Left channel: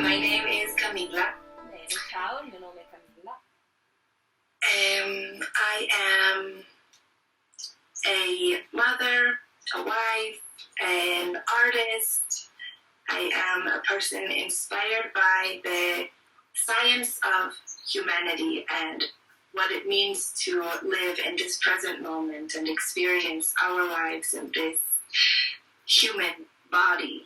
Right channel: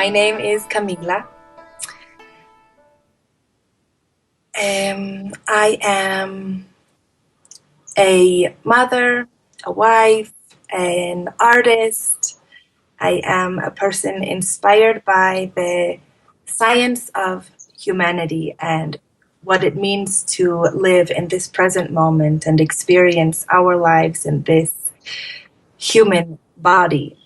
My name is Camila. Ciao, il mio nome è Camilla. I am a mother, a wife, an artist. I am a person inspired by the science of humanity and what it means to live in this present moment and experience our lives in this human body.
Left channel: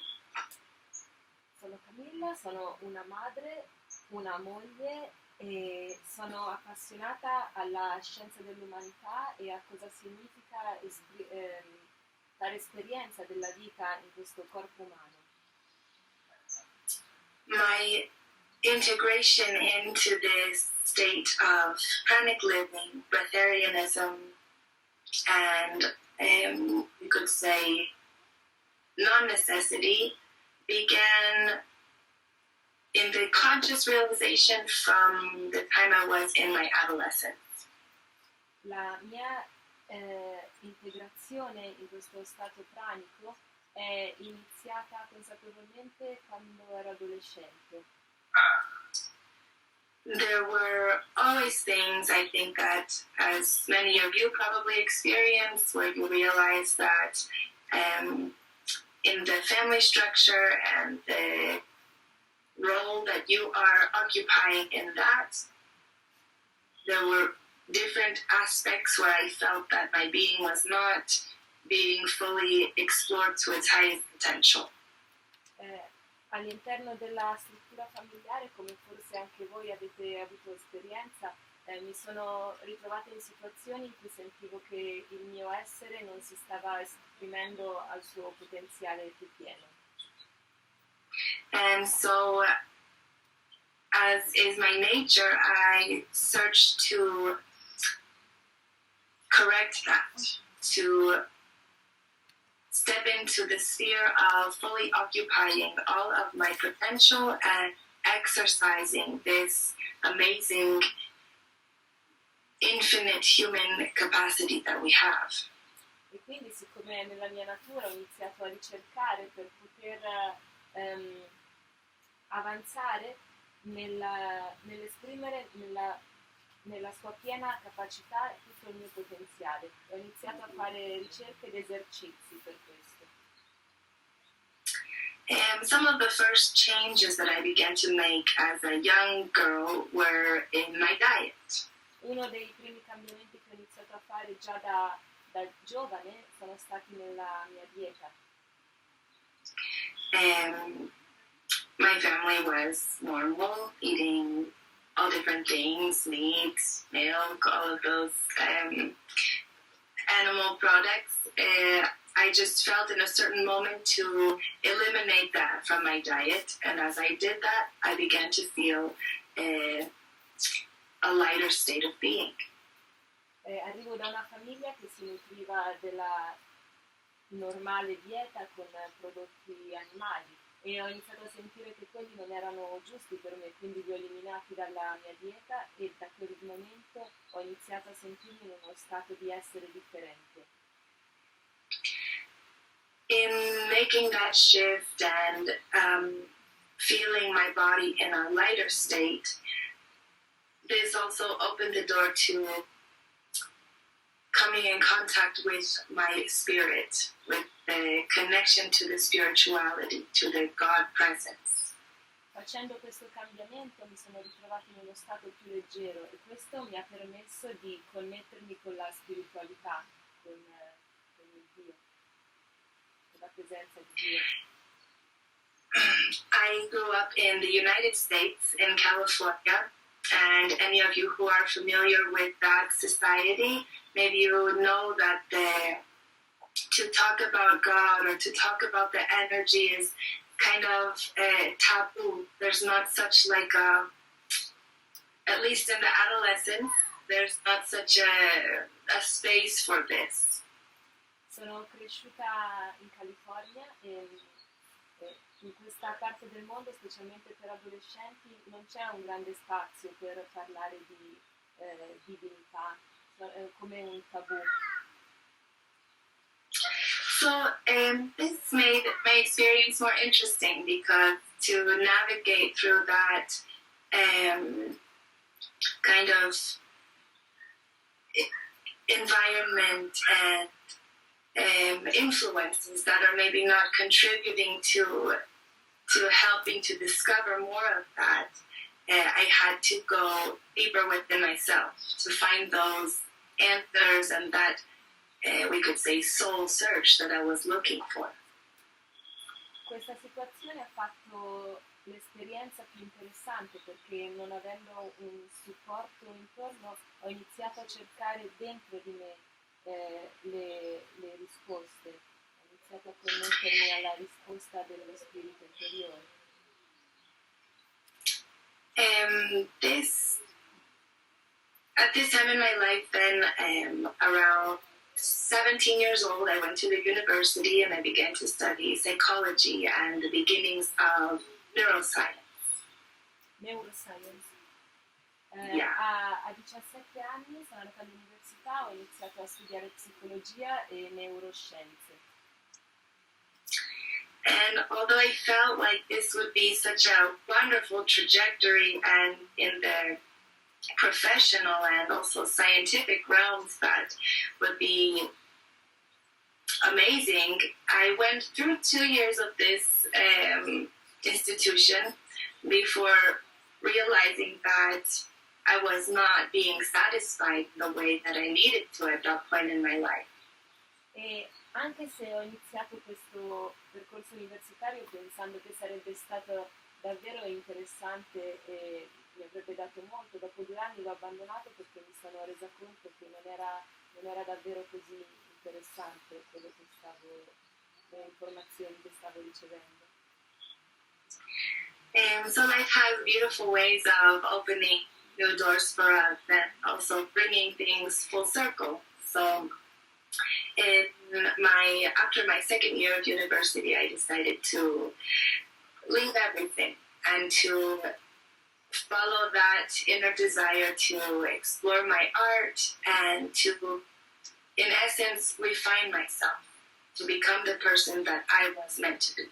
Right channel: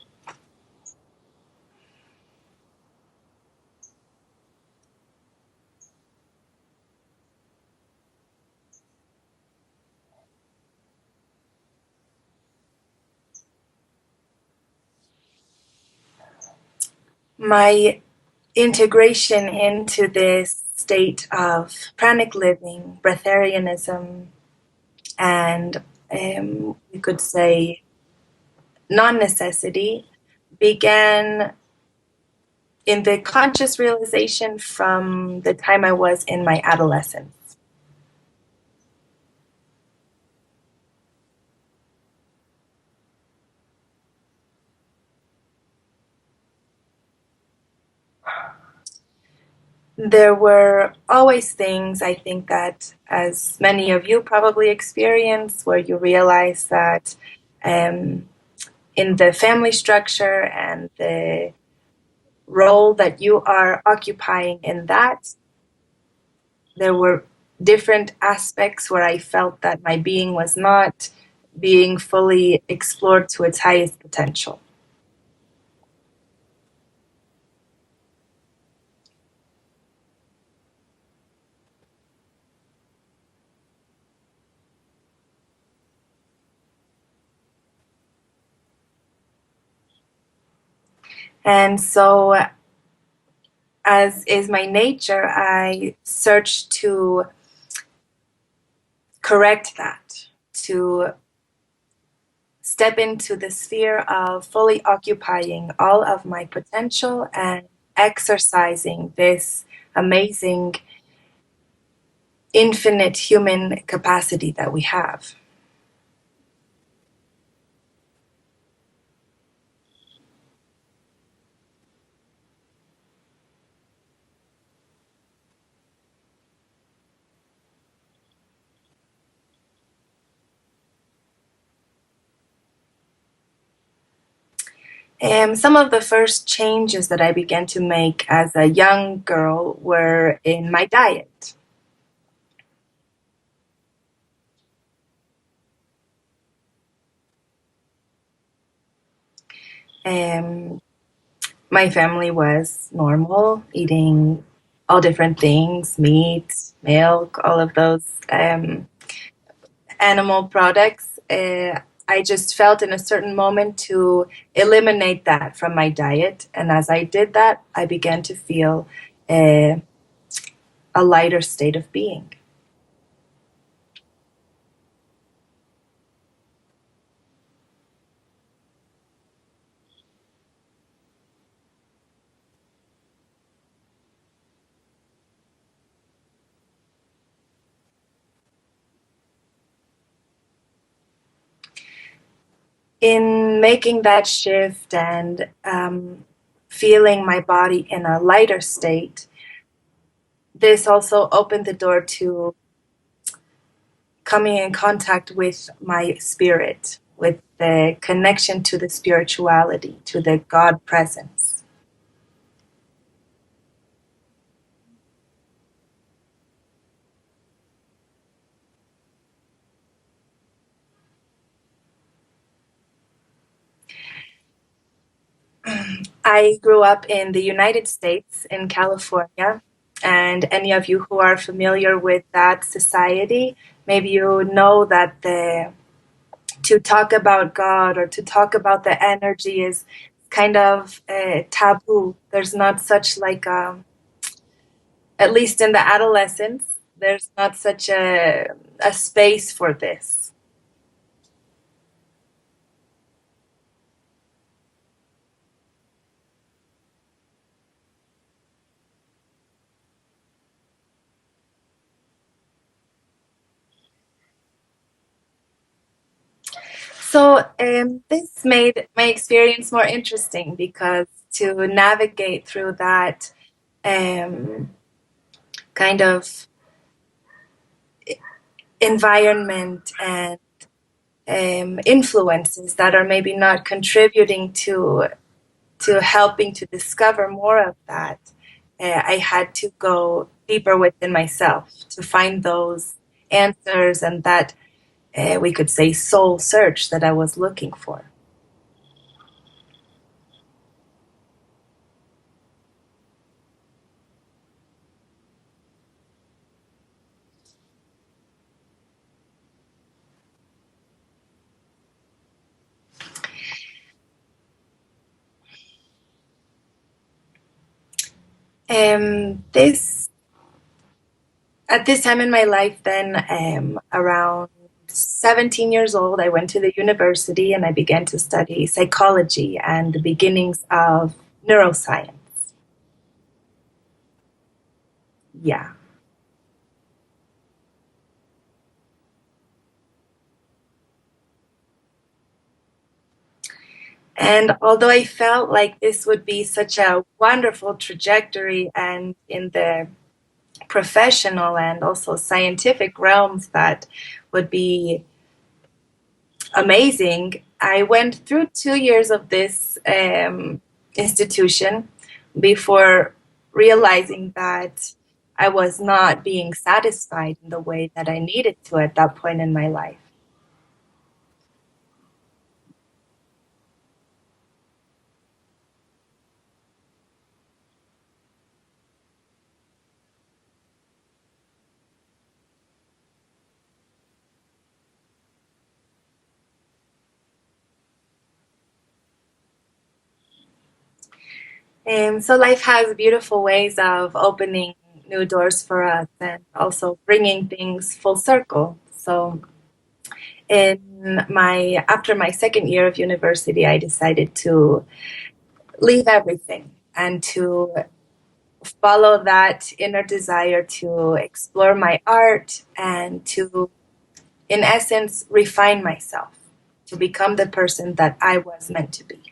Sono Camilla, sono una madre, una moglie e sono appassionata alla scienza dell'umanità e a cosa significa dare esperienza della vita in questo corpo umano. My integration into this state of pranic living, breatharianism, and you could say non-necessity began in the conscious realization from the time I was in my adolescence. La mia integrazione in questo stato pranico è iniziata consapevolmente quando ero adolescente. There were always things, I think, that as many of you probably experience, where you realize that in the family structure and the role that you are occupying in that, there were different aspects where I felt that my being was not being fully explored to its highest potential. All'interno della struttura familiare, come forse anche voi avete avuto esperienza, mi sono ritrovata in situazioni in cui sentivo che il mio essere non si stava esprimendo al suo potenziale più pieno. And so, as is my nature, I search to correct that, to step into the sphere of fully occupying all of my potential and exercising this amazing, infinite human capacity that we have. E quindi, siccome nella mia natura ho iniziato a ricercare per poter avanzare nell'esprimere nella sua piena capacità tutto il mio potenziale. Ho iniziato a fare ricerche ed esercizi per questo. And some of the first changes that I began to make as a young girl were in my diet. Uno dei primi cambiamenti che ho iniziato a fare già da giovane sono stati nella mia dieta. My family was normal, eating all different things, meat, milk, all of those animal products. I just felt in a certain moment to eliminate that from my diet. And as I did that, I began to feel a lighter state of being. Arrivo da una famiglia che si nutriva della normale dieta con prodotti animali e ho iniziato a sentire che quelli non erano giusti per me, quindi li ho eliminati dalla mia dieta e da quel momento ho iniziato a sentirmi in uno stato di essere differente. In making that shift and feeling my body in a lighter state, this also opened the door to coming in contact with my spirit, with the connection to the spirituality, to the God presence. Facendo questo cambiamento mi sono ritrovata in uno stato più leggero e questo mi ha permesso di connettermi con la spiritualità, con il Dio, con la presenza di Dio. I grew up in the United States, in California, and any of you who are familiar with that society, maybe you know that to talk about God or to talk about the energy is kind of taboo. There's not such like at least in the adolescence, there's not such a space for this. Sono cresciuta in California e in questa parte del mondo, specialmente per adolescenti, non c'è un grande spazio per parlare di divinità, come un tabù. So this made my experience more interesting because to navigate through that kind of environment and influences that are maybe not contributing to helping to discover more of that, I had to go deeper within myself to find those answers and that we could say soul search that I was looking for. Questa situazione ha fatto l'esperienza più interessante perché non avendo un supporto intorno ho iniziato a cercare dentro di me le risposte, ho iniziato a connettermi alla risposta dello spirito interiore. At this time in my life, then around 17 years old, I went to the university and I began to study psychology and the beginnings of neuroscience. Neuroscience. Yeah. A 17 anni sono andata all'università, ho iniziato a studiare psicologia e neuroscienze. And although I felt like this would be such a wonderful trajectory and in the professional and also scientific realms that would be amazing, I went through 2 years of this institution before realizing that I was not being satisfied in the way that I needed to at that point in my life. E anche se ho iniziato questo percorso universitario pensando che sarebbe stato davvero interessante e mi avrebbe dato molto, dopo 2 anni l'ho abbandonato perché mi sono resa conto che non era davvero così interessante quello che le informazioni che stavo ricevendo. And so life has beautiful ways of opening new doors for us and also bringing things full circle. So after my second year of university, I decided to leave everything and to follow that inner desire to explore my art and to, in essence, refine myself, to become the person that I was meant to be.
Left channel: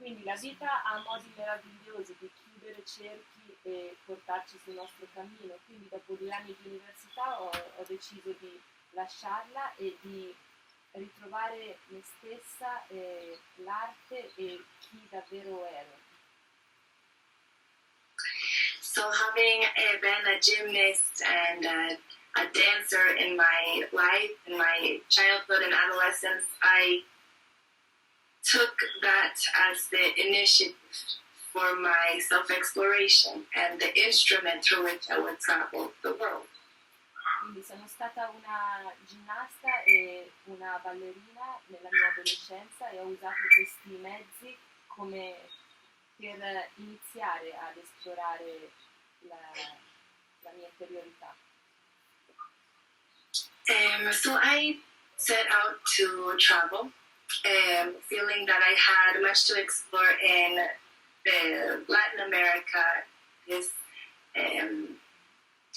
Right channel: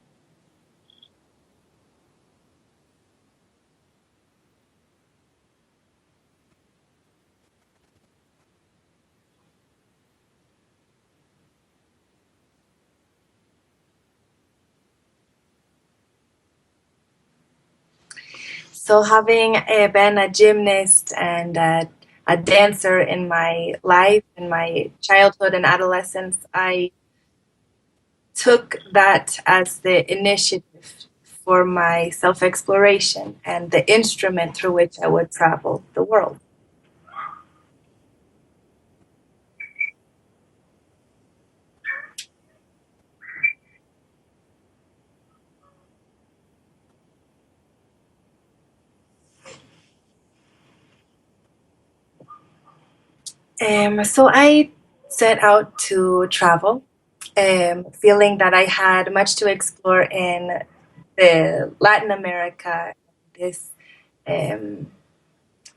Quindi la vita ha modi meravigliosi di chiudere cerchi e portarci sul nostro cammino. Quindi dopo 2 anni di università ho deciso di lasciarla e di ritrovare me stessa, l'arte e chi davvero ero. So having been a gymnast and a dancer in my life, in my childhood and adolescence, I took that as the initiative for my self-exploration and the instrument through which I would travel the world. Quindi sono stata una ginnasta e una ballerina nella mia adolescenza e ho usato questi mezzi come per iniziare ad esplorare la mia interiorità. So I set out to travel, feeling that I had much to explore in the Latin America, this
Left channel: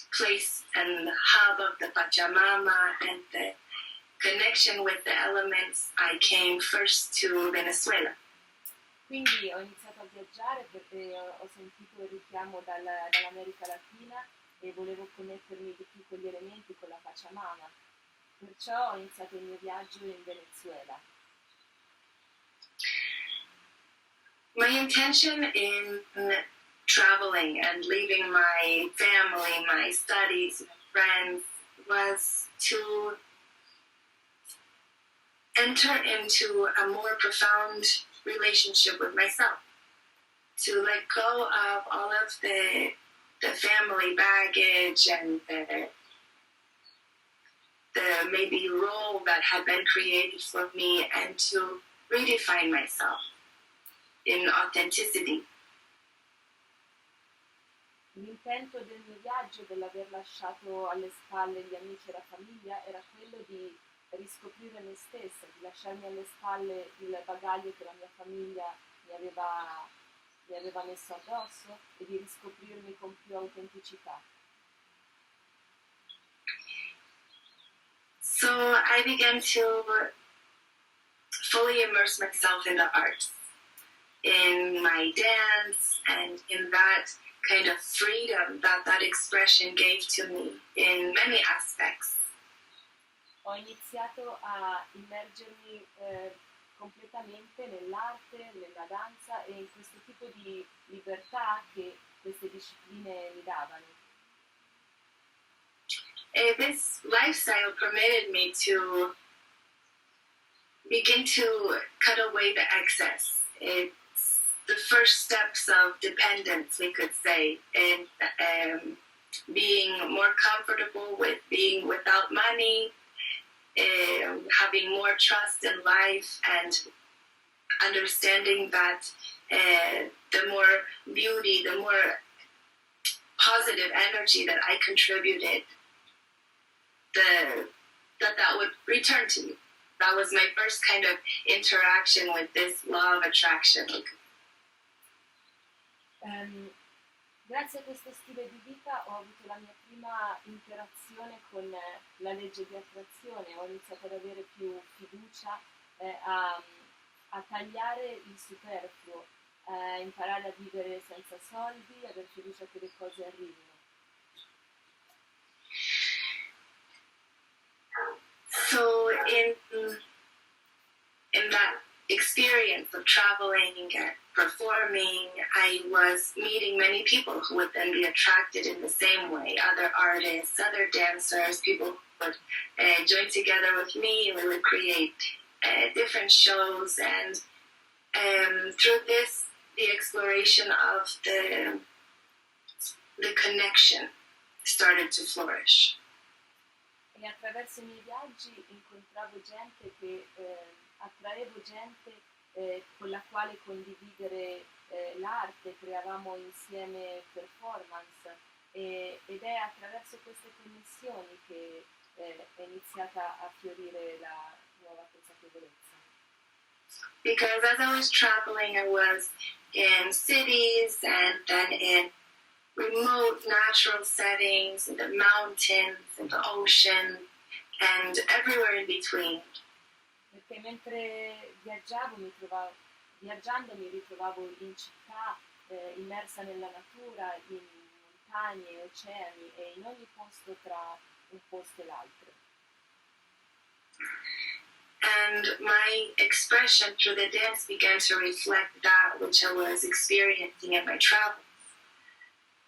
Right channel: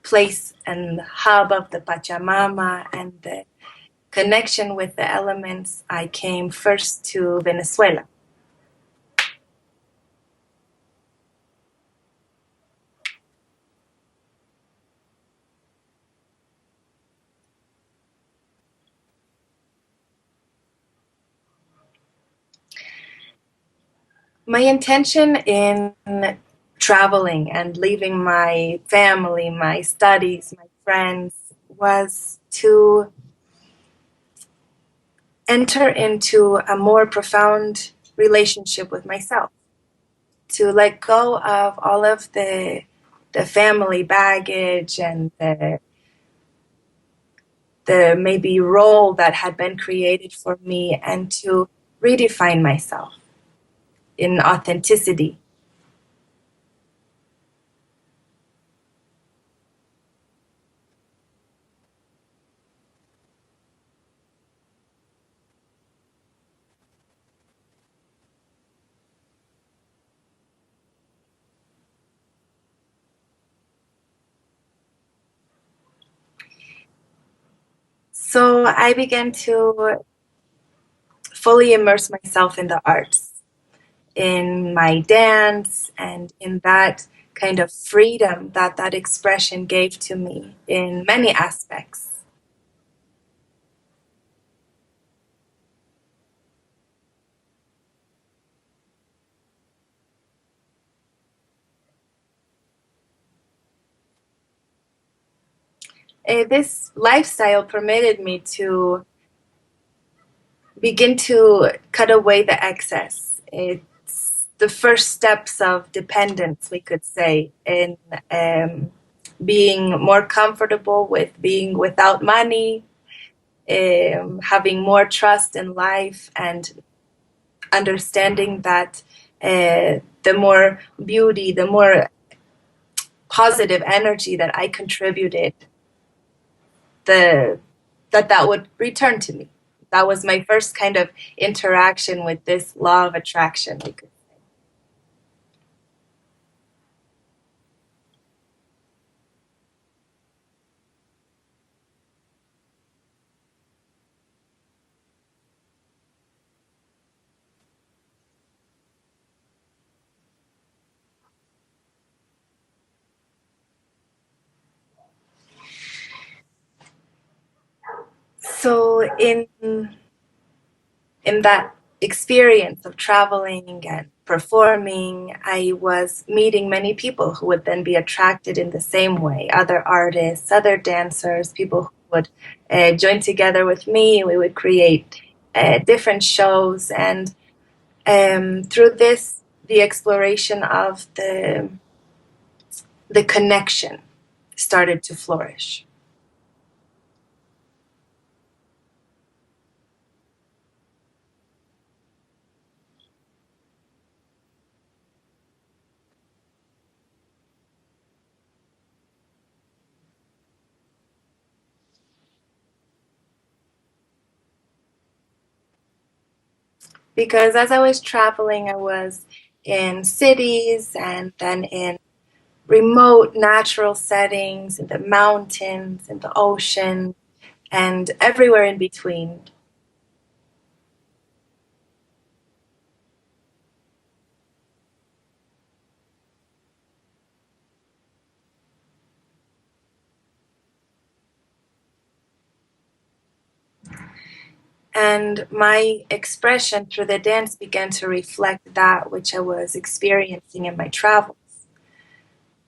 place and hub of the Pachamama and the connection with the elements. I came first to Venezuela. Quindi ho iniziato a viaggiare perché ho sentito il richiamo dall'America Latina e volevo connettermi di più con gli elementi, con la Pachamama. Perciò ho iniziato il mio viaggio in Venezuela. My intention in traveling and leaving my family, my studies, my friends, was to enter into a more profound relationship with myself, to let go of all of the family baggage and the maybe role that had been created for me, and to redefine myself in authenticity. L'intento del mio viaggio, dell'aver lasciato alle spalle gli amici e la famiglia, era quello di riscoprire me stessa, di lasciarmi alle spalle il bagaglio che la mia famiglia mi aveva messo addosso e di riscoprirmi con più autenticità. So I began to fully immerse myself in the arts, in my dance, and in that kind of freedom that expression gave to me in many aspects. Ho iniziato a immergermi completamente nell'arte, nella danza e in questo tipo di libertà che queste discipline mi davano. This lifestyle permitted me to begin to cut away the excess. It's the first steps of dependence, we could say, in being more comfortable with being without money, having more trust in life, and understanding that the more beauty, the more positive energy that I contributed, that would return to me. That was my first kind of interaction with this law of attraction. Grazie a questo stile di vita ho avuto la mia prima interazione con la legge di attrazione, ho iniziato ad avere più fiducia, a tagliare il superfluo, a imparare a vivere senza soldi, avere fiducia che le cose arrivino. So in that experience of traveling and performing, I was meeting many people who would then be attracted in the same way, other artists, other dancers, people who would join together with me. We would create different shows, and through this, the exploration of the connection started to flourish. E attraverso i miei viaggi incontravo gente che attraevo gente con la quale condividere l'arte, creavamo insieme performance ed è attraverso queste connessioni che è iniziata a fiorire la nuova consapevolezza. Because as I was traveling, I was in cities and then in remote natural settings, in the mountains, in the ocean, and everywhere in between. Perché mentre viaggiando mi ritrovavo in città, immersa nella natura, in montagne, oceani e in ogni posto tra un posto e l'altro. And my expression through the dance began to reflect that which I was experiencing in my travels.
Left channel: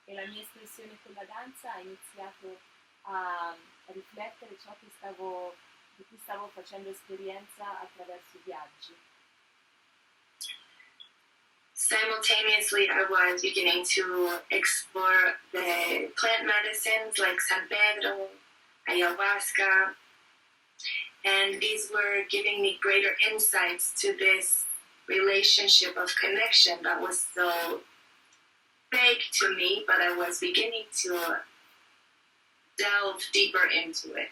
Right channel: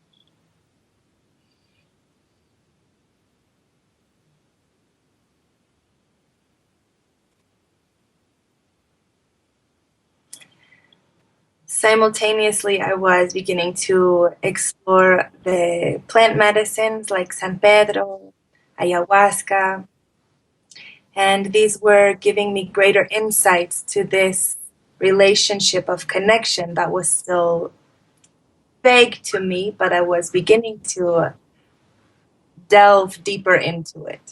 E la mia espressione con la danza ha iniziato a riflettere ciò di cui stavo facendo esperienza attraverso i viaggi. Simultaneously, I was beginning to explore the plant medicines like San Pedro, ayahuasca, and these were giving me greater insights to this relationship of connection that was still vague to me, but I was beginning to delve deeper into it.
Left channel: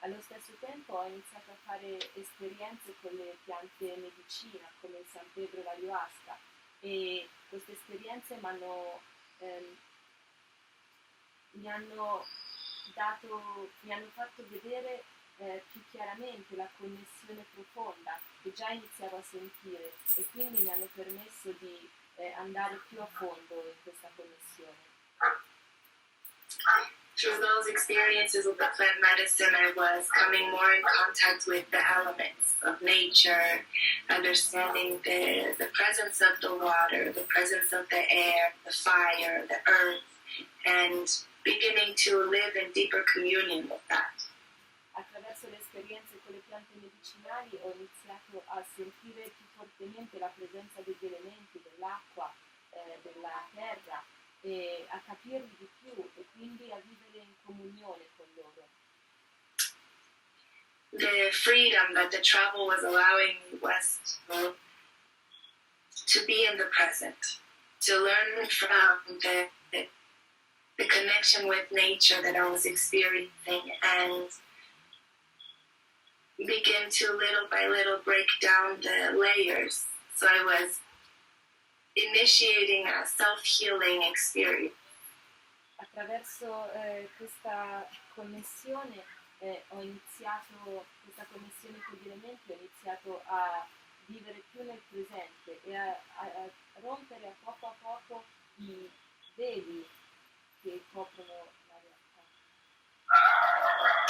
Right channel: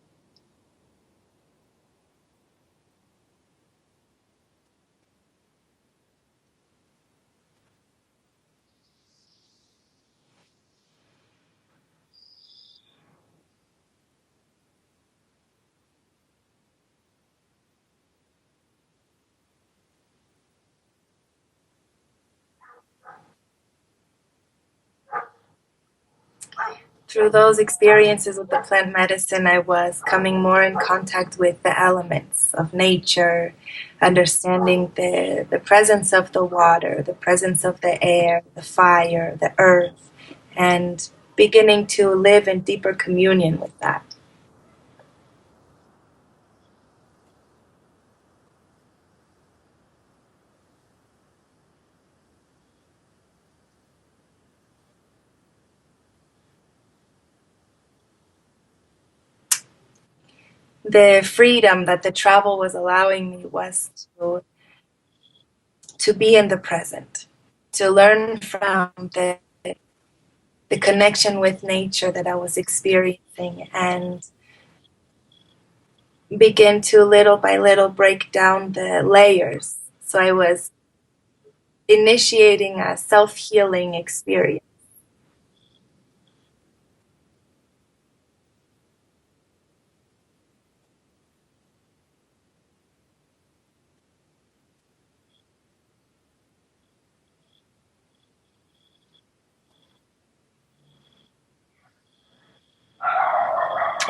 Allo stesso tempo ho iniziato a fare esperienze con le piante medicina come il San Pedro e l'ayahuasca e queste esperienze mi hanno fatto vedere più chiaramente la connessione profonda che già iniziavo a sentire e quindi mi hanno permesso di andare più a fondo in questa connessione. Through those experiences with the plant medicine, I was coming more in contact with the elements of nature, understanding the presence of the water, the presence of the air, the fire, the earth, and beginning to live in deeper communion with that. Attraverso le esperienze con le piante medicinali ho iniziato a sentire più fortemente la presenza degli elementi, dell'acqua, della terra e a capirli di più e quindi a vivere in comunione con loro. The freedom that the travel was allowing me was to be in the present, to learn from the connection with nature that I was experiencing and begin to little by little break down the layers. So I was initiating a self-healing experience. Attraverso questa connessione ho iniziato iniziato questa connessione con gli elementi, ho iniziato a vivere più nel presente e a rompere a poco i veli che coprono la realtà.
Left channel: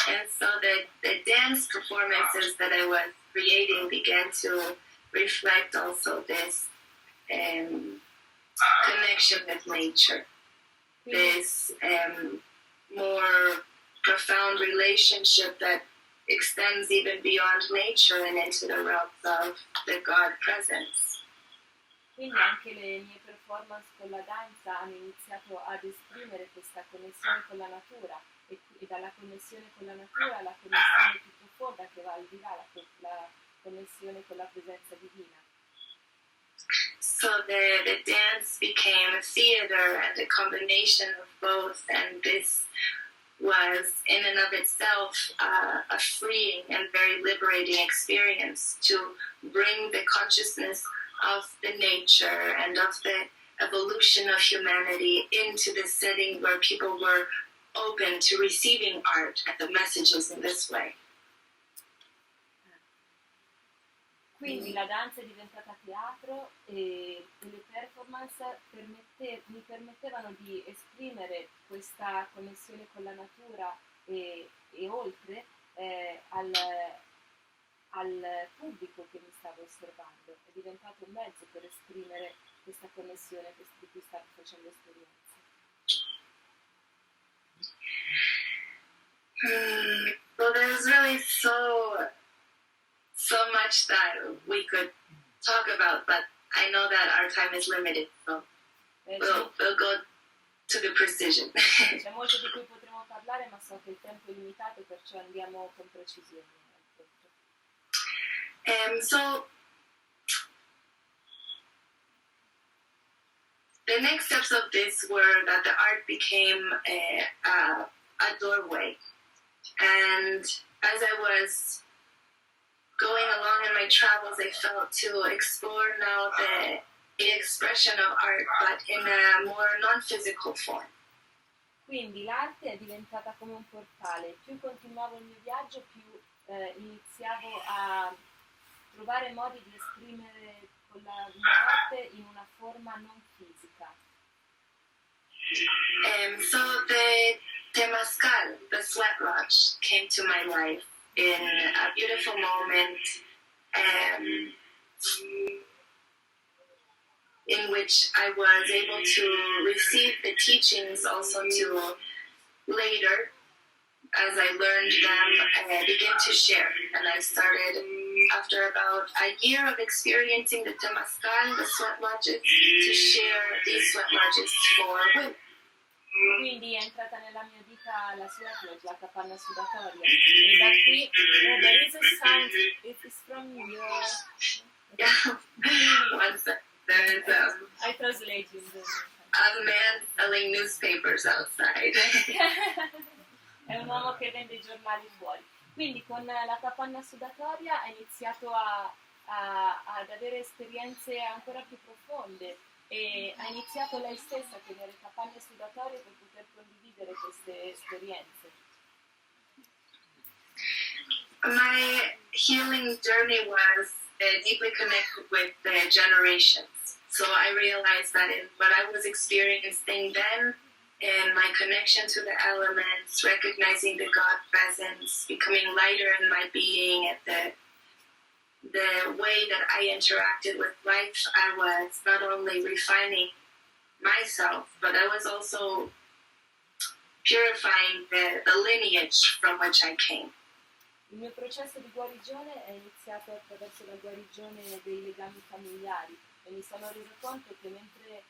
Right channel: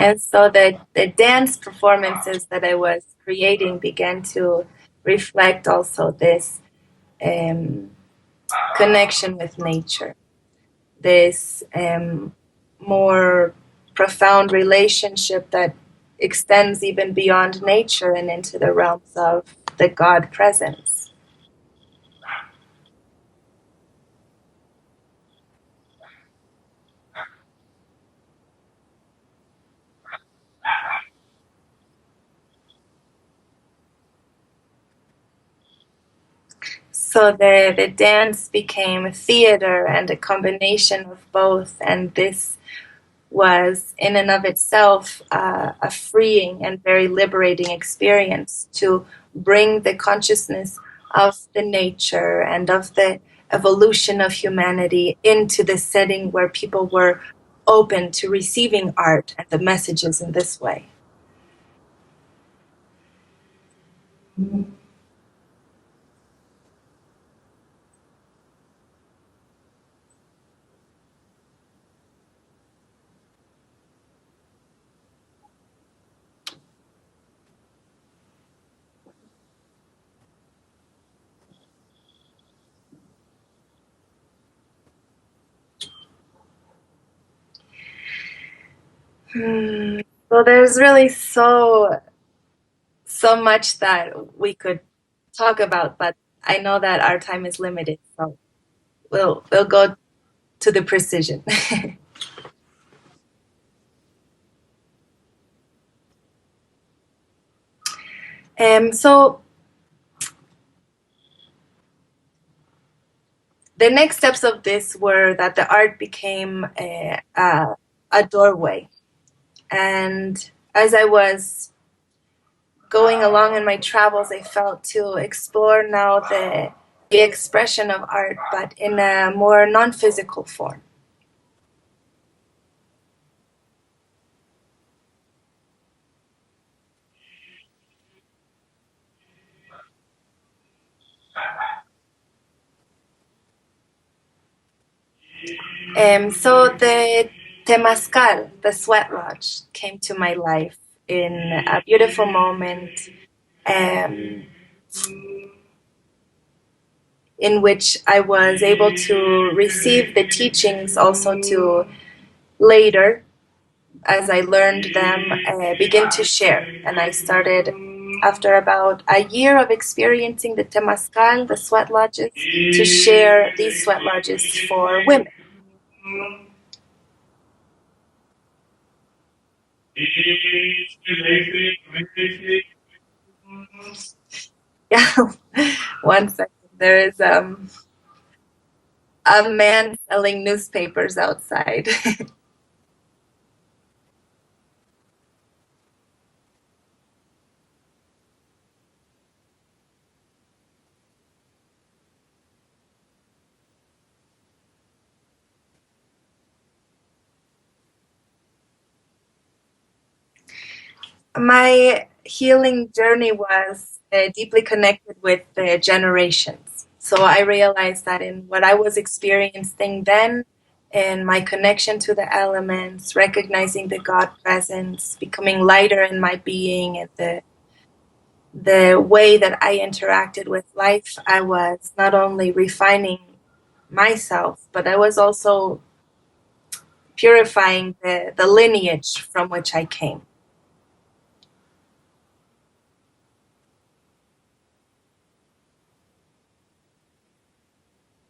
And so the dance performances that I was creating began to reflect also this connection with nature, this more profound relationship that extends even beyond nature and into the realms of the God presence. Quindi anche le mie performance con la danza hanno iniziato ad esprimere questa connessione con la natura e dalla connessione con la natura alla connessione più profonda che va al di là, la connessione con la presenza divina. So the dance became theater and a combination of both, and this was in and of itself a freeing and very liberating experience to bring the consciousness of the nature and of the evolution of humanity into the setting where people were open to receiving art and the messages in this way. Quindi la danza è diventata teatro e le performance mi permettevano di esprimere questa connessione con la natura e oltre al pubblico che mi stava osservando. È diventato un mezzo per esprimere questa connessione di cui stavo facendo esperienza. Well, there's really so much that we could talk about, but I know that our time is limited, so we'll go to the precision. C'è molto di cui potremo parlare, ma so che il tempo è limitato, perciò andiamo con precisione. So the next steps of this were that the art became a doorway, and as I was going along in my travels, I felt to explore now the expression of art, but in a more non-physical form. Quindi l'arte è diventata come un portale. Più continuavo il mio viaggio, più iniziavo a trovare modi di esprimere l'arte in una forma non fisica. So the Temazcal, the sweat lodge, came to my life in a beautiful moment in which I was able to receive the teachings, also to later, as I learned them, begin to share. And I started, after about a year of experiencing the Temazcal, the sweat lodges, to share these sweat lodges for women. Quindi è entrata nella mia vita la sweat lodge, la capanna sudatoria. E da qui, there is a sound, it is from your... Yeah, one second. There is I translate you. a man selling newspapers outside. È un uomo che vende i giornali fuori. Quindi con la capanna sudatoria ha iniziato ad avere esperienze ancora più profonde e ha iniziato lei stessa a tenere capanne sudatorie per poter condividere queste esperienze. My healing journey was deeply connected with the generations. So I realized that in what I was experiencing then, in my connection to the elements, recognizing the God presence, becoming lighter in my being, the way that I interacted with life, I was not only refining myself, but I was also purifying the lineage from which I came. Il mio processo di guarigione è iniziato attraverso la guarigione dei legami familiari e mi sono reso conto che mentre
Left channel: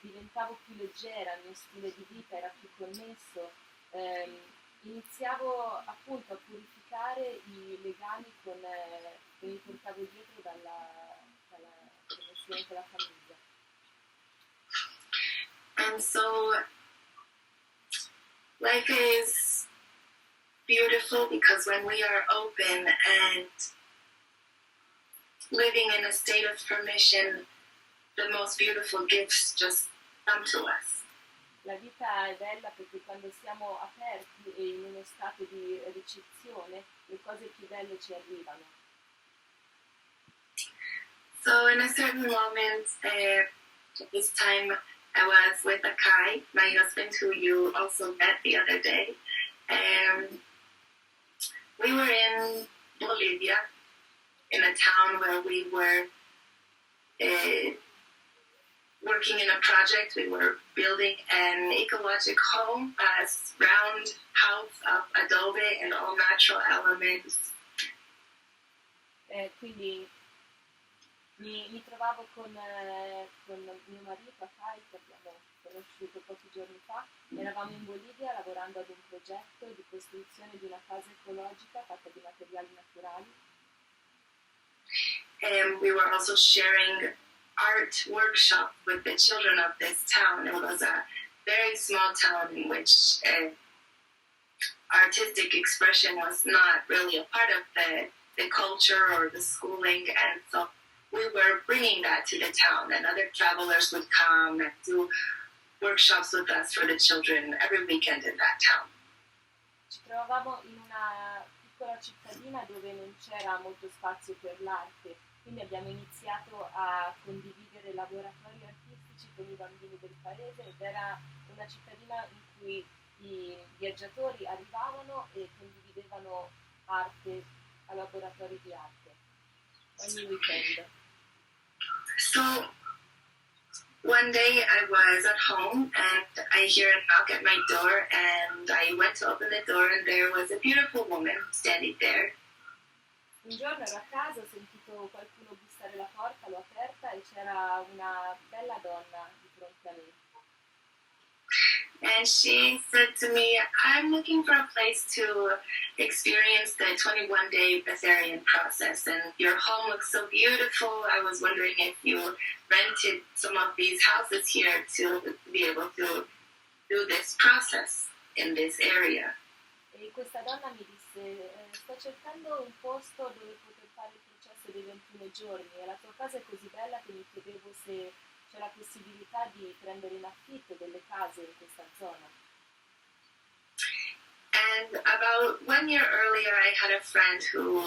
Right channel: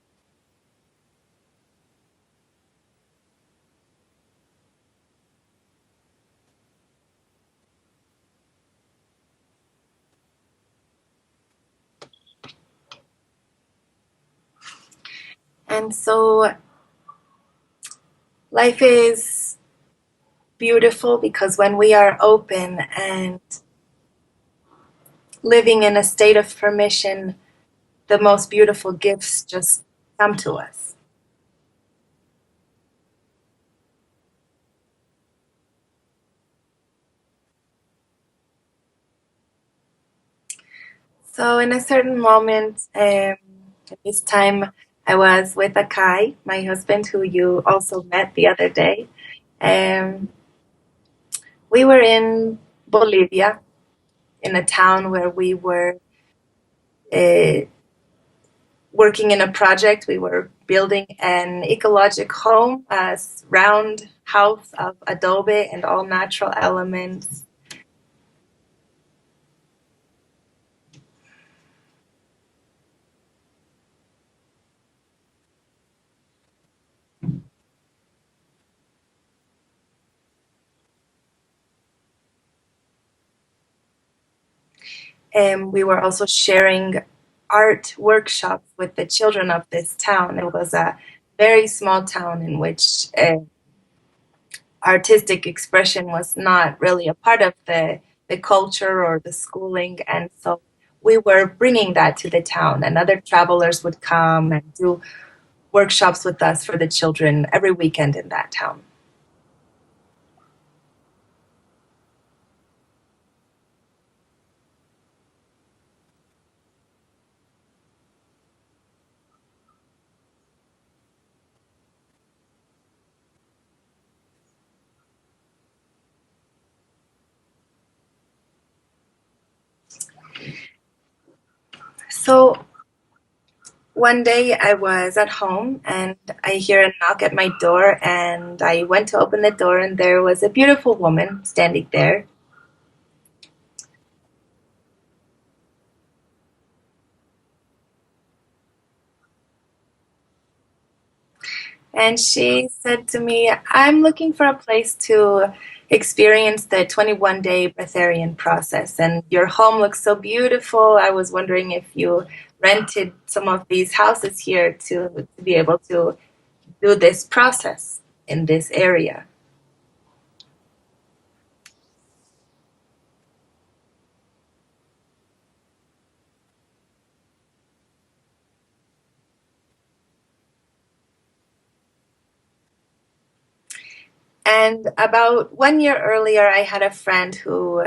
diventavo più leggera, il mio stile di vita era più connesso, iniziavo appunto a purificare i legami che mi portavo dietro dalla connessione con la famiglia. And so life is beautiful because when we are open and living in a state of permission, the most beautiful gifts just come to us. La vita è bella perché quando siamo aperti e in uno stato di ricezione, le cose più belle ci arrivano. So in a certain moment, this time I was with Akai, my husband, who you also met the other day. We were in Bolivia, in a town where we were working in a project. We were building an ecological home, a round house of adobe and all natural elements. Quindi mi trovavo con mio marito a Kai, che abbiamo conosciuto pochi giorni fa. Eravamo in Bolivia lavorando ad un progetto di costruzione di una casa ecologica fatta di materiali naturali. And we were also sharing art workshops with the children of this town. It was a very small town in which artistic expression was not really a part of the culture or the schooling, and so we were bringing that to the town, and other travelers would come and do workshops with us for the children every weekend in that town. Ci trovavamo in una piccola cittadina dove non c'era molto spazio per l'arte, quindi abbiamo iniziato a condividere laboratori artistici con i bambini del paese, ed era una cittadina in cui i viaggiatori arrivavano e condividevano arte a laboratori di arte ogni weekend. So one day I was at home and I hear a knock at my door, and I went to open the door, and there was a beautiful woman standing there. Un giorno ero a casa, ho sentito qualcuno bussare la porta, l'ho aperta e c'era una bella donna di fronte a me. And she said to me, I'm looking for a place to experience the 21-day Breatharian process, and your home looks so beautiful. I was wondering if you rented some of these houses here to be able to do this process in this area. E questa donna mi disse, sto cercando un posto dove poter fare il processo dei 21 giorni e la tua casa è così bella che mi chiedevo se c'è la possibilità di prendere in affitto delle case in questa zona. And about 1 year earlier, I had a friend who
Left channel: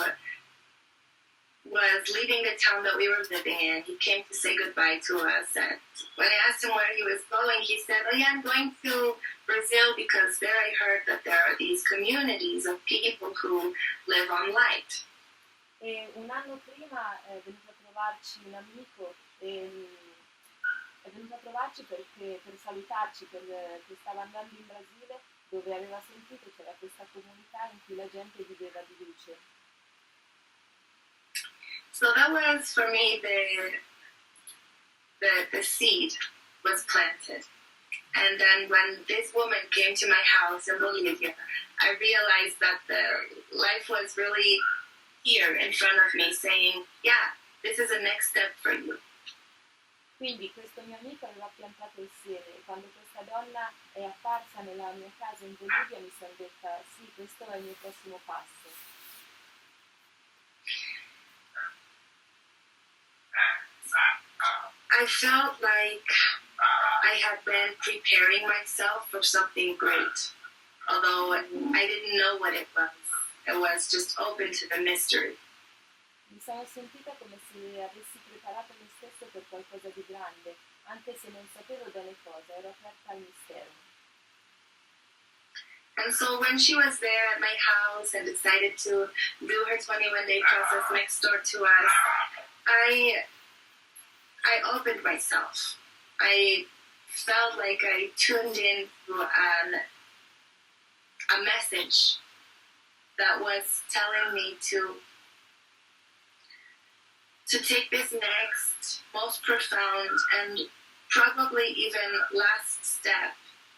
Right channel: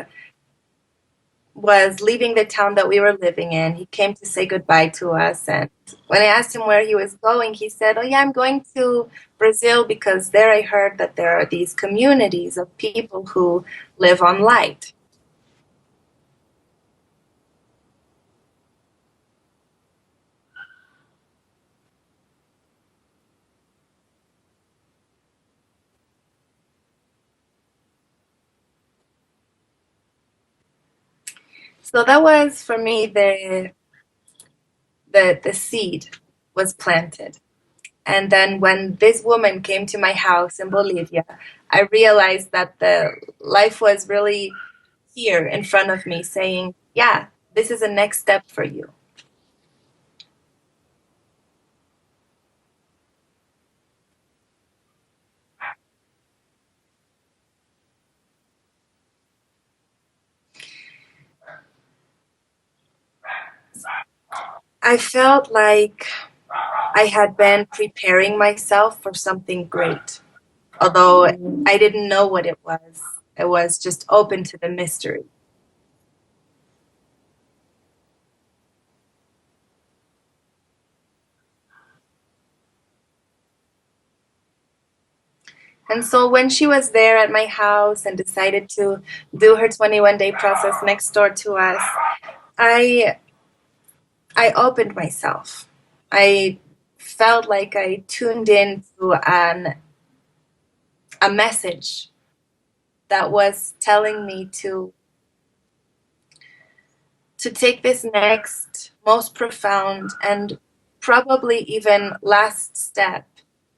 was leaving the town that we were living in. He came to say goodbye to us, and when I asked him where he was going, he said, oh yeah, I'm going to Brazil because there I heard that there are these communities of people who live on light. E un anno prima è venuto a trovarci un amico, è venuto a trovarci perché, per salutarci, perché stava andando in Brasile, dove aveva sentito c'era questa comunità in cui la gente viveva di luce. So that was for me the seed was planted. And then when this woman came to my house in Bolivia, I realized that the life was really here in front of me saying, yeah, this is the next step for you. Quindi questo mio amico aveva piantato il seme e quando questa donna è apparsa nella mia casa in Bolivia mi sono detta sì, questo è il mio prossimo passo. I felt like I had been preparing myself for something great, although I didn't know what it was. It was just open to the mystery. Mi sono sentita come se avessi preparato me stesso per qualcosa di grande, anche se non sapevo bene cosa, ero aperta al mistero. And so when she was there at my house and decided to do her 21-day process next door to us, I opened myself. I felt like I tuned into a message that was telling me to take this next, most profound, and probably even last step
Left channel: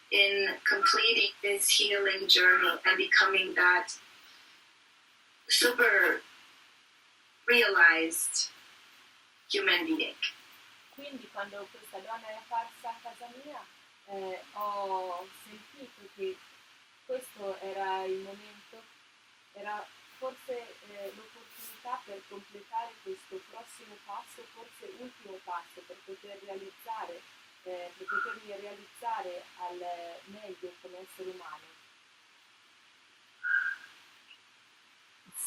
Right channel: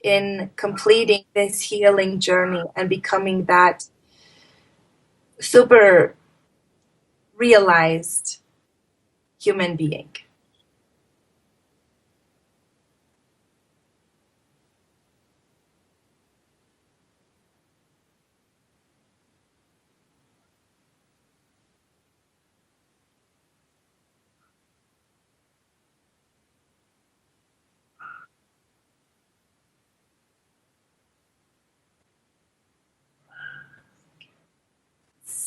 in completing this healing journey and becoming that super realized human being. Quindi quando questa donna è apparsa a casa mia ho sentito che questo era il momento, era forse l'opportunità per completare questo prossimo passo, forse ultimo passo, per potermi realizzare al meglio come essere umano.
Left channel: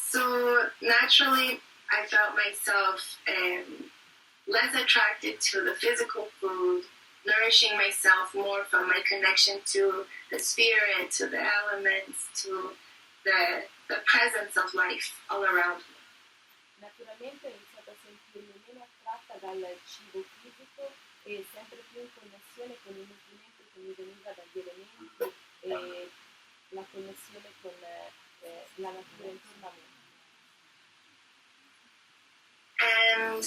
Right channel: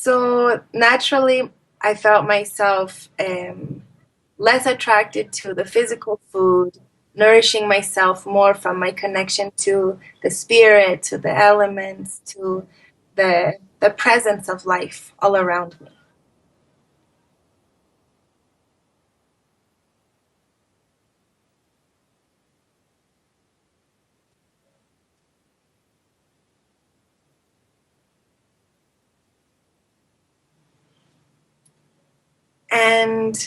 So naturally, I felt myself less attracted to the physical food, nourishing myself more from my connection to the spirit, to the elements, to the presence of life all around me. Naturalmente ho iniziato a sentirmi meno attratta dal cibo fisico e sempre più in connessione con il nutrimento che mi veniva dagli elementi e la connessione con la natura intorno a me. And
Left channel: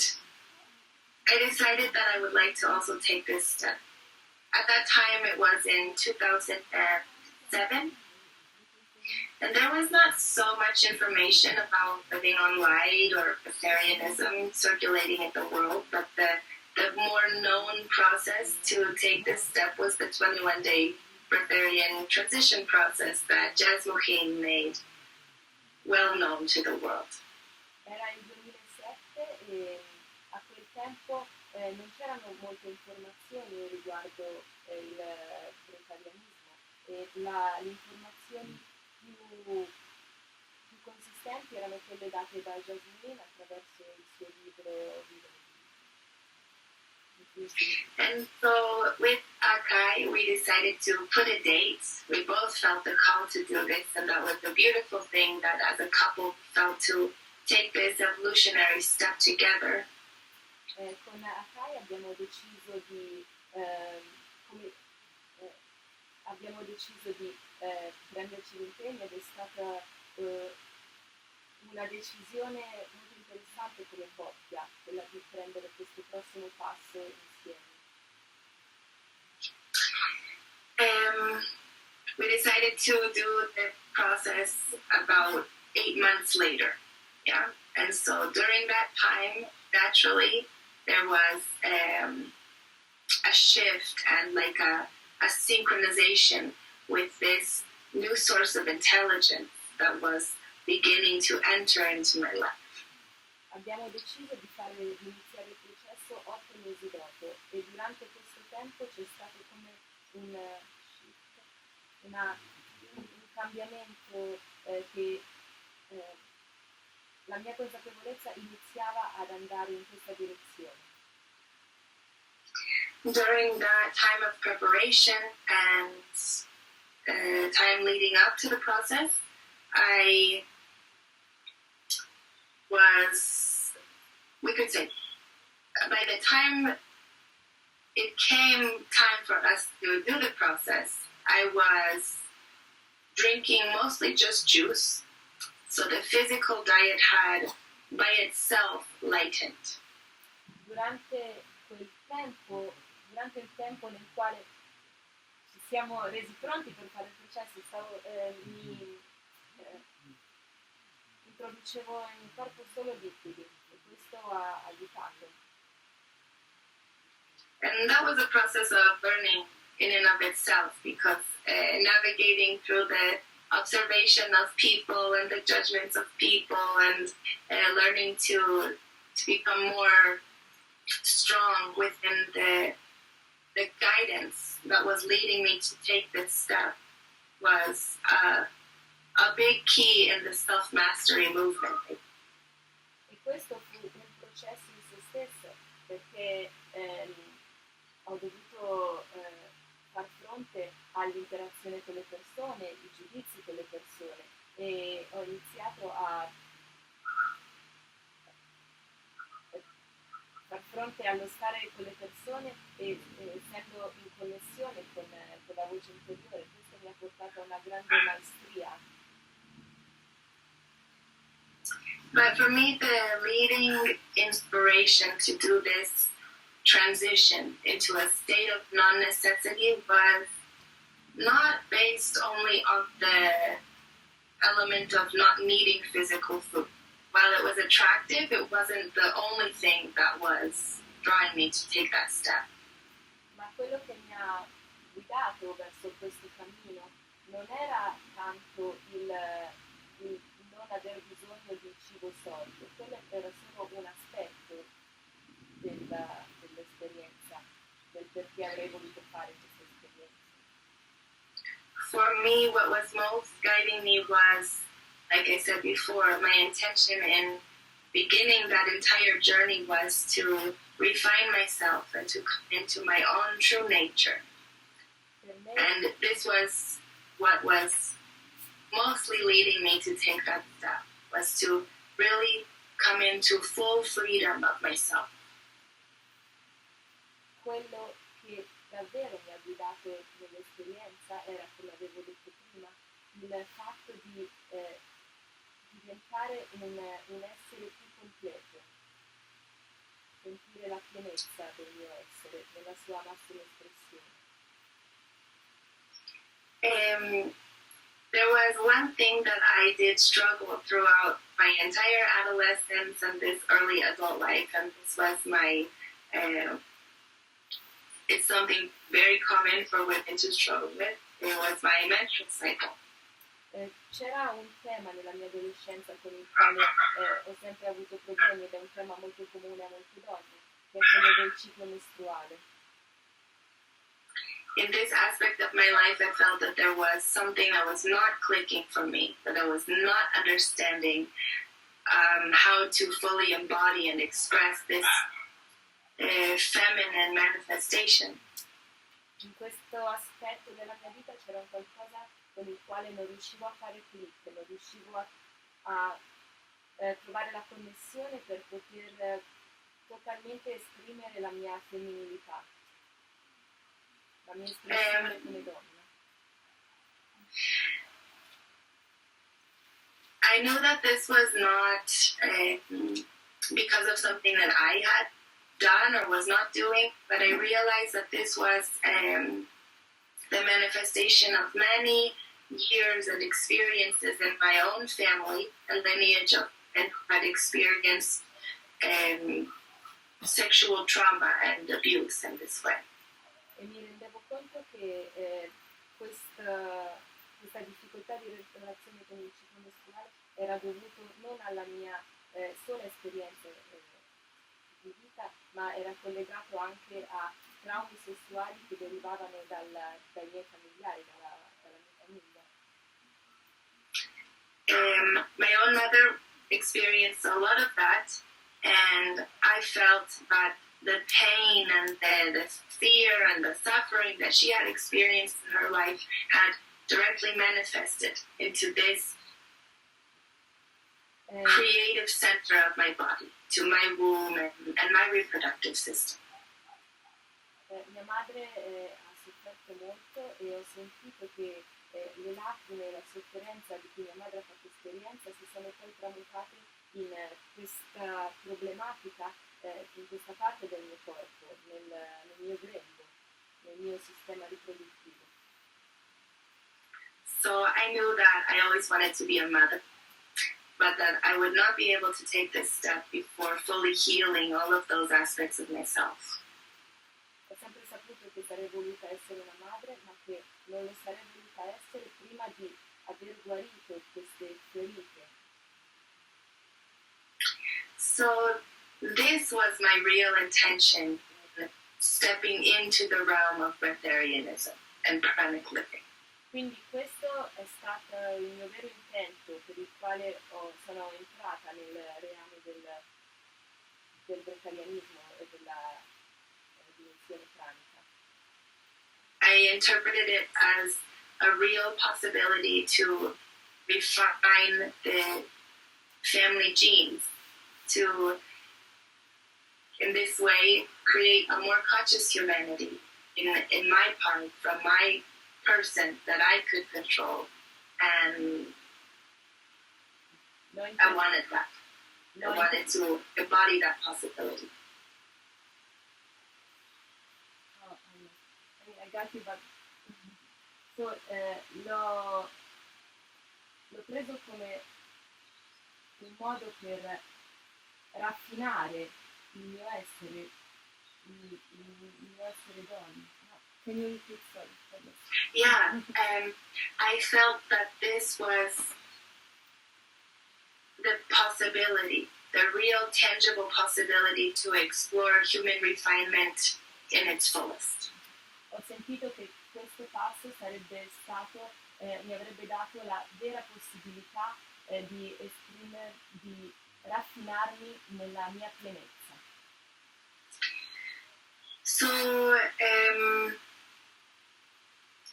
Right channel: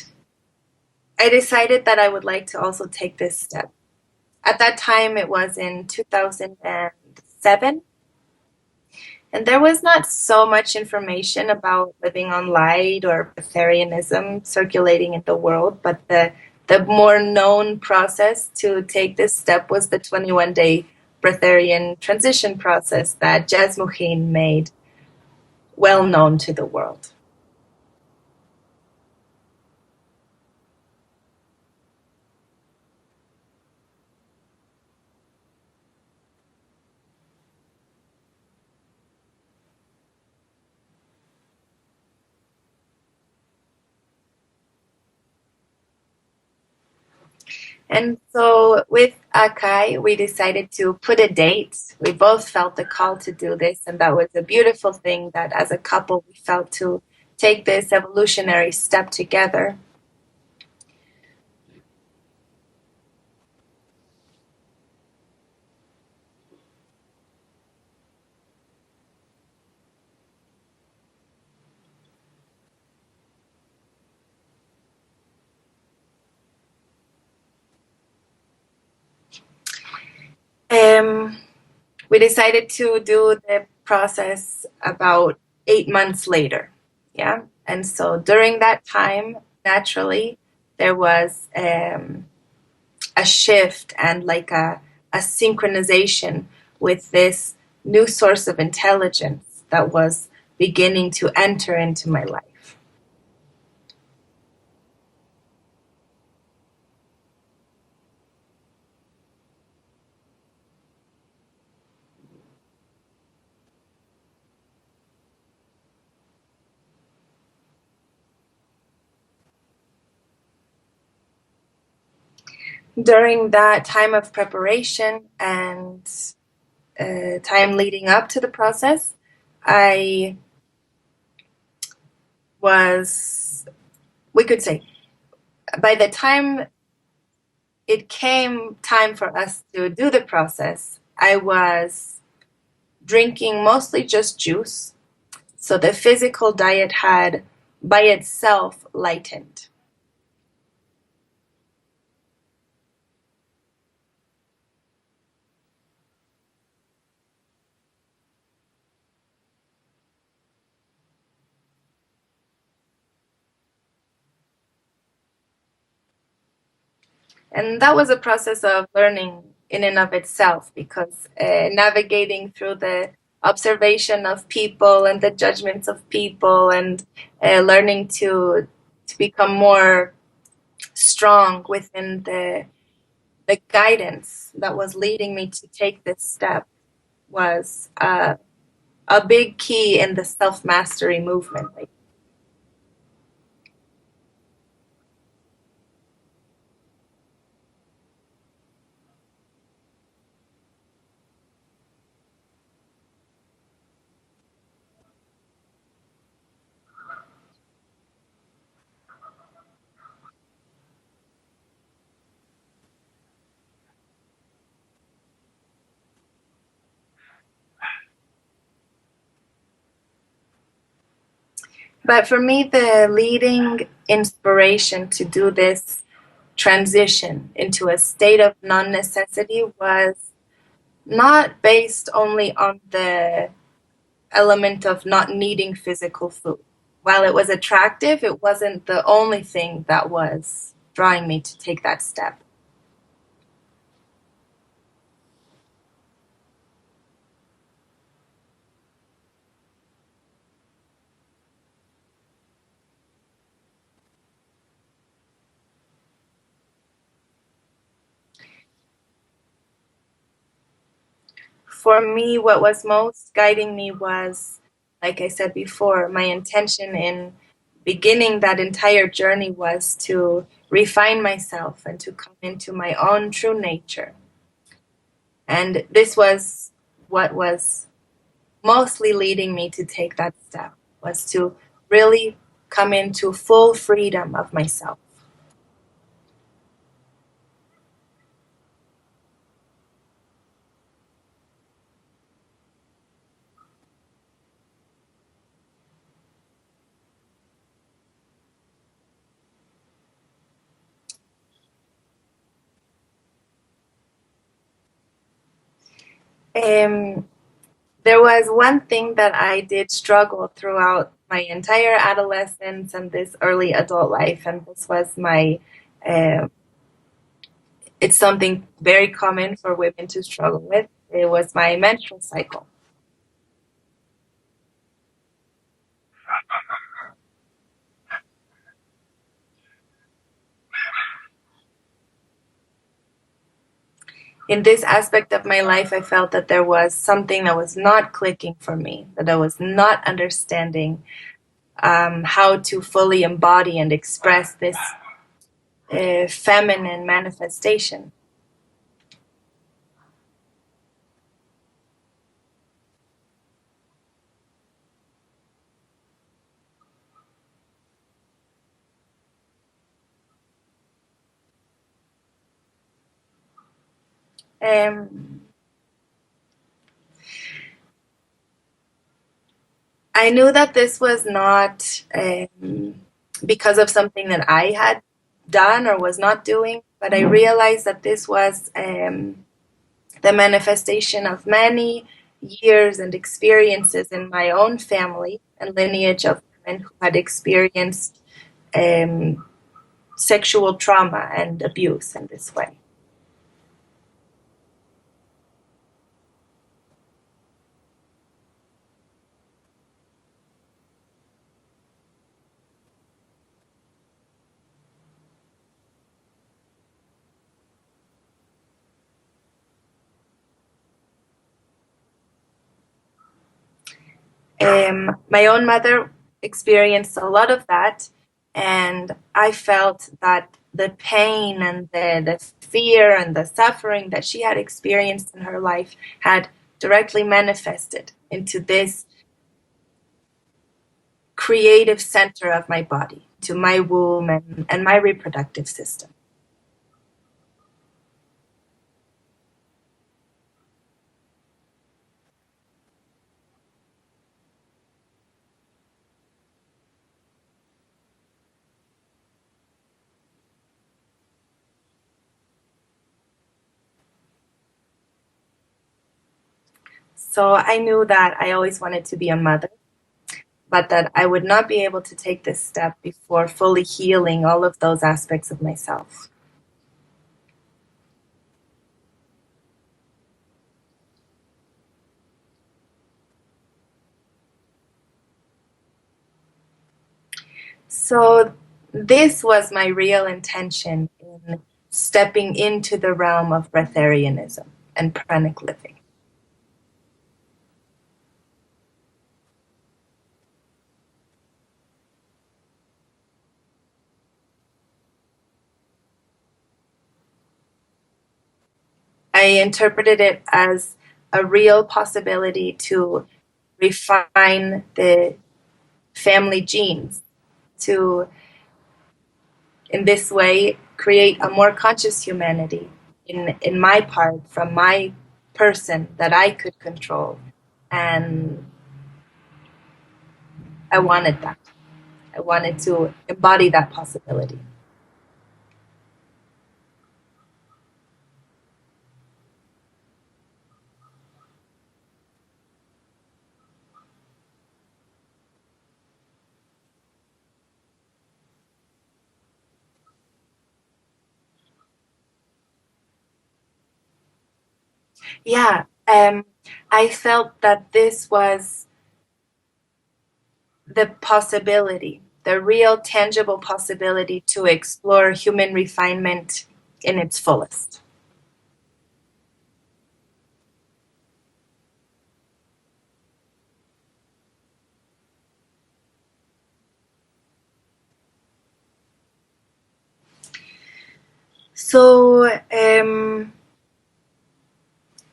I decided that I would like to also take this step. At that time, it was in 2007. And there was not so much information about living on light or Breatharianism circulating in the world, but the more known process to take this step was the 21-day Breatharian transition process that Jasmuheen made well known to the world. Era il 2007 e a quel tempo non c'erano molte informazioni riguardo il vegetarianismo e le informazioni più consistenti erano quelle date da Jasmine attraverso il suo libro And so with Akai, we decided to put a date. We both felt the call to do this, and that was a beautiful thing that as a couple we felt to take this evolutionary step together. Con Akai abbiamo deciso di prenderci l'impegno ed è stata una decisione molto interessante come coppia, quella di prendere questo prossimo passo insieme. We decided to do the process about 8 months later, yeah? And so during that time, naturally, there was a shift and like a synchronization with this new source of intelligence that was beginning to enter into my life. Abbiamo deciso di iniziare il processo 8 mesi dopo e durante questo tempo c'è stato come un cambiamento che la mia consapevolezza iniziava ad andare in questa direzione. During that time of preparation and time leading up to the process, I was, we could say, by the time it came time for us to do the process, I was drinking mostly just juice. So the physical diet had by itself lightened. Durante il tempo nel quale ci siamo resi pronti per fare il processo, mi introducevo in corpo solo liquidi e questo ha aiutato. And that was a process of learning in and of itself, because navigating through the observation of people and the judgments of people and learning to become more strong within the guidance that was leading me to take this step was a big key in the self-mastery movement. E questo fu un processo in se stesso, perché ho dovuto far fronte all'interazione con le persone, i giudizi con le persone e ho iniziato a far fronte allo stare con le persone e essendo in connessione con la voce interiore. Questo mi ha portato a una grande maestria. But for me, the leading inspiration to do this transition into a state of non-necessity was not based only on the element of not needing physical food. While it was attractive, it wasn't the only thing that was drawing me to take that step. Ma quello che mi ha guidato verso questo cammino non era tanto il non aver bisogno di cibo solido, quello era solo un aspetto dell'esperienza, del perché avrei voluto fare questa esperienza. For me, what was most guiding me was like I said before, my intention in beginning that entire journey was to refine myself and to come into my own true nature. And this was what was mostly leading me to take that step, was to really come into full freedom of myself. Quello che davvero mi ha guidato nell'esperienza era, come avevo detto prima, il fatto di diventare un essere più completo, sentire la pienezza del mio essere, nella sua massima espressione. There was one thing that I did struggle throughout my entire adolescence and this early adult life, and this was my, it's something very common for women to struggle with. It was my menstrual cycle. C'era un tema nella mia adolescenza con il quale ho sempre avuto problemi ed è un tema molto comune a molti donne, che è quello del ciclo mestruale. In this aspect of my life, I felt that there was something that was not clicking for me, that I was not understanding how to fully embody and express this feminine manifestation. In questo aspetto della mia vita c'era un qualcosa con il quale non riuscivo a fare click, non riuscivo a trovare la connessione per poter totalmente esprimere la mia femminilità, la mia espressione come donna. I knew that this was not because of something that I had done or was not doing, but I realized that this was the manifestation of many years and experiences in my own family and lineage of men who had experienced sexual trauma and abuse in this way. E mi rendevo conto che questa difficoltà di relazione con il ciclo mestruale era dovuto non alla mia sola esperienza di vita, ma era collegato anche a traumi sessuali che derivavano dai miei familiari, dalla mia famiglia. My own mother experienced a lot of that, and I felt that the pain and the fear and the suffering that she had experienced in her life had directly manifested into this creative center of my body, to my womb and my reproductive system. Mia madre ha sofferto molto e ho sentito che le lacrime e la sofferenza di cui mia madre ha fatto esperienza si sono poi tramutate in questa problematica, in questa parte del mio corpo, nel mio grembo, nel mio sistema riproduttivo. So I knew that I always wanted to be a mother, but that I would not be able to take this step before fully healing all of those aspects of myself. Ho sempre saputo che sarei voluta essere una madre, ma che non lo sarei voluta essere prima di aver guarito queste ferite. So this was my real intention in stepping into the realm of Breatharianism and Pranic living. Quindi questo è stato il mio vero intento per il quale sono entrata nel reame del breatharianismo e della dimensione pranica. I interpreted it as a real possibility to refine the family genes, to, in this way, create a more conscious humanity in my part, from my person that I could control. And I wanted that. I wanted to embody that possibility. So, l'ho preso come un modo per raffinare il mio essere donna. Can you repeat? Yeah, I felt that this was the possibility, the real tangible possibility to explore human refinement in its fullest. Ho sentito che questo passo sarebbe stato, mi avrebbe dato la vera possibilità di raffinarmi nella mia pienezza. So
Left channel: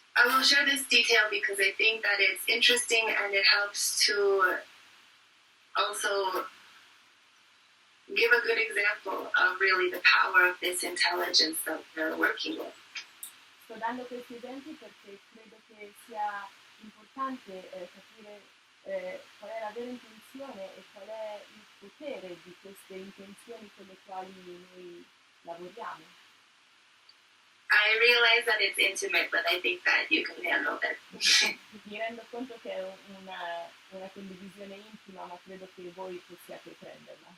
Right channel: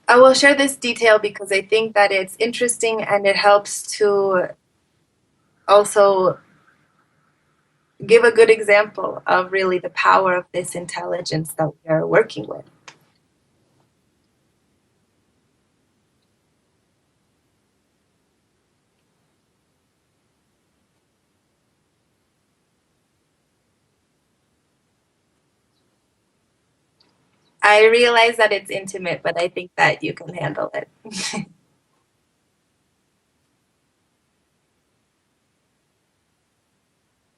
I will share this detail because I think that it's interesting and it helps to also give a good example of really the power of this intelligence that we're working with. Sto dando questi esempi perché credo che sia importante capire qual è la vera intenzione e qual è il potere di queste intenzioni con le quali noi lavoriamo. I realize that it's intimate, but I think that you can handle it. Mi rendo conto che è una condivisione intima, ma credo che voi possiate prenderla.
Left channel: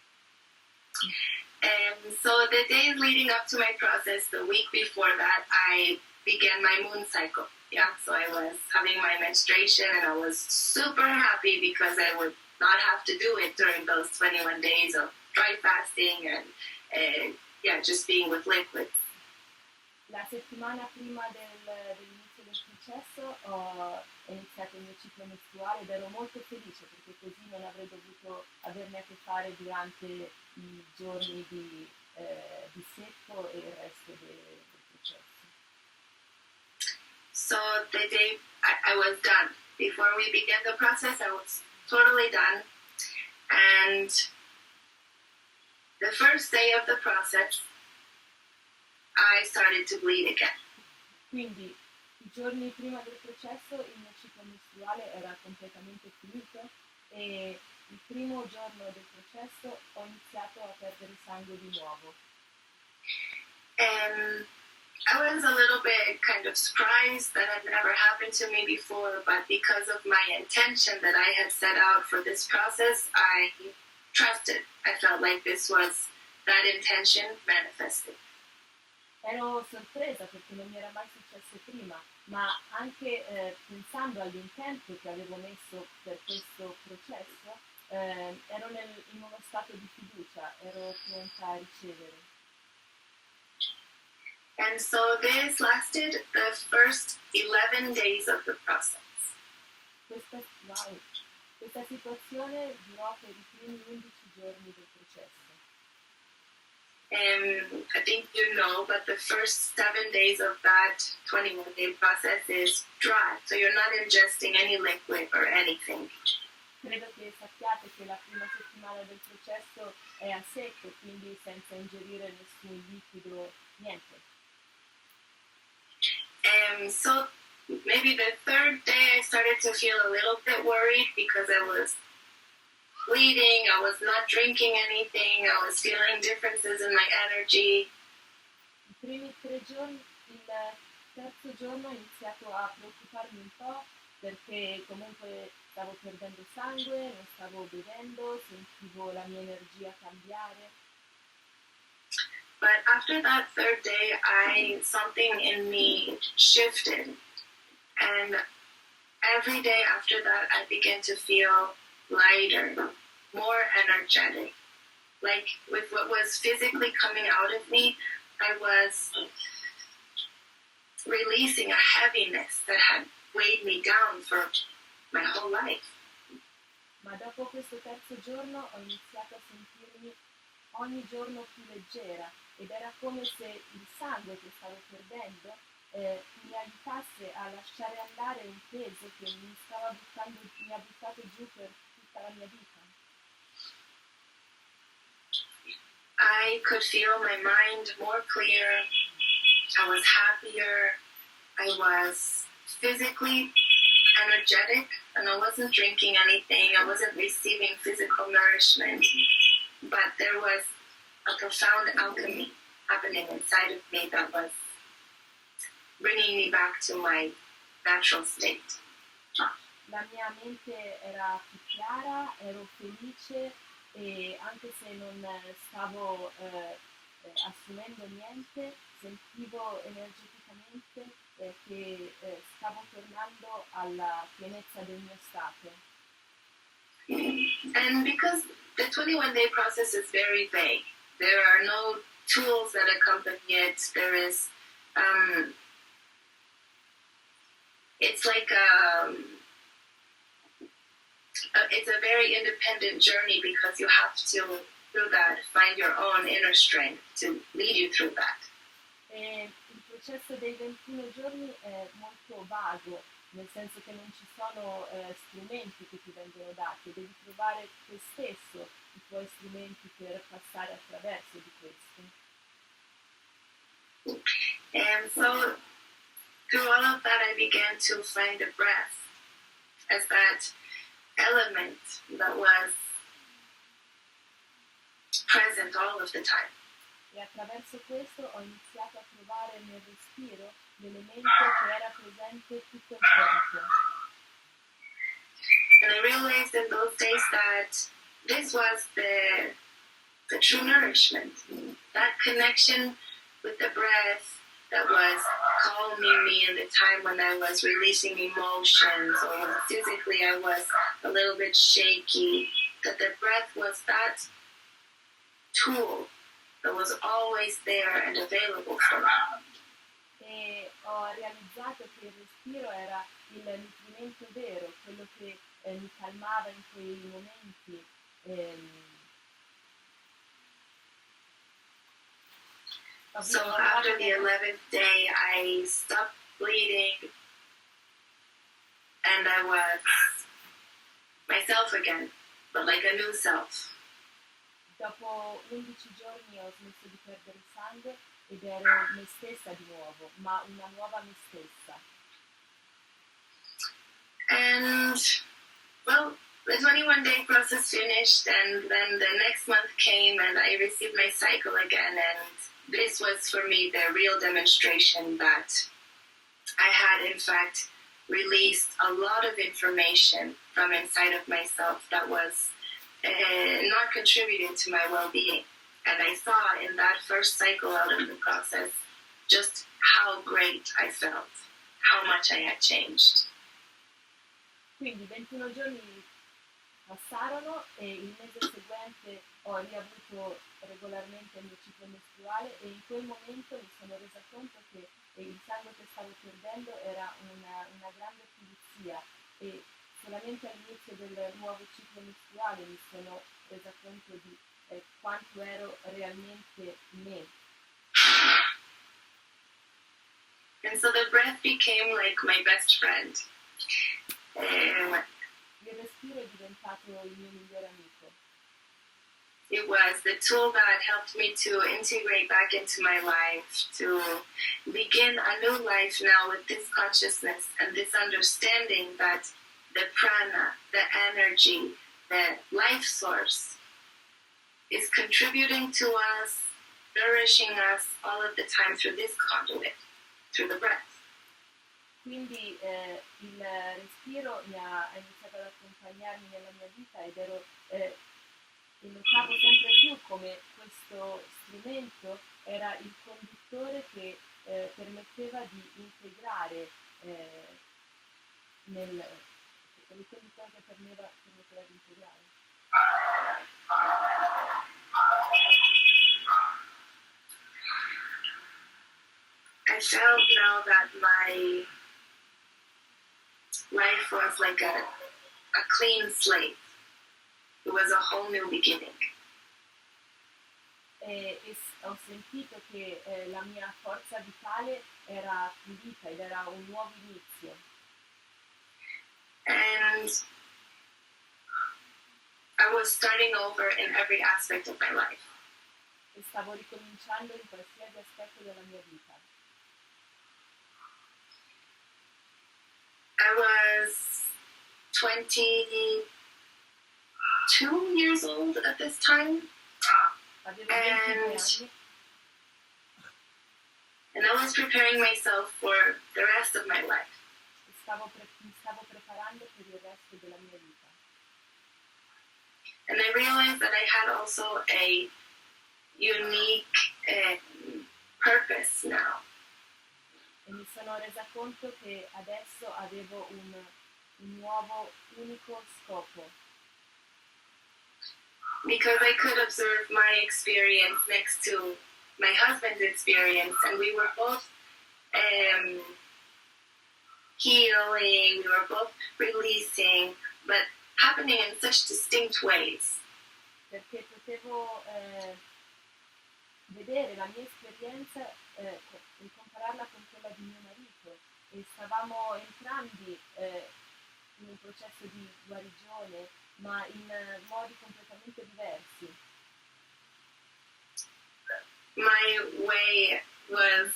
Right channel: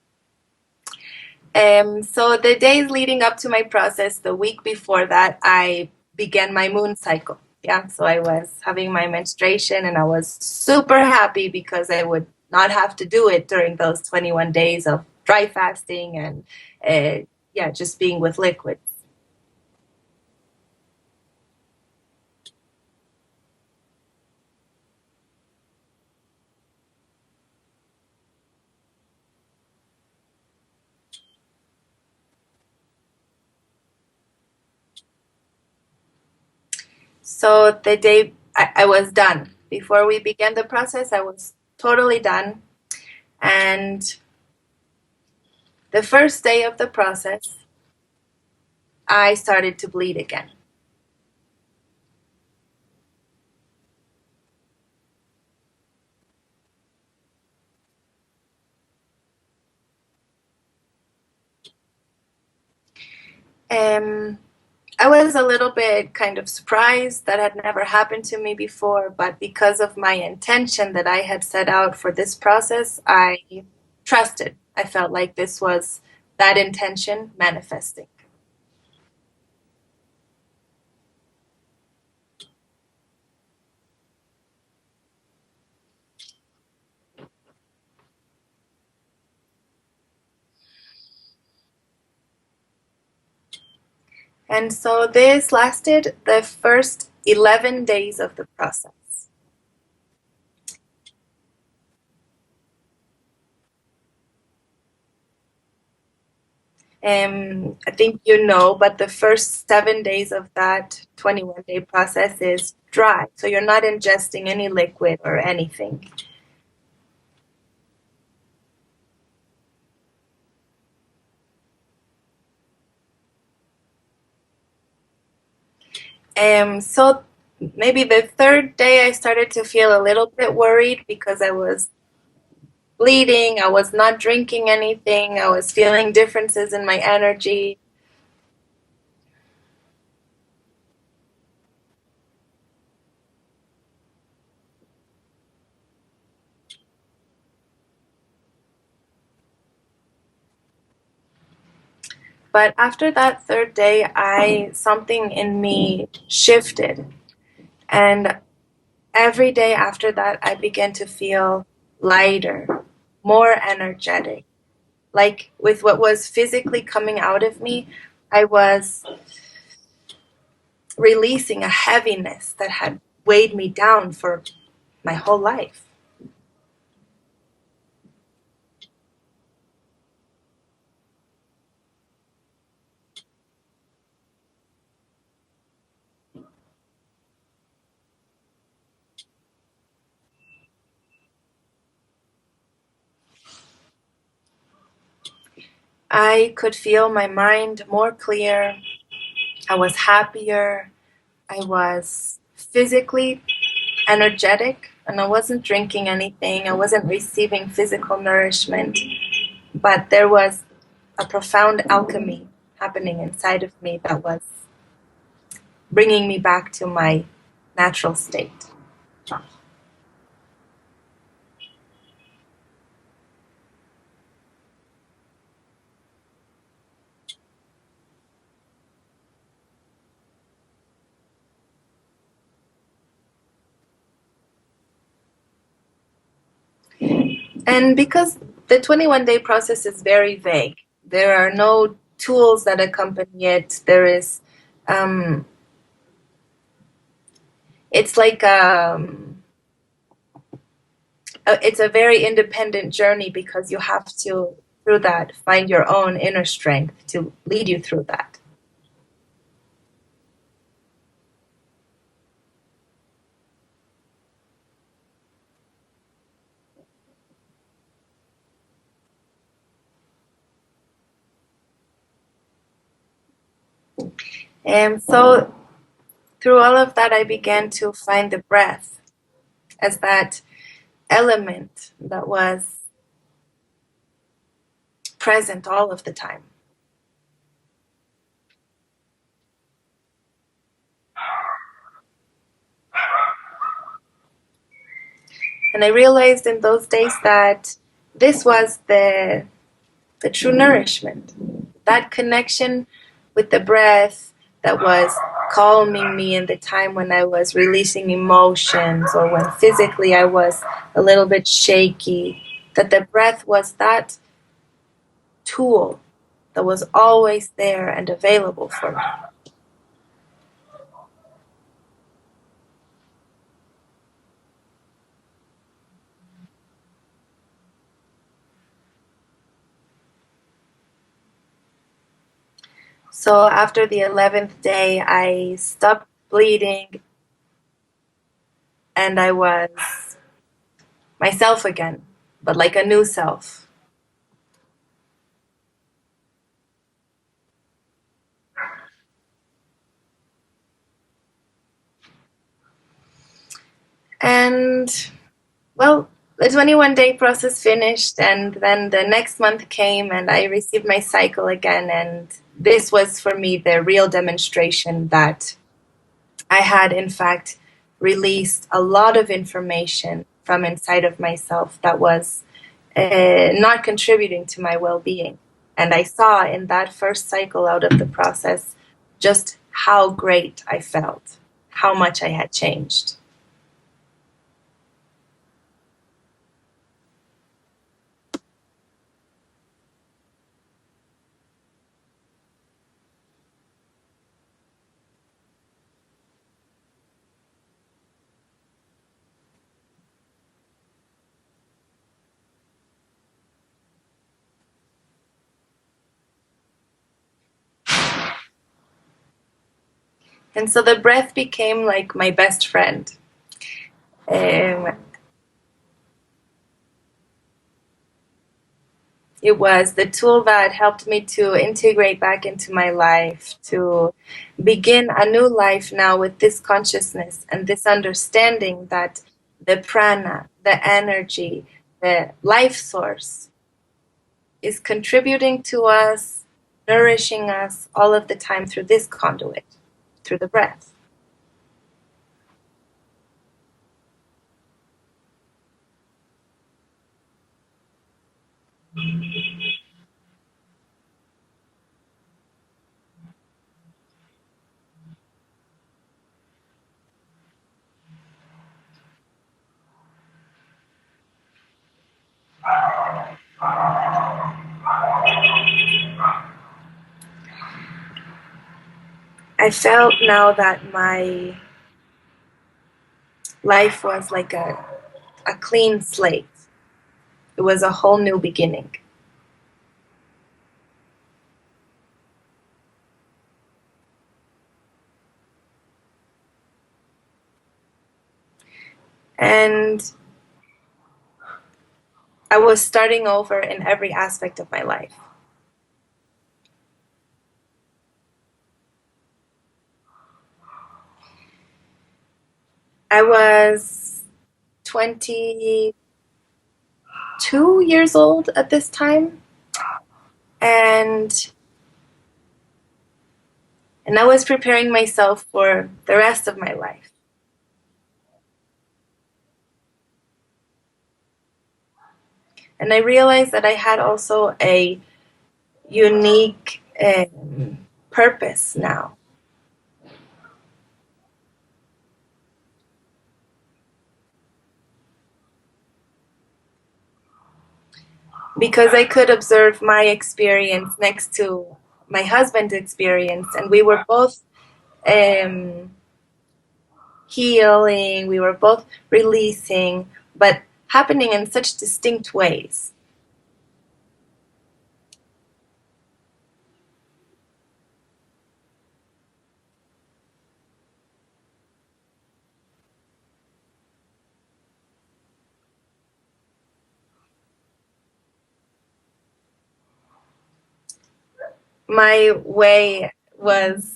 So the days leading up to my process, the week before that, I began my moon cycle. Yeah, so I was having my menstruation and I was super happy because I would not have to do it during those 21 days of dry fasting and just being with liquids. La settimana prima dell'inizio del processo ho iniziato il mio ciclo mestruale ed ero molto felice perché così non avrei dovuto averne a che fare durante i giorni di secco e il resto del processo. So the day I was done. Before we began the process, I was totally done. And the first day of the process, I started to bleed again. Quindi i giorni prima del processo il mio ciclo mestruale era completamente finito e il primo giorno del processo ho iniziato a perdere sangue di nuovo. I was a little bit kind of surprised that had never happened to me before, but because of my intention that I had set out for this process, I trusted. I felt like this was that intention manifested. Ero sorpresa perché non mi era mai successo prima, ma anche pensando all'intento che avevo messo per questo processo, ero in uno stato di fiducia, ero pronta a ricevere. And so this lasted the first 11 days of the process. Questa situazione durò per i primi 11 giorni del processo. I think you know, but the first 7 days of that 21-day process is dry. So you're not ingesting any liquid or anything. Credo che sappiate che la prima settimana del processo è a secco, quindi senza ingerire nessun liquido, niente. So maybe the third day I started to feel a little bit worried because I was bleeding, I was not drinking anything, I was feeling differences in my energy. I primi 3 giorni, il terzo giorno ho iniziato a preoccuparmi un po' perché comunque stavo perdendo sangue, non stavo bevendo, sentivo la mia energia cambiare. But after that third day, something in me shifted. And every day after that, I began to feel lighter, more energetic. Like with what was physically coming out of me, I was releasing a heaviness that had weighed me down for my whole life. Ma dopo questo terzo giorno ho iniziato a sentirmi ogni giorno più leggera ed era come se il sangue che stavo perdendo mi aiutasse a lasciare andare un peso che mi ha buttato giù per tutta la mia vita. I could feel my mind more clear. I was happier. I was physically energetic, and I wasn't drinking anything. I wasn't receiving physical nourishment. But there was a profound alchemy happening inside of me that was bringing me back to my natural state. La mia mente era più chiara, ero felice e anche se non stavo assumendo niente, sentivo energeticamente che stavo tornando alla pienezza del mio stato. And because the 21-day process is very vague, there are no tools that accompany it. There is, it's like it's a very independent journey because you have to, through that, find your own inner strength to lead you through that. E il processo dei 21 giorni è molto vago, nel senso che non ci sono strumenti che ti vengono dati, devi trovare te stesso i tuoi strumenti per passare attraverso di questo. And so through all of that, I began to find the breath as that element that was present all of the time. E attraverso questo ho iniziato a trovare nel respiro l'elemento che era presente tutto il tempo. And I realized in those days that this was the true nourishment, that connection with the breath that was calming me in the time when I was releasing emotions or when physically I was a little bit shaky, that the breath was that tool that was always there and available for me. E ho realizzato che il respiro era il nutrimento vero, quello che mi calmava in quei momenti. So after the 11th day, I stopped bleeding and I was myself again, but like a new self. Dopo 11 giorni ho smesso di perdere sangue ed ero me stessa di nuovo, ma una nuova me stessa. And, well, the 21-day process finished, and then the next month came, and I received my cycle again, and this was for me the real demonstration that I had, in fact, released a lot of information from inside of myself that was not contributing to my well-being. And I saw in that first cycle out of the process just how great I felt, how much I had changed. Quindi 21 giorni passarono e il mese seguente ho riavuto regolarmente il mio ciclo mestruale e in quel momento mi sono resa conto che il sangue che stavo perdendo era una grande pulizia e solamente all'inizio del nuovo ciclo mestruale mi sono resa conto di quanto ero realmente me. And so the breath became like my best friend. Il respiro è diventato il mio migliore amico. It was the tool that helped me to integrate back into my life, to begin a new life now with this consciousness and this understanding that the prana, the energy, the life source is contributing to us, nourishing us all of the time through this conduit, through the breath. Quindi il respiro ha iniziato ad accompagnarmi nella mia vita ed notavo sempre più come questo strumento era il conduttore che permetteva di integrare come conduttore che permetteva di integrare. I felt now that my life was like a clean slate. It was a whole new beginning. E ho sentito che la mia forza vitale era pulita ed era un nuovo inizio. And I was starting over in every aspect of my life. E stavo ricominciando in qualsiasi aspetto della mia vita. I was 22 years old at this time, and I was preparing myself for the rest of my life. Mi stavo preparando per il resto della mia vita. And I realized that I had also a unique purpose now. Mi sono resa conto che adesso avevo un nuovo, unico scopo. Because I could observe my experience next to my husband's experience, and we were both healing, we were both releasing, but happening in such distinct ways. Perché potevo vedere la mia esperienza e compararla con quella di mio marito, e stavamo entrambi in un processo di guarigione, ma in modi completamente diversi. My way was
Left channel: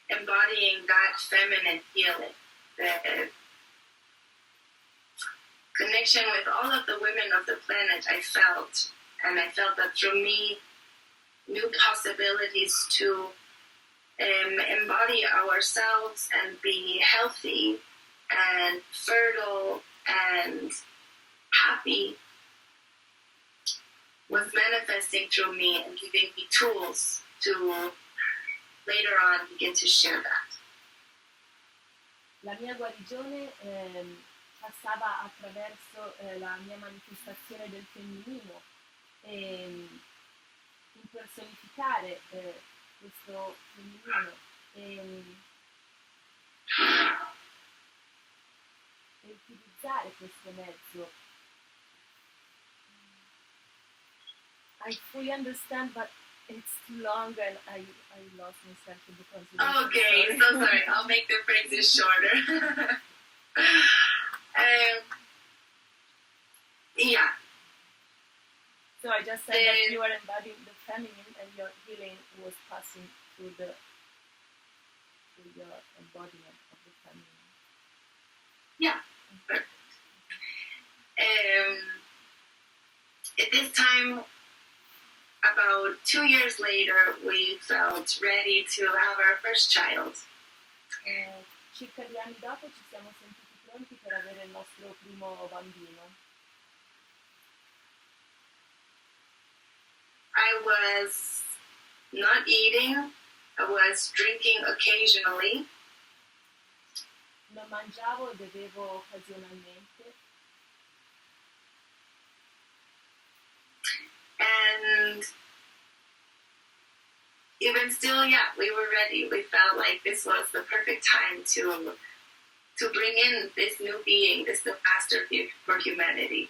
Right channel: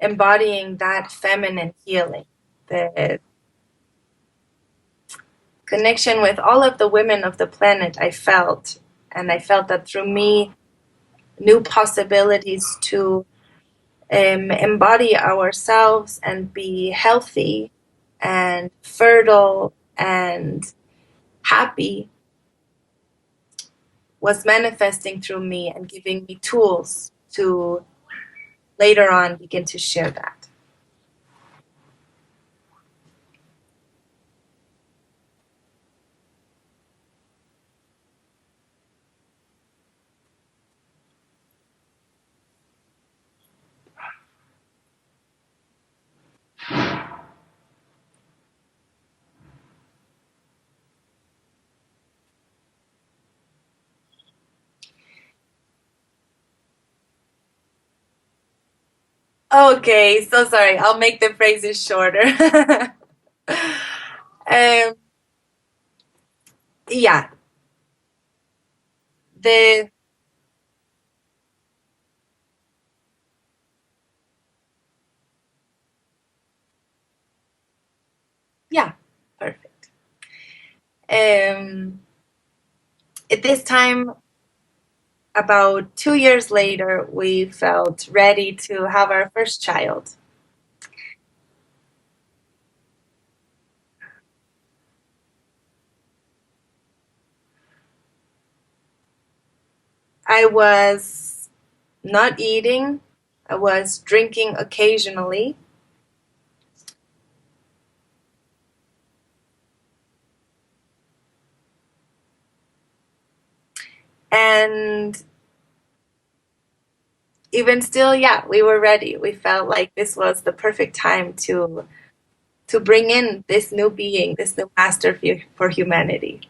embodying that feminine healing, the connection with all of the women of the planet I felt, and I felt that through me, new possibilities to embody ourselves and be healthy and fertile and happy was manifesting through me and giving me tools to later on begin to share that. La mia guarigione passava attraverso la mia manifestazione del femminino e impersonificare questo femminino e utilizzare questo mezzo. I fully understand, but it's too long and I lost myself in the concept. Okay, so sorry. I'll make the phrases shorter. Yeah. So I just said you were embodying the feminine and your healing was passing through your embodiment of the feminine. Yeah, perfect. At this time, about 2 years later, we felt ready to have our first child. Circa 2 anni dopo ci siamo sentiti pronti per avere il nostro primo bambino. I was not eating, I was drinking occasionally. Non mangiavo e bevevo occasionalmente. And even still, yeah, we were ready. We felt like this was the perfect time to bring in this new being, this new master for humanity.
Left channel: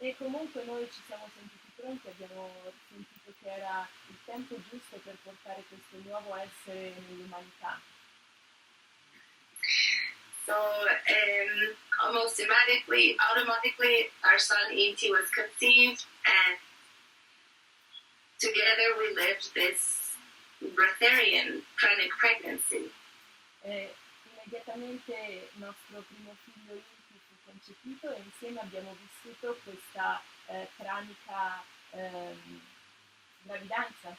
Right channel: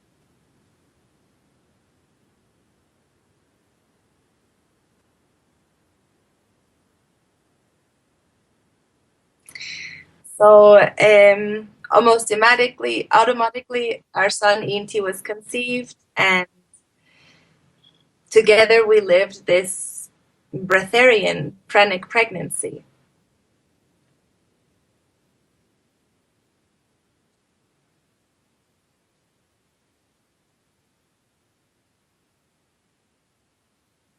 E comunque noi ci siamo sentiti pronti, abbiamo sentito che era il tempo giusto per portare questo nuovo essere nell'umanità. So almost automatically, our son Inti was conceived, and together we lived this Breatharian Pranic pregnancy. Immediatamente il nostro primo figlio Inti fu concepito e insieme abbiamo vissuto questa pranica gravidanza.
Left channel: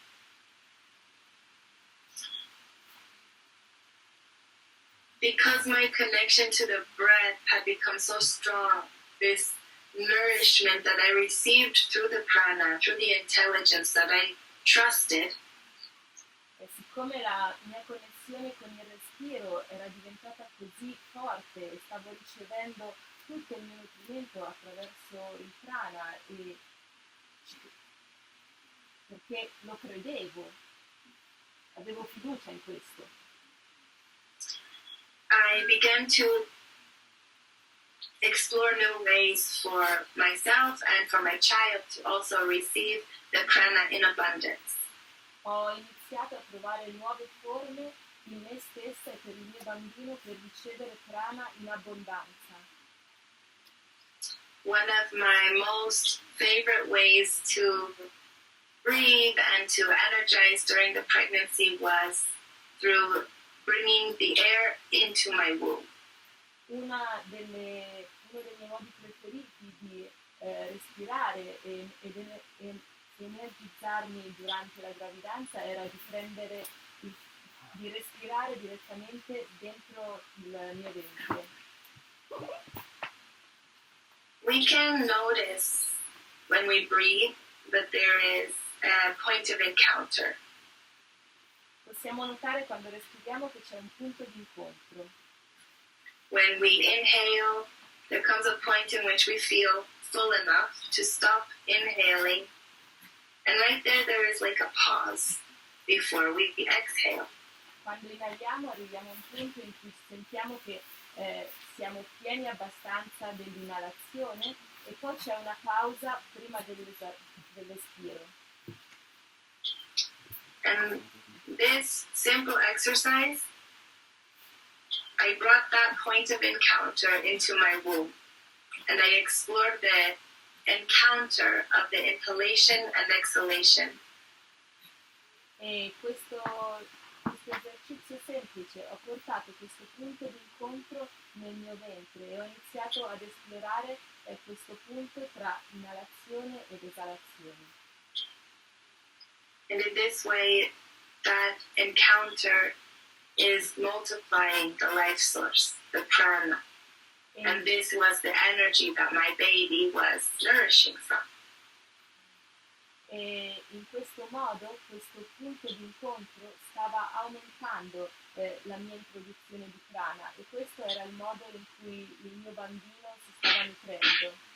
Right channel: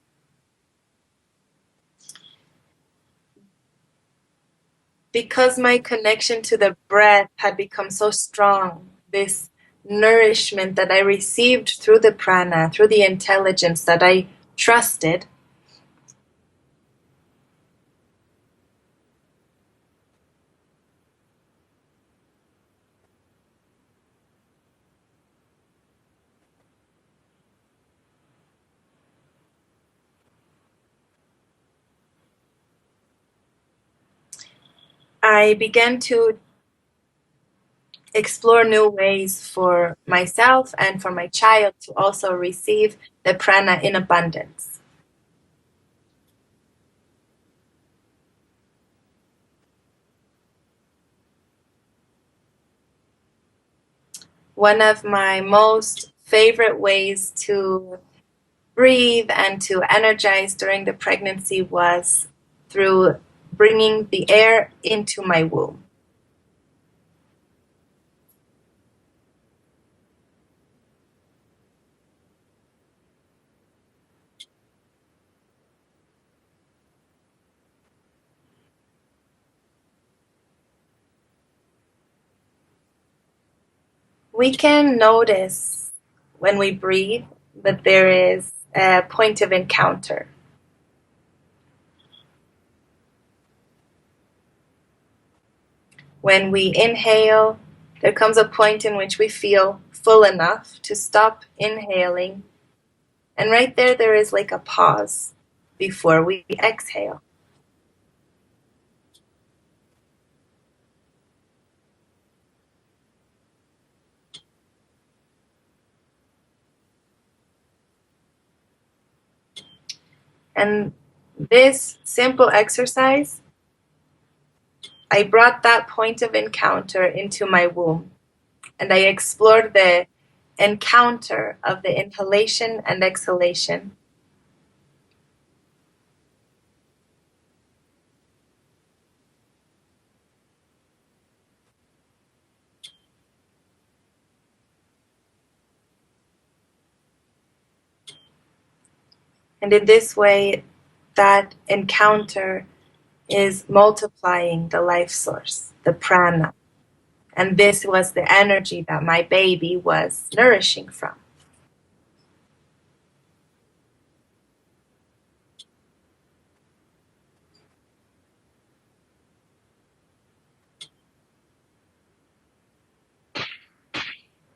Because my connection to the breath had become so strong, this nourishment that I received through the prana, through the intelligence that I trusted, E siccome la mia connessione con il respiro era diventata così forte e stavo ricevendo tutto il mio nutrimento attraverso il prana, e perché lo credevo, avevo fiducia in questo. I began to explore new ways for myself and for my child to also receive the prana in abundance. Ho iniziato a trovare nuove forme in me stessa e per il mio bambino per ricevere prana in abbondanza. One of my most favorite ways to breathe and to energize during the pregnancy was through bringing the air into my womb. Uno dei miei modi preferiti di respirare ed energizzarmi durante la gravidanza era di respirare direttamente dentro il mio ventre. We can notice when we breathe that there is a point of encounter. Possiamo notare quando respiriamo che c'è un punto di incontro. When we inhale, there comes a point in which we feel full enough to stop inhaling. And right there is like a pause before we exhale. Quando inaliamo arriviamo a un punto in cui sentiamo che siamo pieni abbastanza dell'inalazione e poi c'è una pausa prima dell'espiro. And this simple exercise, I brought that point of encounter into my womb, and I explored the encounter of the inhalation and exhalation. E questo esercizio semplice ho portato questo punto di incontro nel mio ventre e ho iniziato ad esplorare questo punto tra inalazione ed esalazione. And in this way, that encounter is multiplying the life source, the prana. And this was the energy that my baby was nourishing from. E in questo modo questo punto di incontro stava aumentando la mia introduzione di prana e questo era il modo in cui il mio bambino si stava nutrendo.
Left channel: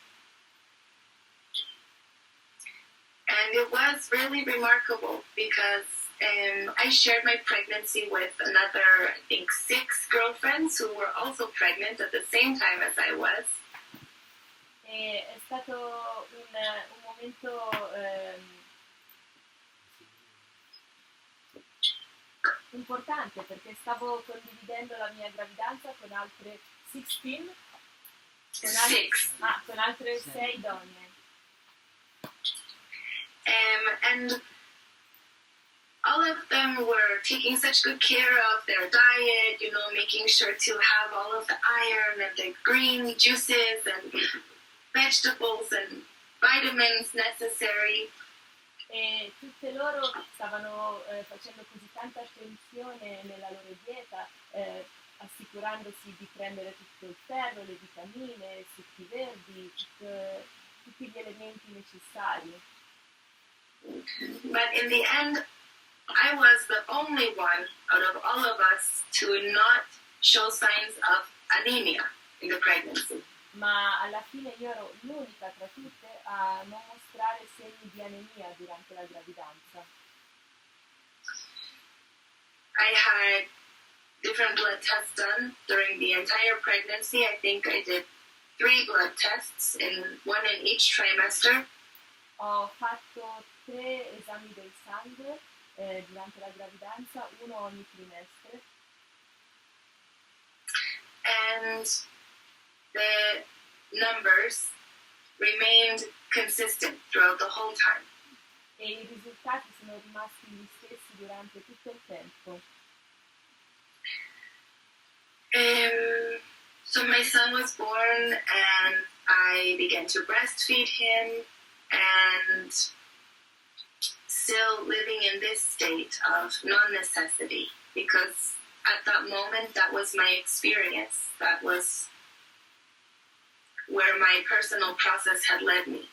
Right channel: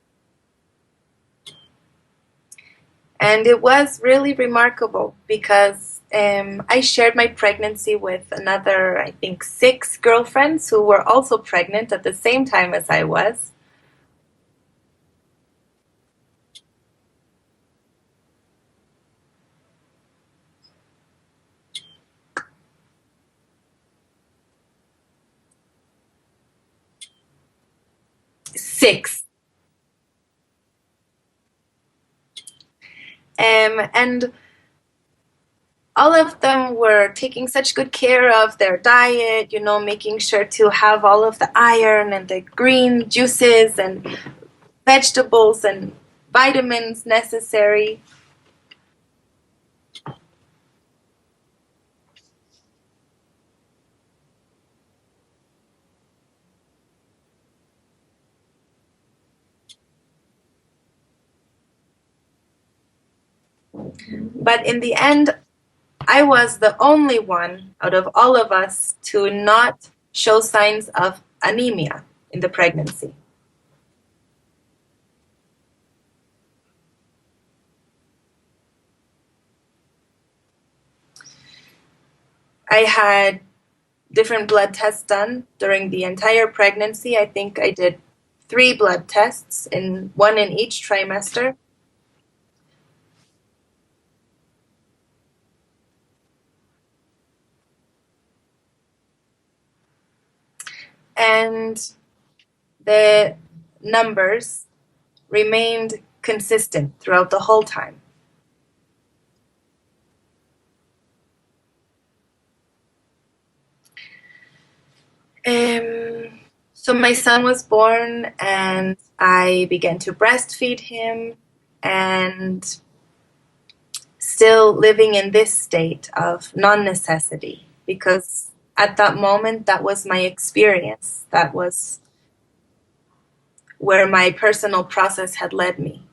And it was really remarkable because I shared my pregnancy with another, I think, 6 girlfriends who were also pregnant at the same time as I was. E è stato un momento importante perché stavo condividendo la mia gravidanza con altre 16 con altre 6 donne. And all of them were taking such good care of their diet, you know, making sure to have all of the iron and the green juices and vegetables and vitamins necessary. E tutte loro stavano facendo così tanta attenzione nella loro dieta, assicurandosi di prendere tutto il ferro, le vitamine, i succhi verdi, tutti gli elementi necessari. But in the end, I was the only one out of all of us to not show signs of anemia in the pregnancy. Ma alla fine io ero l'unica tra tutte a non mostrare segni di anemia durante la gravidanza. I had different blood tests done during the entire pregnancy. I think I did 3 blood tests, one in each trimester. Ho fatto 3 esami del sangue durante la gravidanza, uno ogni trimestre. And the numbers remained consistent throughout the whole time. E i risultati sono rimasti gli stessi durante tutto il tempo. So my son was born and I began to breastfeed him, and still living in this state of non-necessity, because at that moment that was my experience, that was where my personal process had led me.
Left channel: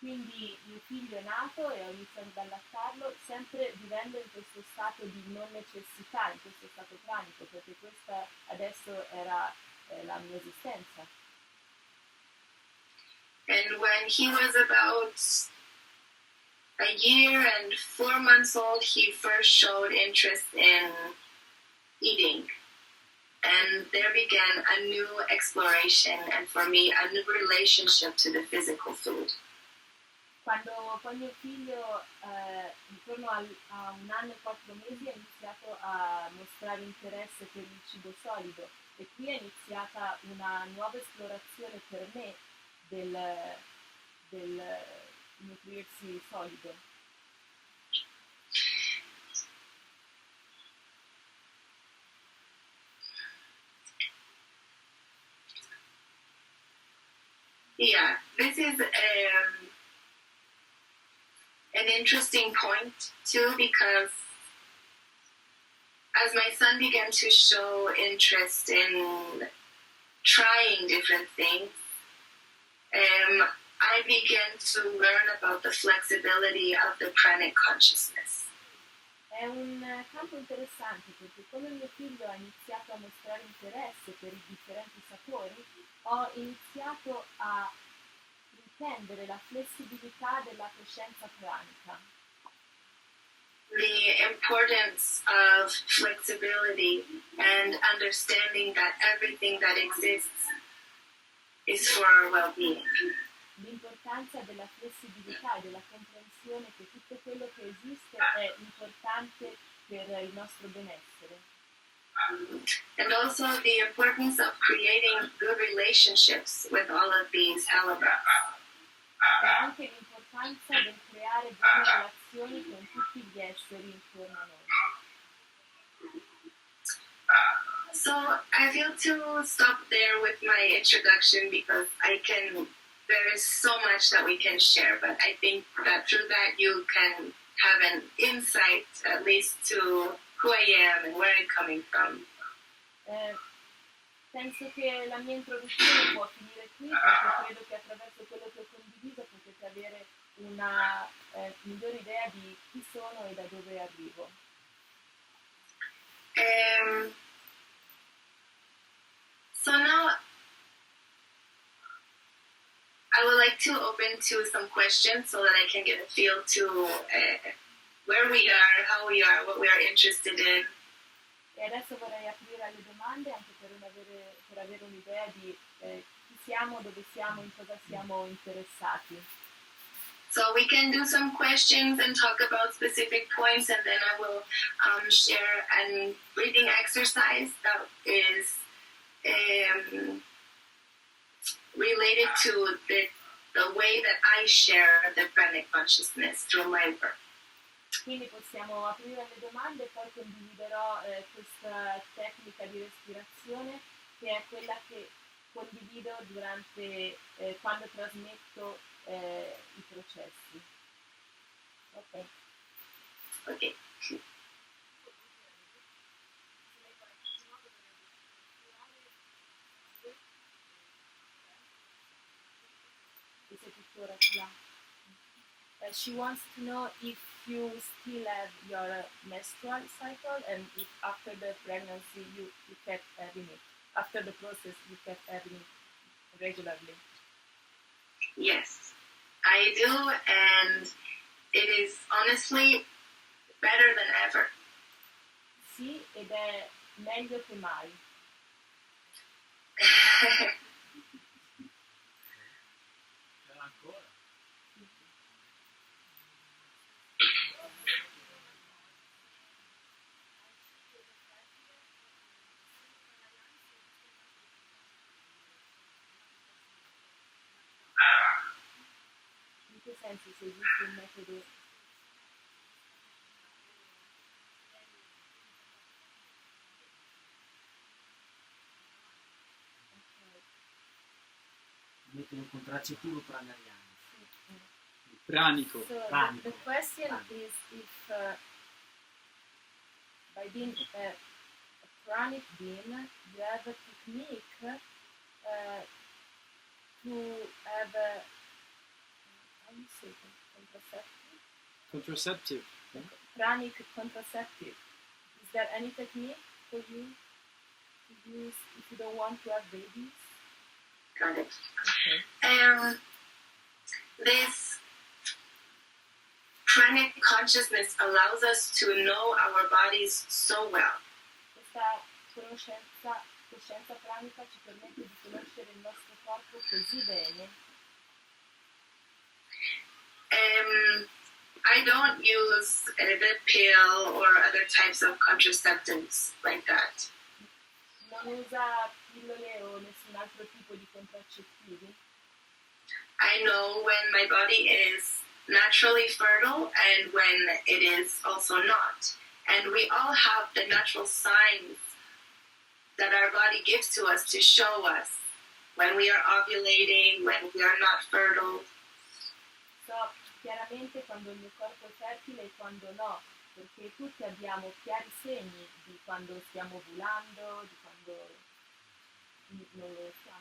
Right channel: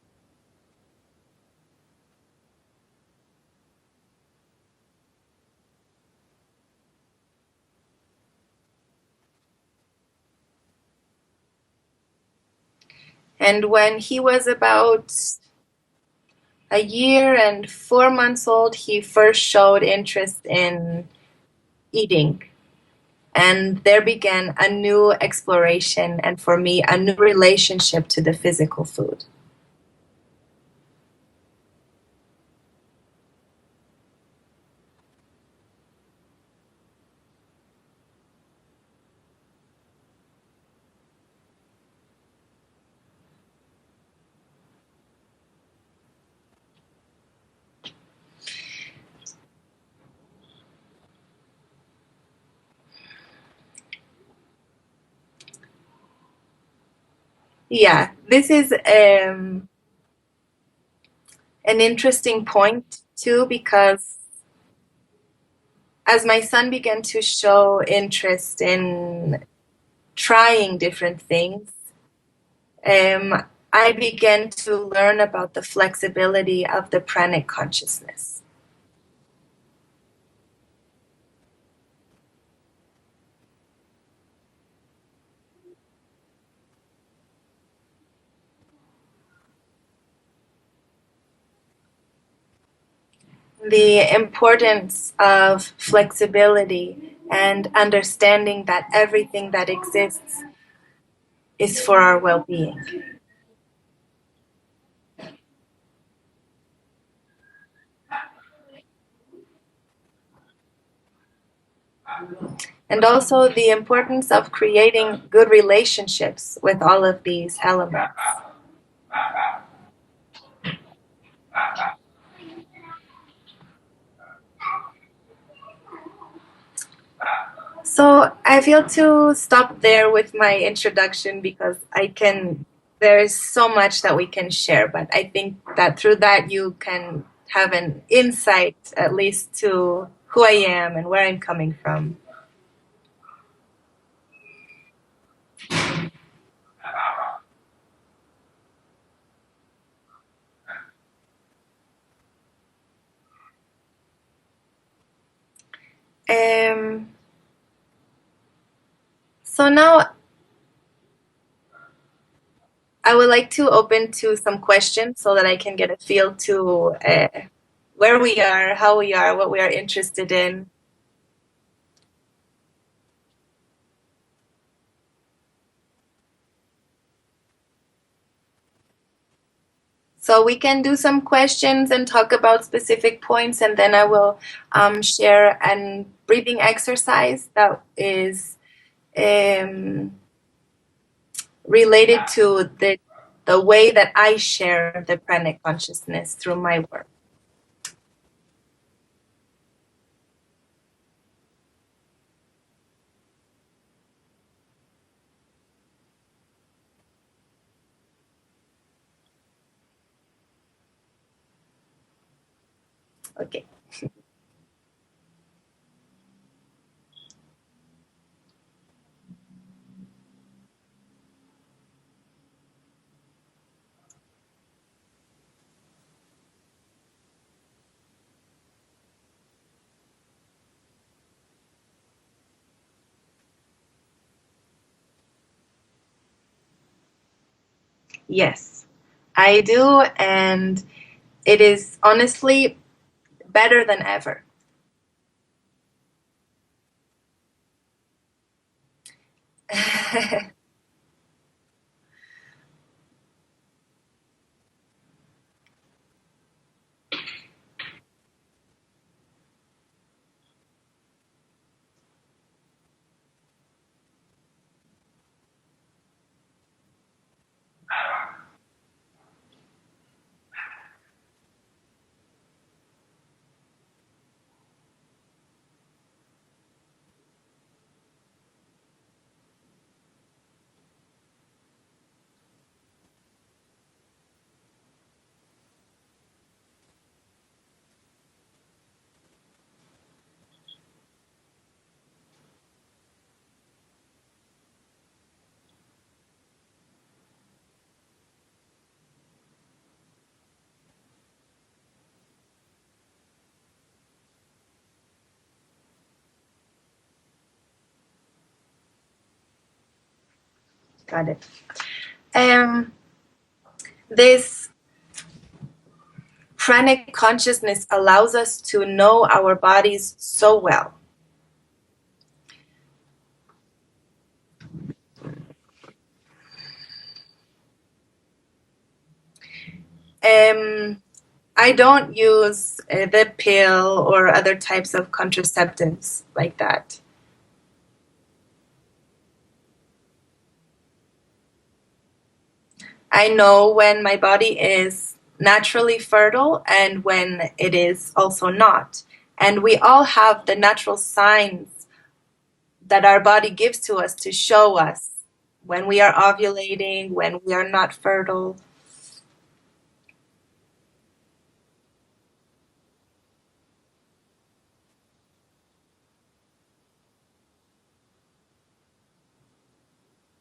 Quindi mio figlio è nato e ho iniziato ad allattarlo sempre vivendo in questo stato di non necessità, in questo stato pranico, perché questa adesso era la mia esistenza. And when he was about a year and 4 months old, he first showed interest in eating. And there began a new exploration, and for me, a new relationship to the physical food. Quando poi mio figlio, intorno a 1 anno e 4 mesi, ha iniziato a mostrare interesse per il cibo solido, e qui è iniziata una nuova esplorazione per me del nutrirsi solido. Yeah, this is an interesting point too, because as my son began to show interest in trying different things, I began to learn about the flexibility of the pranic consciousness. È un campo interessante perché quando mio figlio ha iniziato a mostrare interesse per i differenti sapori, ho iniziato a intendere la flessibilità della coscienza pranica. The importance of flexibility and understanding that everything that exists is for our well-being. L'importanza della flessibilità e della comprensione che tutto quello che esiste è importante per il nostro benessere. And also the importance of creating good relationships with all of these elements. Anche l'importanza del creare buone relazioni con tutti gli esseri intorno a noi. So I feel to stop there with my introduction because there is so much that we can share, but I think that through that you can have an insight at least to who I am and where I'm coming from. Penso che la mia introduzione può finire qui, perché credo che attraverso quello che ho condiviso potete avere una migliore idea di chi sono e da dove arrivo. So now I would like to open to some questions so that I can get a feel to where we are, how we are, what we are interested in. E adesso vorrei aprire alle domande anche per avere un'idea di chi siamo, dove siamo, in cosa siamo interessati. So we can do some questions and talk about specific points, and then I will share a breathing exercise that is related to the way that I share the Pranic consciousness through my work. Quindi possiamo aprire alle domande e poi condividerò questa tecnica di respirazione che è quella che condivido durante quando trasmetto i processi. Ok. Okay. She wants to know if you still have your menstrual cycle and if after the pregnancy you kept having it. After the process you kept having it regularly. Yes, I do, and it is honestly better than ever. Sì, ed è meglio che mai. Se esiste un metodo contraccettivo pranariano. Pranico. So Pranico. the question is if by being a pranic being, you have a technique to have a Contraceptive. Pranic contraceptive. Is there any technique for you to use if you don't want to have babies? Got it. This pranic consciousness allows us to know our bodies so well. Questa coscienza pranica ci permette di conoscere il nostro corpo così bene. I don't use the pill or other types of contraceptives like that. Non usa pillole o nessun altro tipo di contraccettivi. I know when my body is naturally fertile and when it is also not. And we all have the natural signs that our body gives to us to show us when we are ovulating, when we are not fertile. So chiaramente quando il mio corpo è fertile e quando no, perché tutti abbiamo chiari segni di quando stiamo ovulando, di quando non lo siamo.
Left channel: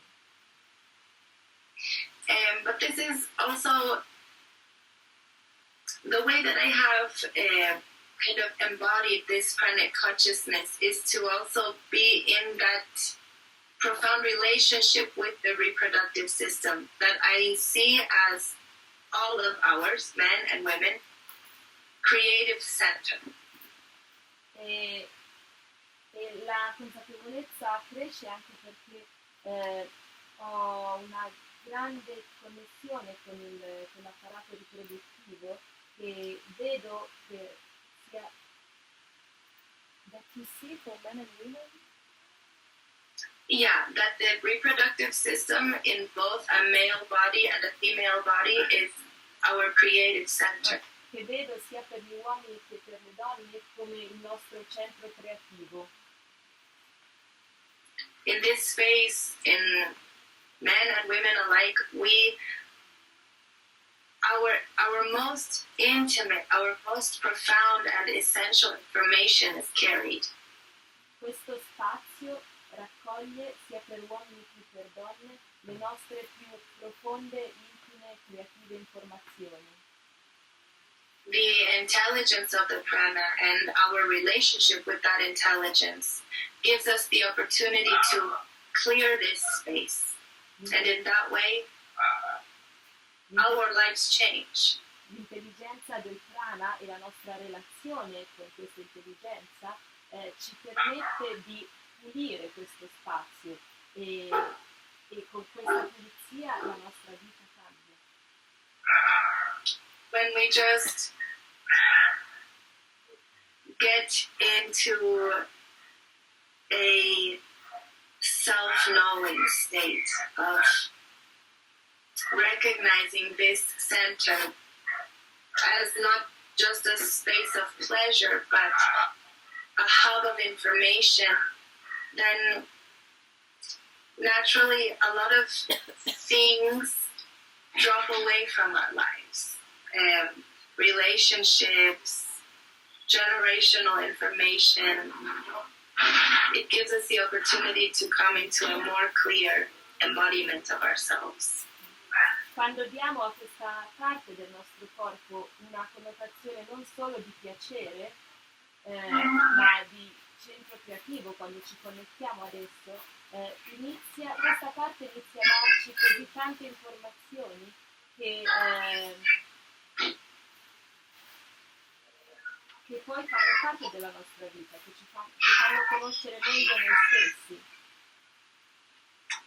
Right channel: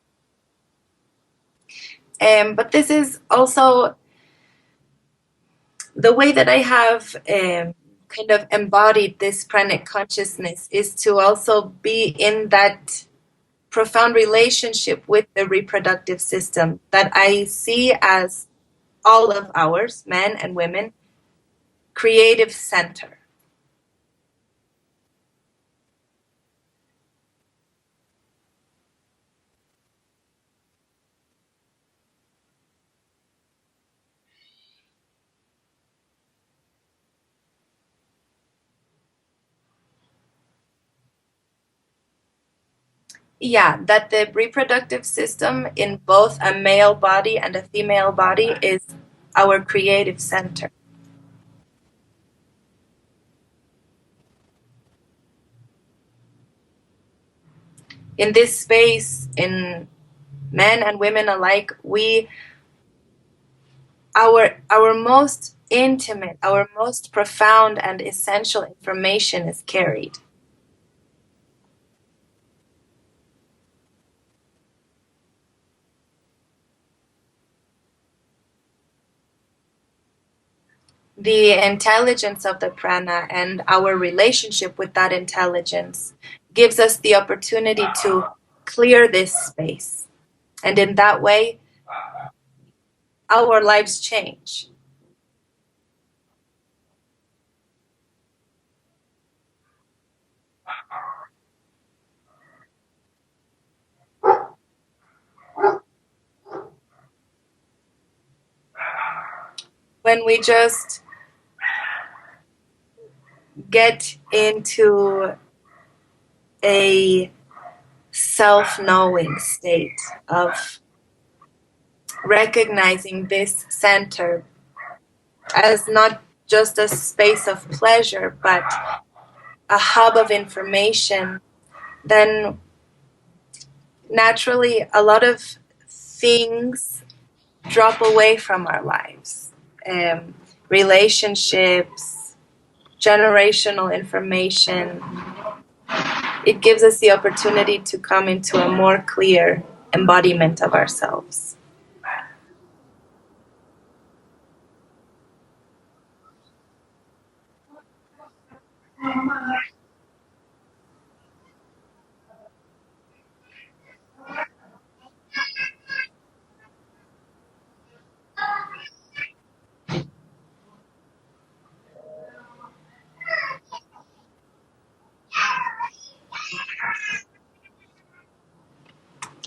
But this is also the way that I have kind of embodied this pranic consciousness is to also be in that profound relationship with the reproductive system that I see as all of ours, men and women, creative center. La cresce anche perché ho una grande connessione con l'apparato riproduttivo e vedo che sia that you see for men and women. Yeah, that the reproductive system in both a male body and a female body is our creative center. Che vedo sia per gli uomini che per le donne come il nostro centro creativo. In this space, in men and women alike, our most intimate, our most profound and essential information is carried. Questo spazio raccoglie sia per uomini che per donne le nostre più profonde, intime, creative informazioni. The intelligence of the prana and our relationship with that intelligence gives us the opportunity to clear this space. And in that way, our lives change. L'intelligenza del prana e la nostra relazione con questa intelligenza ci permette di pulire questo spazio e con questa pulizia la nostra vita cambia. When we just get into a self-knowing state of recognizing this center as not just a space of pleasure, but a hub of information, then naturally a lot of things drop away from our lives. Relationships, generational information. It gives us the opportunity to come into a more clear embodiment of ourselves. Quando diamo a questa parte del nostro corpo una connotazione non solo di piacere, ma di centro creativo, quando ci connettiamo ad esso, questa parte inizia a darci così tante informazioni che poi fanno parte della nostra vita, che ci fanno conoscere meglio noi stessi.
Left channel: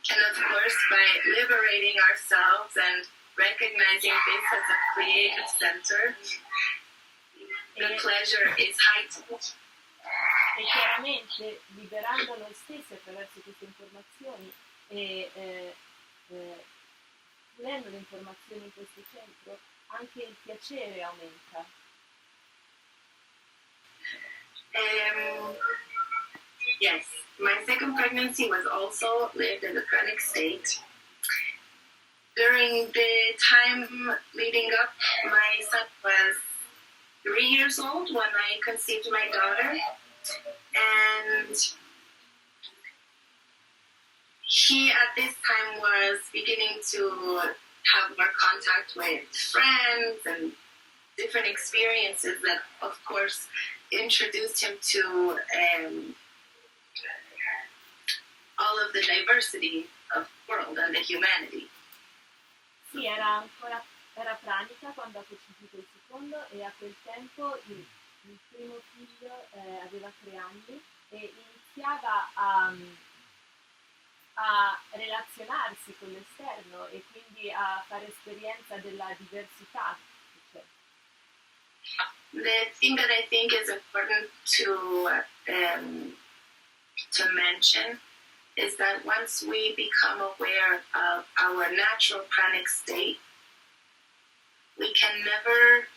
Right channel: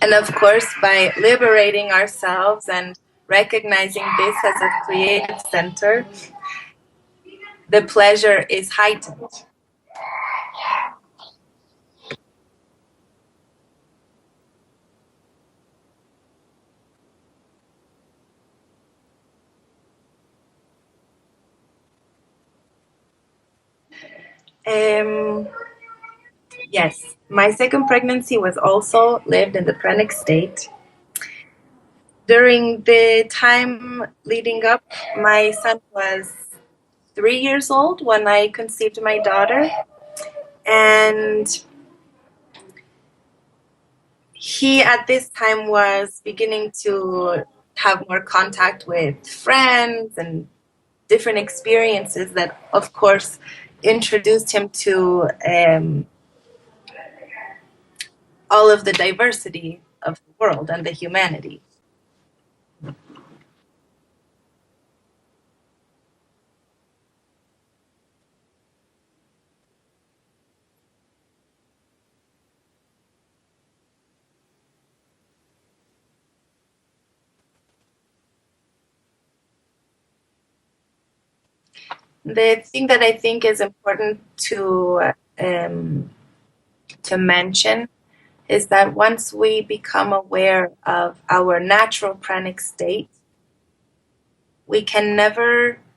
And of course, by liberating ourselves and recognizing this as a creative center, the pleasure is heightened. E chiaramente, liberando noi stessi attraverso queste informazioni e prendendo le informazioni in questo centro, anche il piacere aumenta. Yes, my second pregnancy was also lived in the Pranic state. During the time leading up, my son was 3 years old when I conceived my daughter, and he at this time was beginning to have more contact with friends and different experiences that, of course, introduced him to all of the diversity of the world and the humanity. Sì, era pranica quando ha concepito il secondo e a quel tempo il primo figlio aveva 3 anni e iniziava a relazionarsi con l'esterno e quindi a fare esperienza della diversità. The thing that I think is important to mention is that once we become aware of our natural pranic state, we can never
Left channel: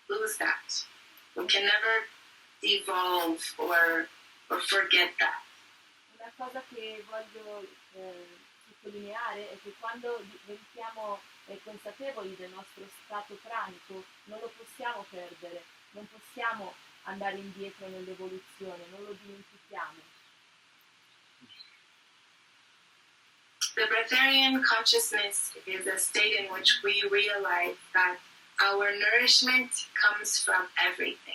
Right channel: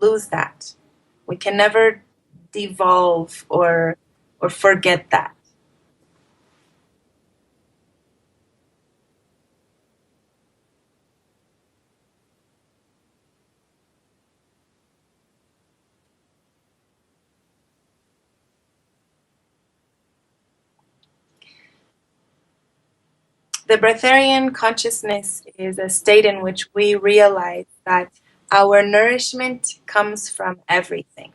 lose that. We can never devolve or forget that. Una cosa che voglio sottolineare è che quando diventiamo consapevoli del nostro stato pranico non lo possiamo perdere, non possiamo andare indietro nell'evoluzione, non lo dimentichiamo. The Breatharian consciousness is a state in which we realize that our nourishment comes from everything.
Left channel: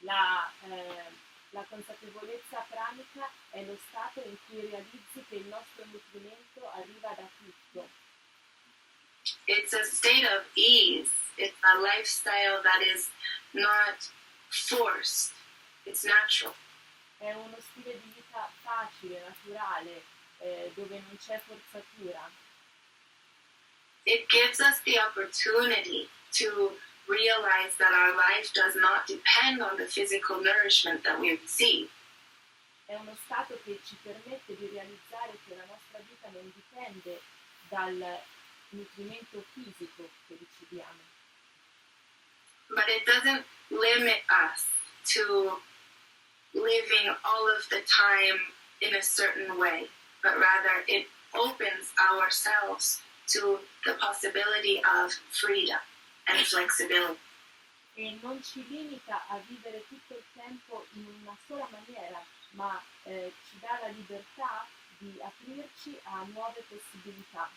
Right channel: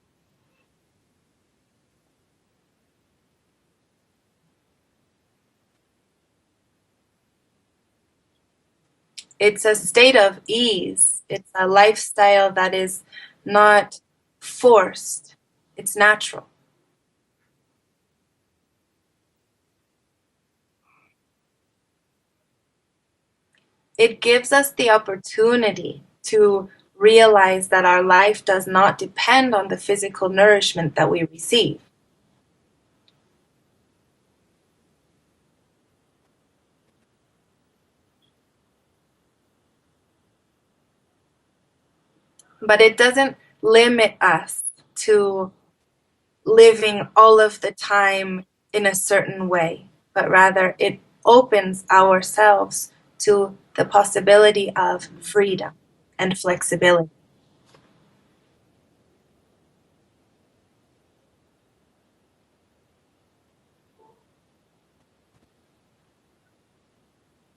La consapevolezza pranica è lo stato in cui realizzi che il nostro nutrimento arriva da tutto. It's a state of ease. It's a lifestyle that is not forced. It's natural. È uno stile di vita facile, naturale, dove non c'è forzatura. It gives us the opportunity to realize that our life does not depend on the physical nourishment that we receive. È uno stato che ci permette di realizzare che la nostra vita non dipende dal nutrimento fisico che riceviamo. But it doesn't limit us to living all of the time in a certain way, but rather it opens ourselves to the possibility of freedom and flexibility. E non ci limita a vivere tutto il tempo in una sola maniera, ma ci dà la libertà di aprirci a nuove possibilità.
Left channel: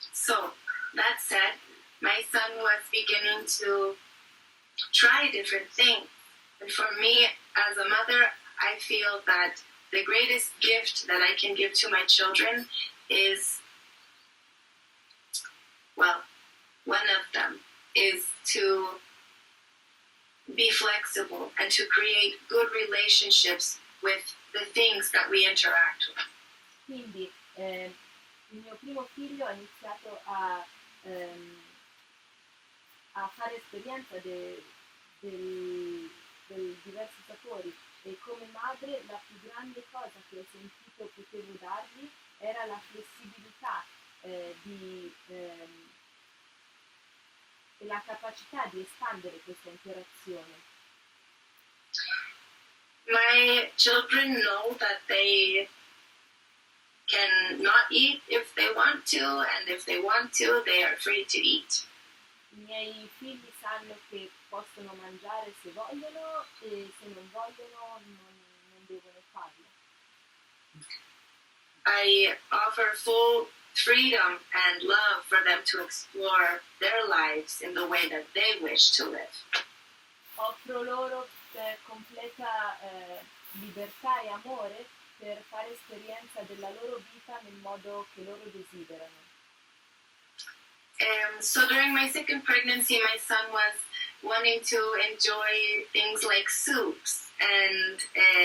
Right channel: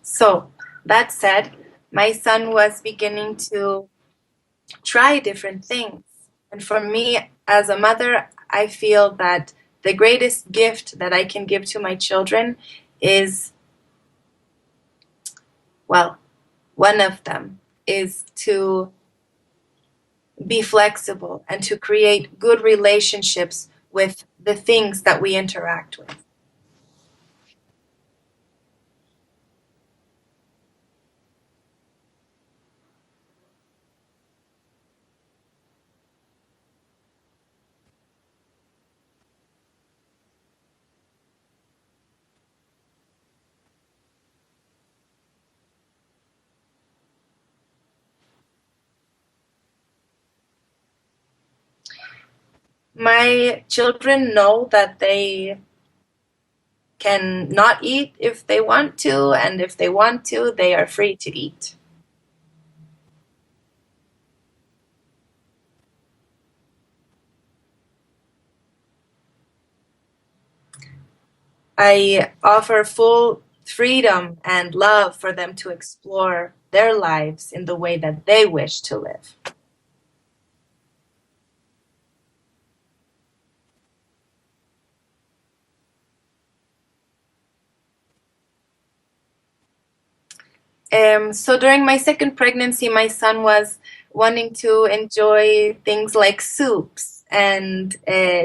So, that said, my son was beginning to try different things. And for me, as a mother, I feel that the greatest gift that I can give to my children is, well, one of them is to be flexible and to create good relationships with the things that we interact with. Quindi il mio primo figlio ha iniziato a fare esperienza dei diversi sapori e come madre la più grande cosa che ho sentito potevo dargli era la flessibilità e la capacità di espandere questa interazione. My children know that they can not eat if they want to, and if they want to, they are free to eat. I miei figli sanno che possono mangiare se vogliono e se non vogliono non devono farlo. I offer full freedom and love for them to explore their lives in the way that they wish to live. Offro loro completa libertà e amore per fare esperienza della loro vita nel modo che loro desiderano. So during my second pregnancy, my son was wanting to enjoy things like soups and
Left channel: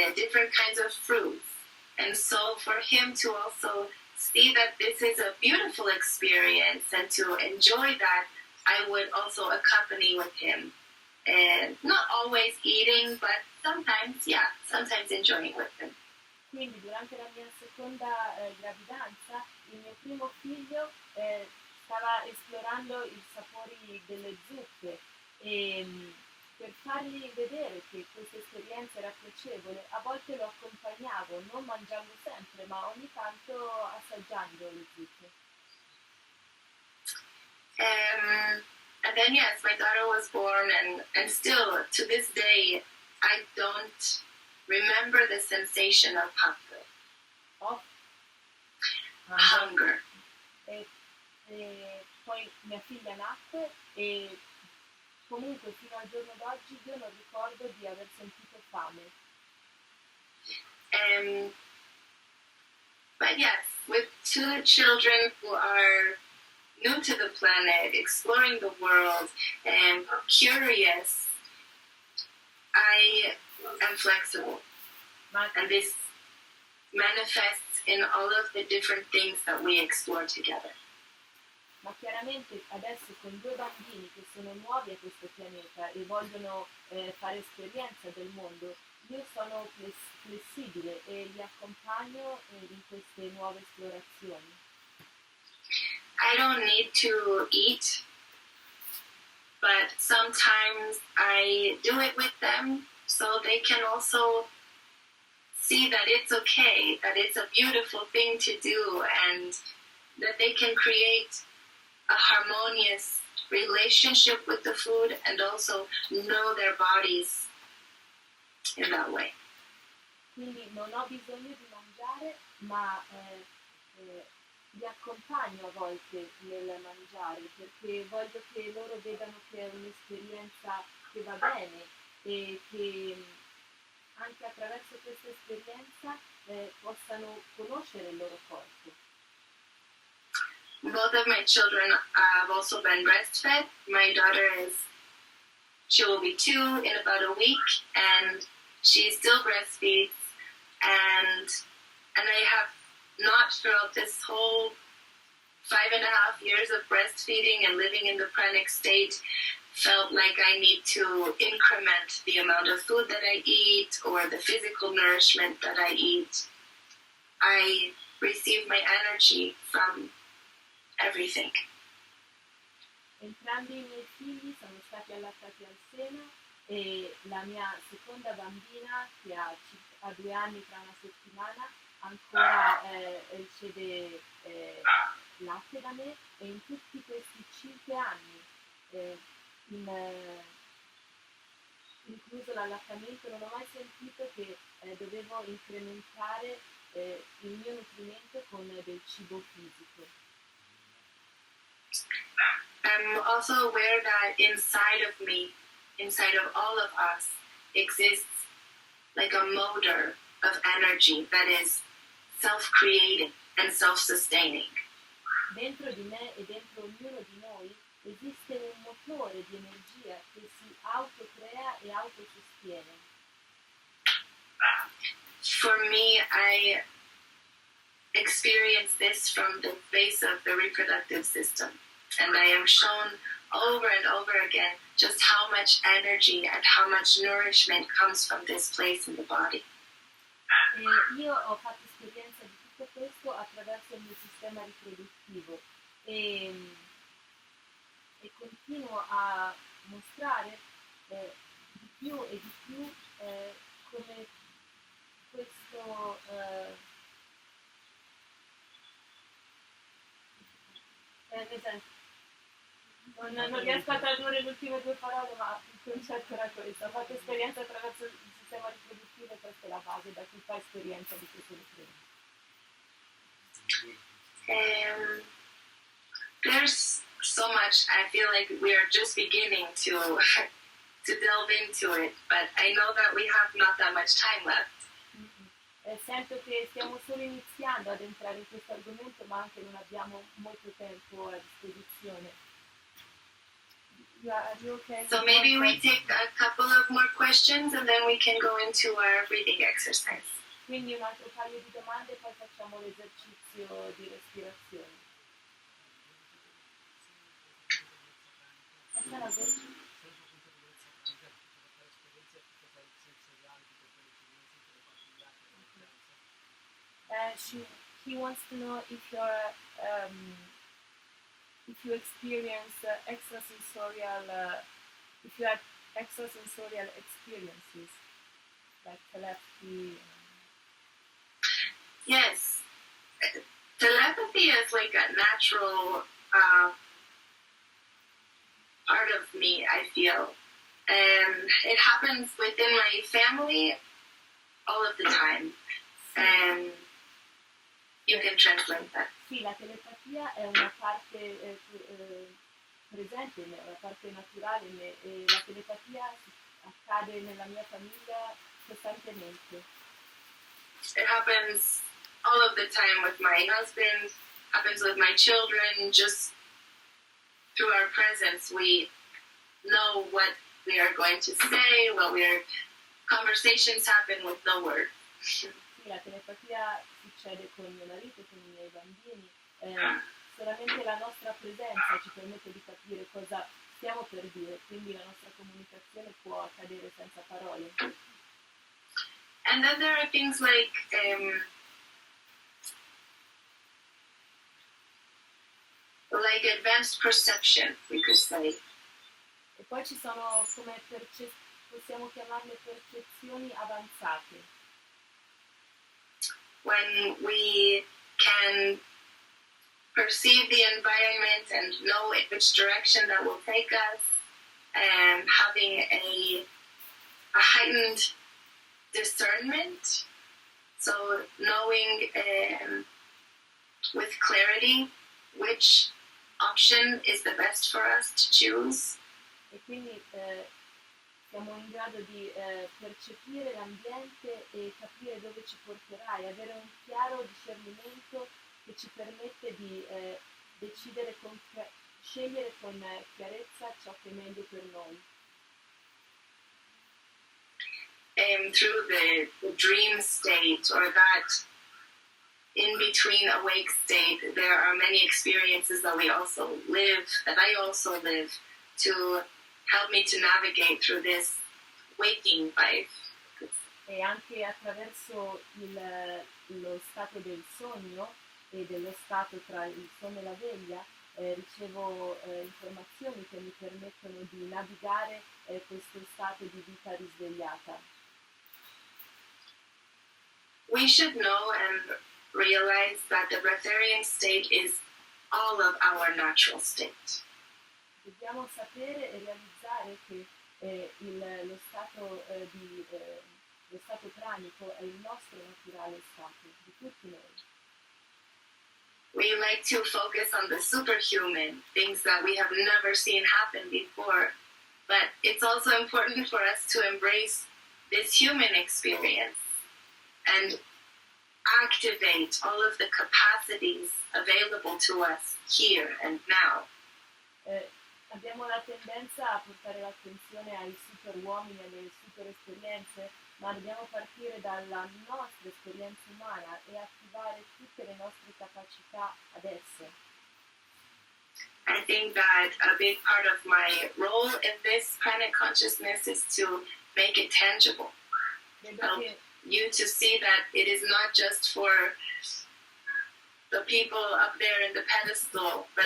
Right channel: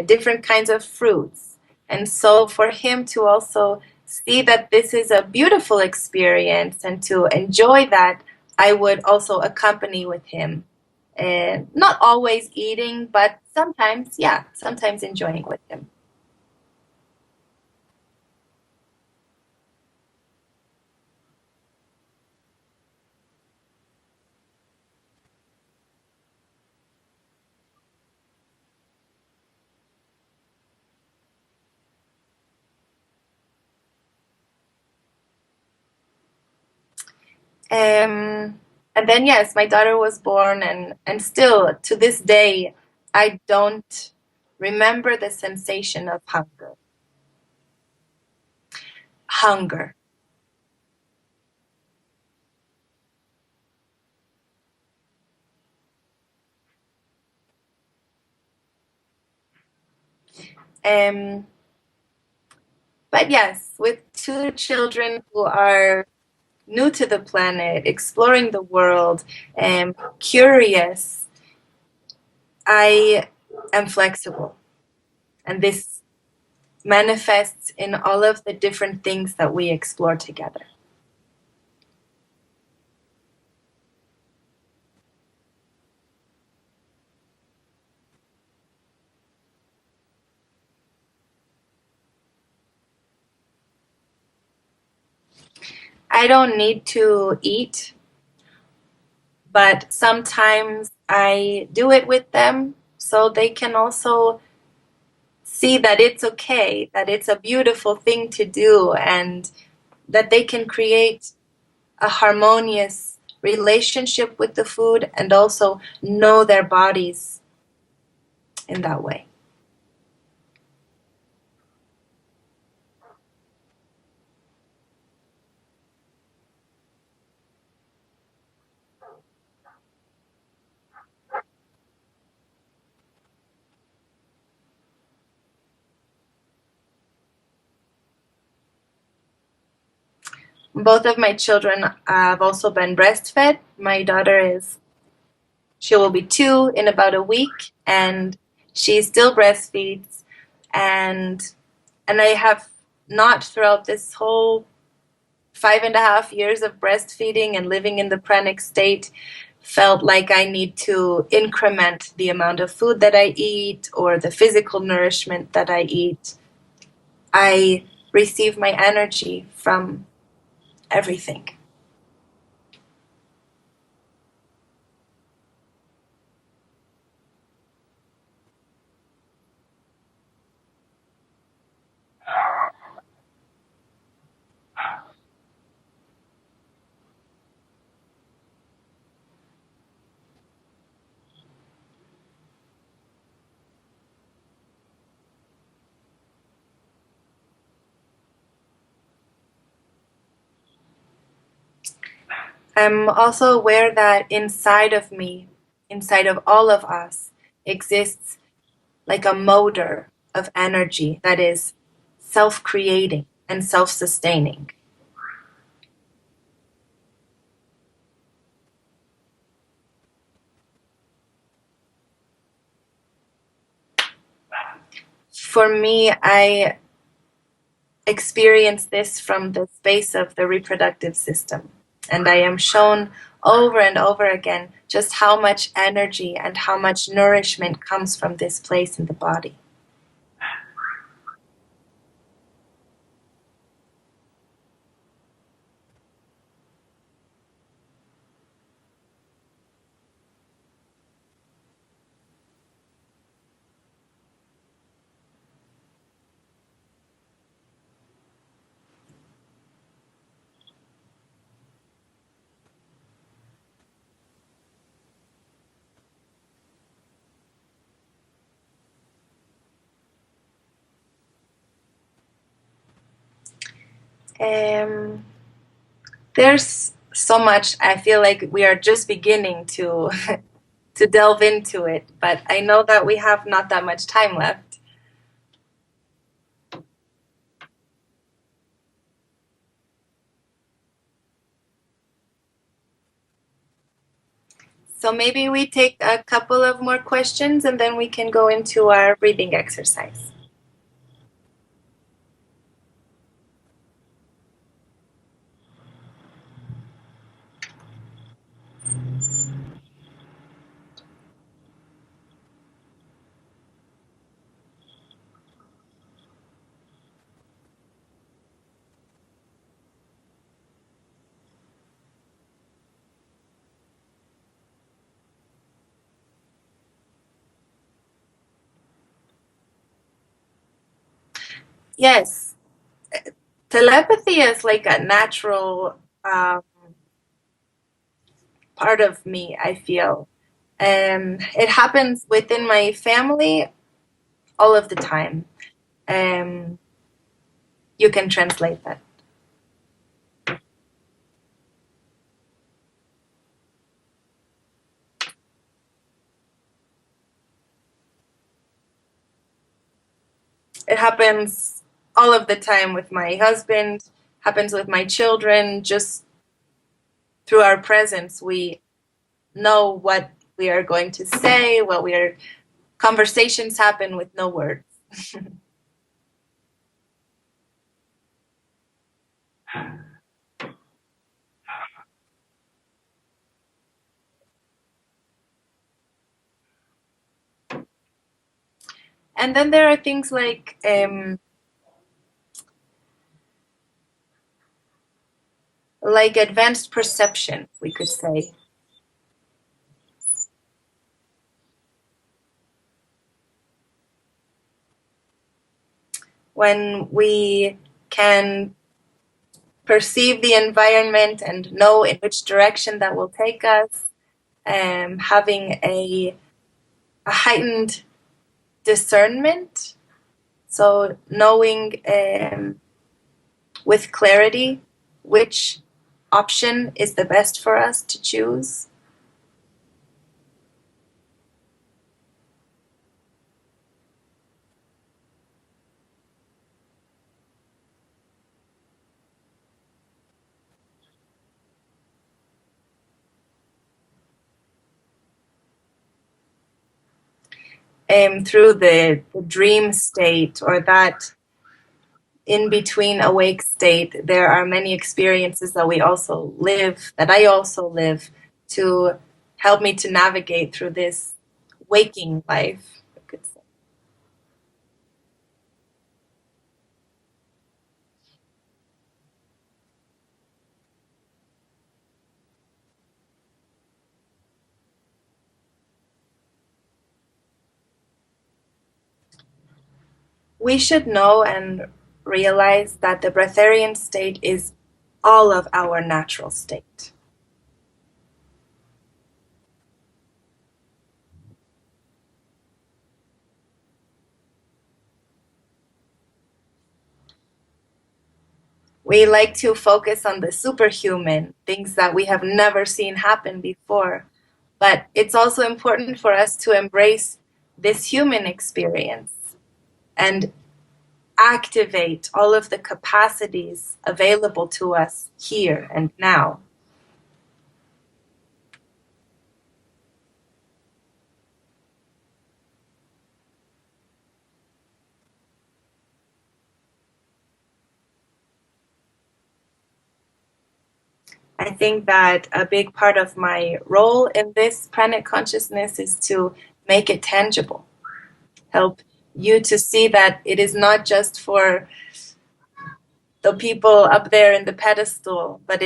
different kinds of fruits. And so for him to also see that this is a beautiful experience and to enjoy that, I would also accompany with him. Not always eating, but sometimes enjoying with him. Quindi durante la mia seconda gravidanza, il mio primo figlio stava esplorando i sapori delle zuppe e per fargli vedere che questa esperienza era piacevole, a volte lo accompagnavo, non mangiando sempre, ma ogni tanto assaggiando le zuppe. And then, yes, my daughter was born, and still, to this day, I don't remember the sensation of hunger. Hunger. Poi mia figlia nacque e comunque fino al giorno d'oggi io non ricordo di aver sentito fame. But yes, with two children who are new to the planet, exploring the world, and curious, I am flexible. And this manifests in all of the different things that we explore together. Ma chiaramente adesso con due bambini che sono nuovi a questo pianeta e vogliono fare esperienza del mondo, io sono flessibile e li accompagno in queste nuove esplorazioni. I don't need to eat, but sometimes I do it with them so they can also see that it's okay, that it's a beautiful thing to do, and that they can create a harmonious relationship with the food and also know their bodies in that way. Quindi non ho bisogno di mangiare, ma li accompagno a volte nel mangiare perché voglio che loro vedano che è un'esperienza che va bene e che anche attraverso questa esperienza possano conoscere il loro corpo. Both of my children have also been breastfed. My daughter she will be 2 in about a week, and she still breastfeeds. And I have not throughout this whole 5.5 years of breastfeeding and living in the pranic state felt like I need to increment the amount of food that I eat or the physical nourishment that I eat. I receive my energy from everything. Entrambi i miei figli sono stati allattati al seno e la mia seconda bambina, che ha 2 anni tra una settimana, ancora riceve latte da me, e in tutti questi 5 anni, in, incluso l'allattamento, non ho mai sentito che dovevo incrementare il mio nutrimento con del cibo fisico. I'm also aware that inside of me, inside of all of us, exists like a motor of energy that is self-creating and self-sustaining. Dentro di me e dentro ognuno di noi esiste un motore di energia che si autocrea e autosostiene. For me, I experience this from the face of the reproductive system. And I am shown over and over again just how much energy and how much nourishment comes from this place in the body. Io ho fatto esperienza di tutto questo attraverso il mio sistema riproduttivo e continuo a mostrare di più e di più come questo non riesco a tradurre le ultime 2 parole, ma il concetto era questo: ho fatto esperienza attraverso il sistema riproduttivo e questa è la base da cui fa esperienza di questo libro. There's so much. I feel like we are just beginning to delve into it, but I know that we have not that much time left. Sento che stiamo solo iniziando ad entrare in questo argomento, ma anche non abbiamo molto tempo a disposizione. So maybe we take a couple of more questions and then we can go into our breathing exercise. Quindi un altro paio di domande e poi facciamo l'esercizio di respirazione. He wants to know if you experience extrasensorial, if you have extrasensorial experiences, like telepathy. Yes, telepathy is like a natural part of me, I feel. And it happens within my family all of the time. And you can translate that. Sì, la telepatia è una parte presente, una parte naturale, e la telepatia accade nella mia famiglia costantemente. It happens all of the time with my husband, happens with my children. Just through our presence, we know what we are going to say, conversations happen with no words. La telepatia succede con mio marito, con i miei bambini, solamente la nostra presenza ci permette di capire cosa stiamo per dire, quindi la nostra comunicazione può accadere senza parole. And then there are things like advanced perception, we could say. E poi ci sono, come possiamo chiamarle, percezioni avanzate. When we can perceive the environment and know in which direction that will take us, and having a heightened discernment, so knowing with clarity which option is the best for us to choose. E quindi siamo in grado di percepire l'ambiente e capire dove ci porterà e avere un chiaro discernimento che ci permette di decidere scegliere con chiarezza ciò che è meglio per noi. Through the dream state, or that in between awake state, there are many experiences that we also live, that I also live, to help me to navigate through this waking life. E anche attraverso lo stato del sogno e dello stato tra il sonno e la veglia ricevo informazioni che mi permettono di navigare questo stato di vita risvegliata. We should know and realize that the breatharian state is all of our natural state. Dobbiamo sapere e realizzare che lo stato pranico è il nostro naturale stato, di tutti noi. We like to focus on the superhuman, things that we have never seen happen before. But it's also important for us to embrace this human experience and activate all of the capacities available to us here and now. Abbiamo la tendenza a portare l'attenzione ai super uomini, alle super esperienze, ma dobbiamo partire dalla nostra esperienza umana e attivare tutte le nostre capacità adesso. I think that a big part of my role in this pranic consciousness is to make it tangible. Help you to see that it is not just for the people up there in the pedestal, but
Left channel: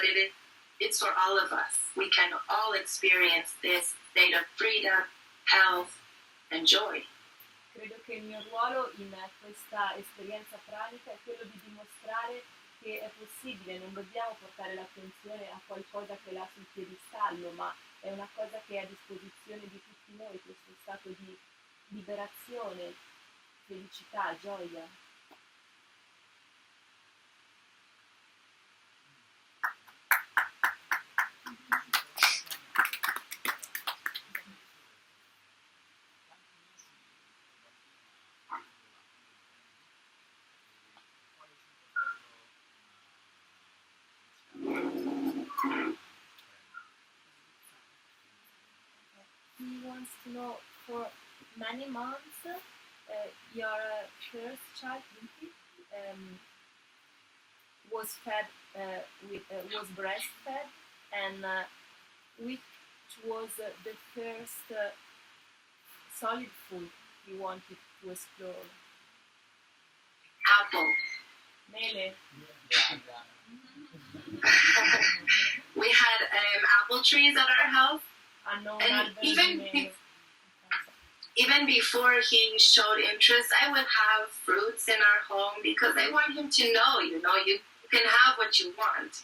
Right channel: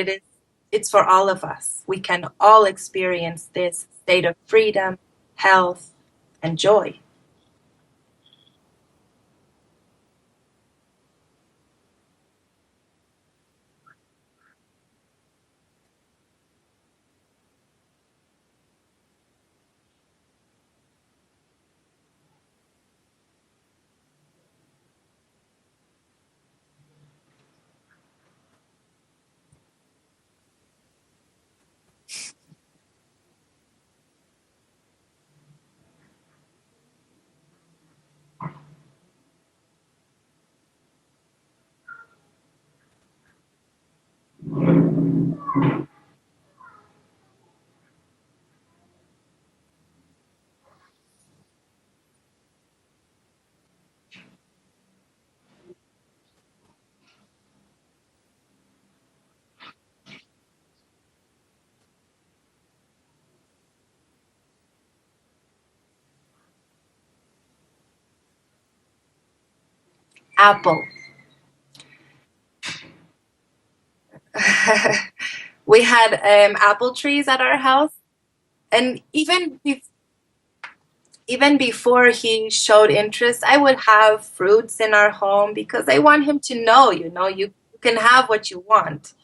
it's for all of us. We can all experience this state of freedom, health, and joy. Credo che il mio ruolo in questa esperienza pranica è quello di dimostrare che è possibile, non dobbiamo portare l'attenzione a qualcosa che è là sul piedistallo, ma è una cosa che è a disposizione di tutti noi, questo stato di liberazione, felicità, gioia. He wants to know, for many months, your first child was fed was breastfed, and which was the first solid food you wanted to explore? Apple. Mele. We had apple trees at our house, and even before he showed interest, I would have fruits in our home because I want him to know, you can have what you want.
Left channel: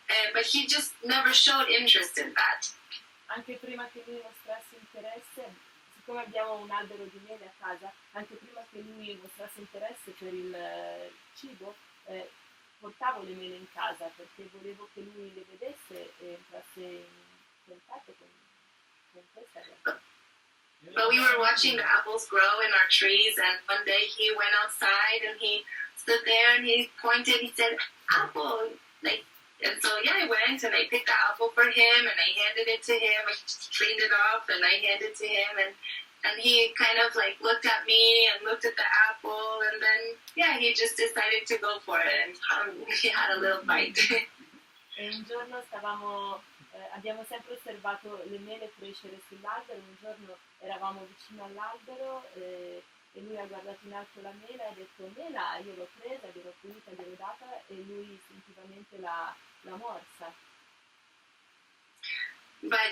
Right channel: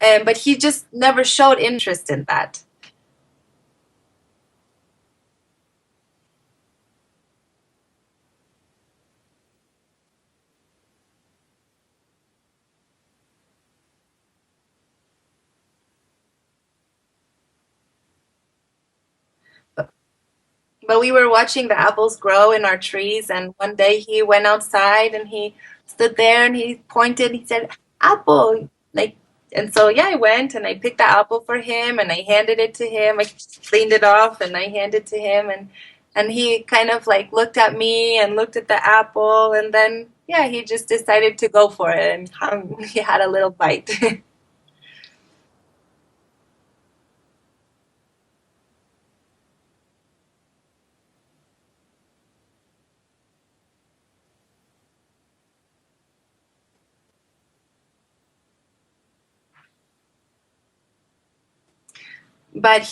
But he just never showed interest in that. Anche prima che lui mostrasse interesse, siccome abbiamo un albero di mele a casa, anche prima che lui mostrasse interesse per il cibo, portavo le mele in casa perché volevo che lui le vedesse e entrasse in contatto con questa cosa. But we were watching the apples grow in our trees, and one day he went outside and he stood there and he pointed and said, "Apple!" And so I went and I picked the apple for him and I handed it to him. I cleaned it off and I handed it to him, and he kind of looked at me and looked at the apple, and then he just decided to go for it, and he had a little bite. E un giorno abbiamo sempre osservato le mele crescere sull'albero, un giorno eravamo vicino all'albero e lui ha guardato in alto la mela e ha detto: "Mela", io l'ho presa, gliel'ho pulita, gliel'ho data e lui istintivamente l'ha morsa. But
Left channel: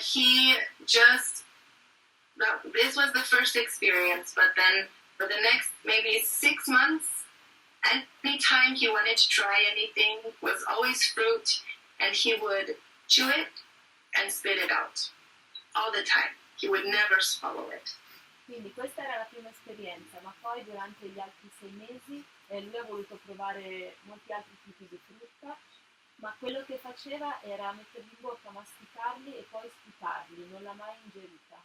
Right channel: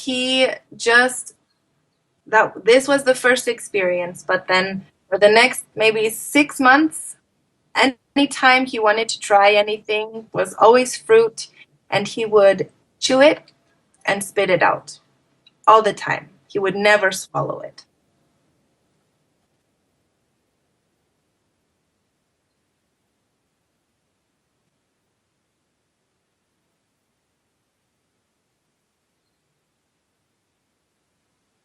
this was the first experience, but then for the next maybe 6 months, anytime he wanted to try anything, was always fruit, and he would chew it and spit it out all the time. He would never swallow it. Quindi questa era la prima esperienza, ma poi durante gli altri 6 mesi lui ha voluto provare molti altri tipi di frutta, ma quello che faceva era metterli in bocca, masticarli e poi sputarli, non l'ha mai ingerita.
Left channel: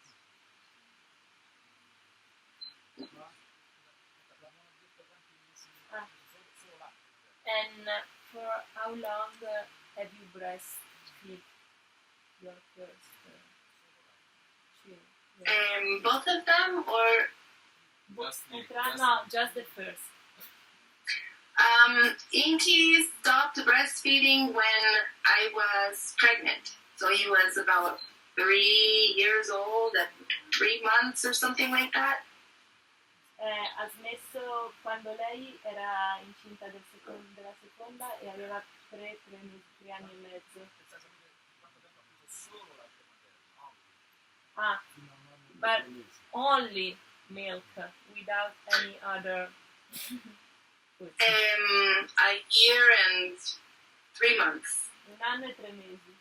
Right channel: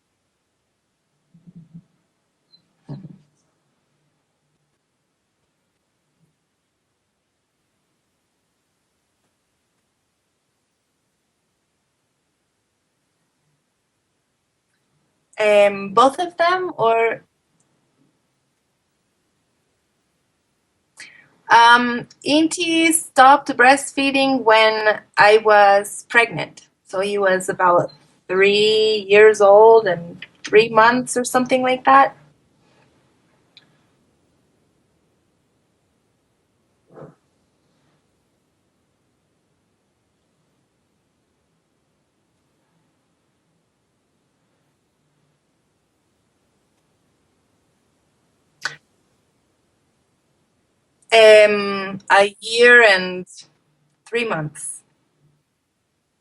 And for how long have you breastfed your first children? Both of them, or No, just the first. Inti stopped breastfeeding when I was pregnant. So he was about 3 years old and 3 months or something like that. Ha smesso quando lei era incinta della seconda e aveva 3 anni e mezzo. Ah, but only milk without any other. A year and 3 months. 1 anno e 3 mesi.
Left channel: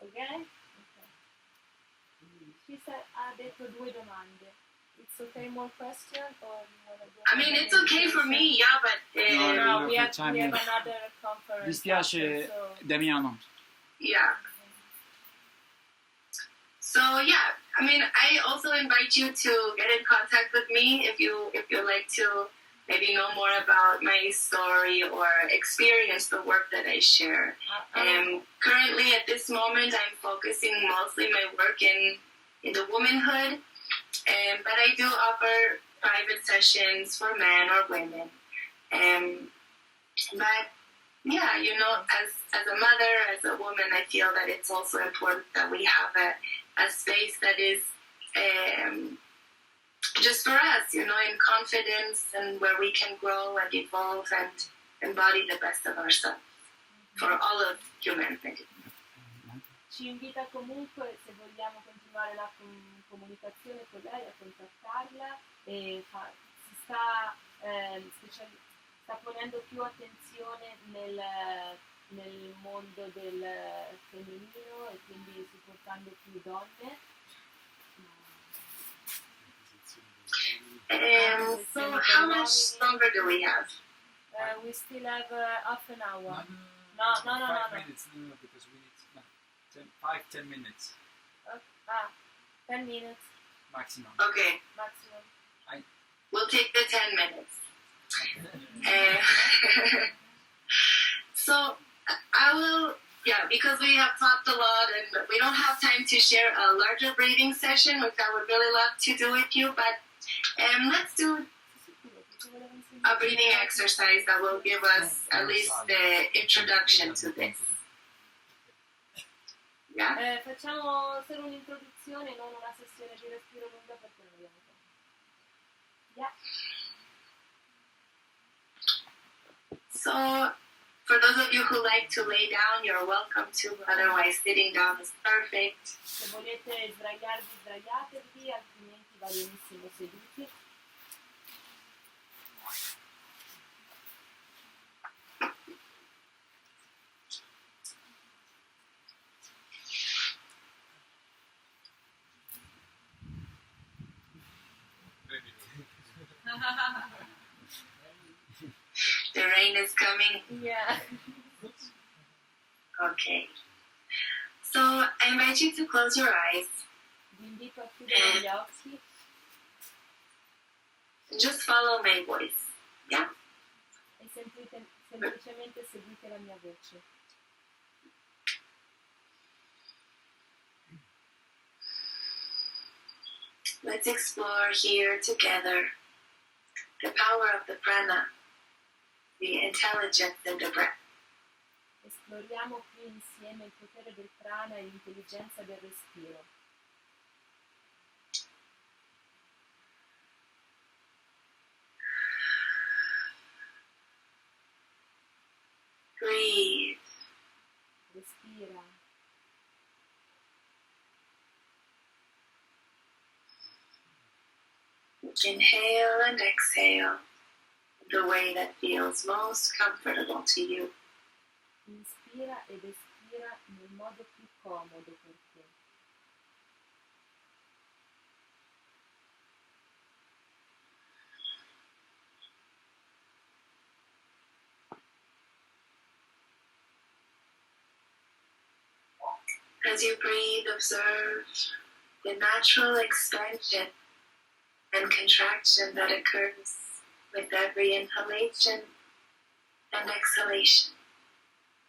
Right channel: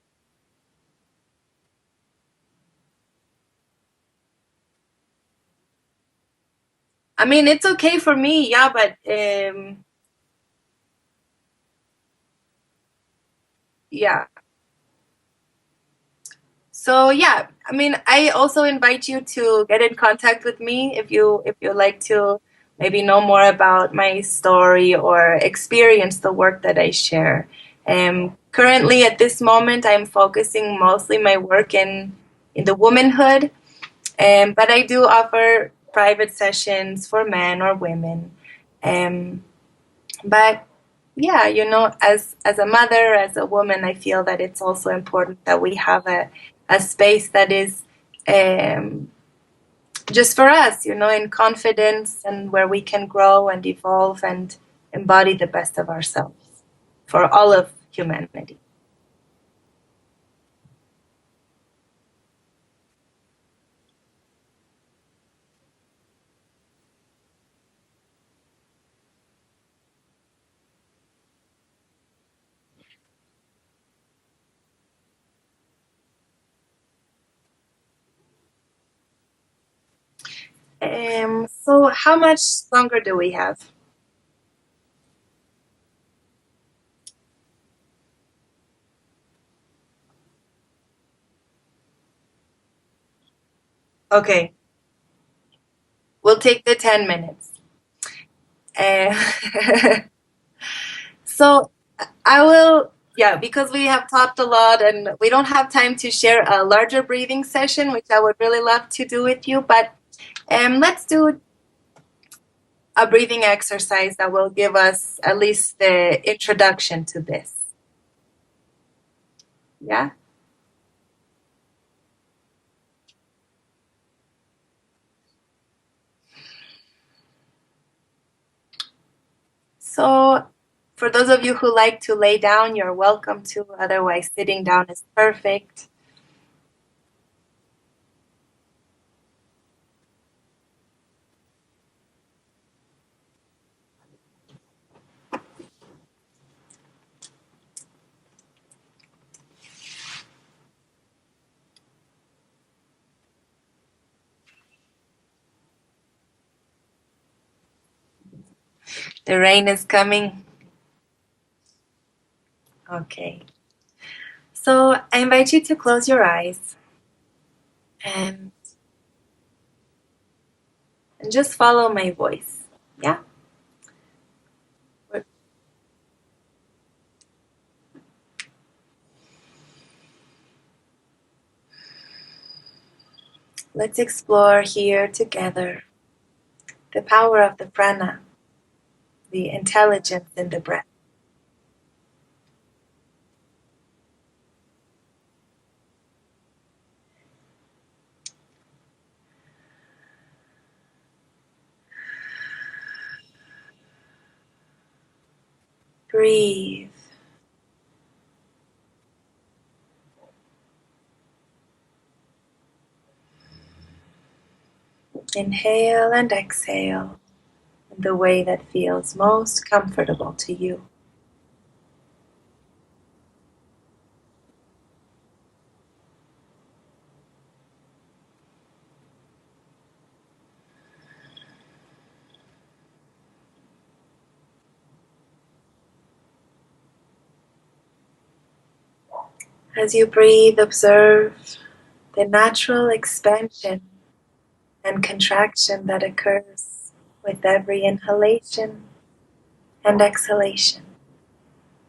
Ok? She said, ha detto 2 domande. It's okay, more question or you wanna do- I mean, it's okay for me, yeah, but No, we have another conference. Dispiace, after, so- Damiano. yeah. So yeah, I mean, I also invite you to get in contact with me if you like to maybe know more about my story or experience the work that I share. Currently, at this moment, I'm focusing mostly my work in the womanhood, but I do offer private sessions for men or women. But yeah, you know, as a mother, as a woman, I feel that it's also important that we have a space that is just for us, you know, in confidence and where we can grow and evolve and embody the best of ourselves for all of humanity. Ci invita comunque, se vogliamo continuare la comunicazione con lei, a contattarla e sta ponendo più attenzione nel mondo del femminile e quindi supportando più donne. So how much longer do we have? We still have half an hour. No. 5 minutes, no, because we need 5-10 minutes 10 minutes maximum. Okay, maximum. we'll take the 10 minutes. So I will, yeah, because we have talked a lot and we don't have time to share a larger breathing session, which I would really love to do with you, but let's do a breathing exercise that will give us at least the introduction to this. Yeah? Facciamo solo un'introduzione, non una sessione di respiro lunga perché non abbiamo tempo. Yeah. So, for those of you who like to lay down, you're welcome to. Otherwise, sitting down is perfect. Se volete sdraiarvi, sdraiatevi, altrimenti va benissimo seduti. The rain is coming. Yeah. Okay. So, I invite you to close your eyes Vi invito a chiudere gli occhi and just follow my voice. Yeah? e semplicemente seguite la mia voce. Let's explore here together the power of the prana, the intelligence in the breath. Esploriamo qui insieme il potere del prana e l'intelligenza del respiro. Breathe. Respira. Inhale and exhale in the way that feels most comfortable to you. Inspira ed espira nel modo più comodo per te. As you breathe, observe the natural expansion and contraction that occurs with every inhalation and exhalation.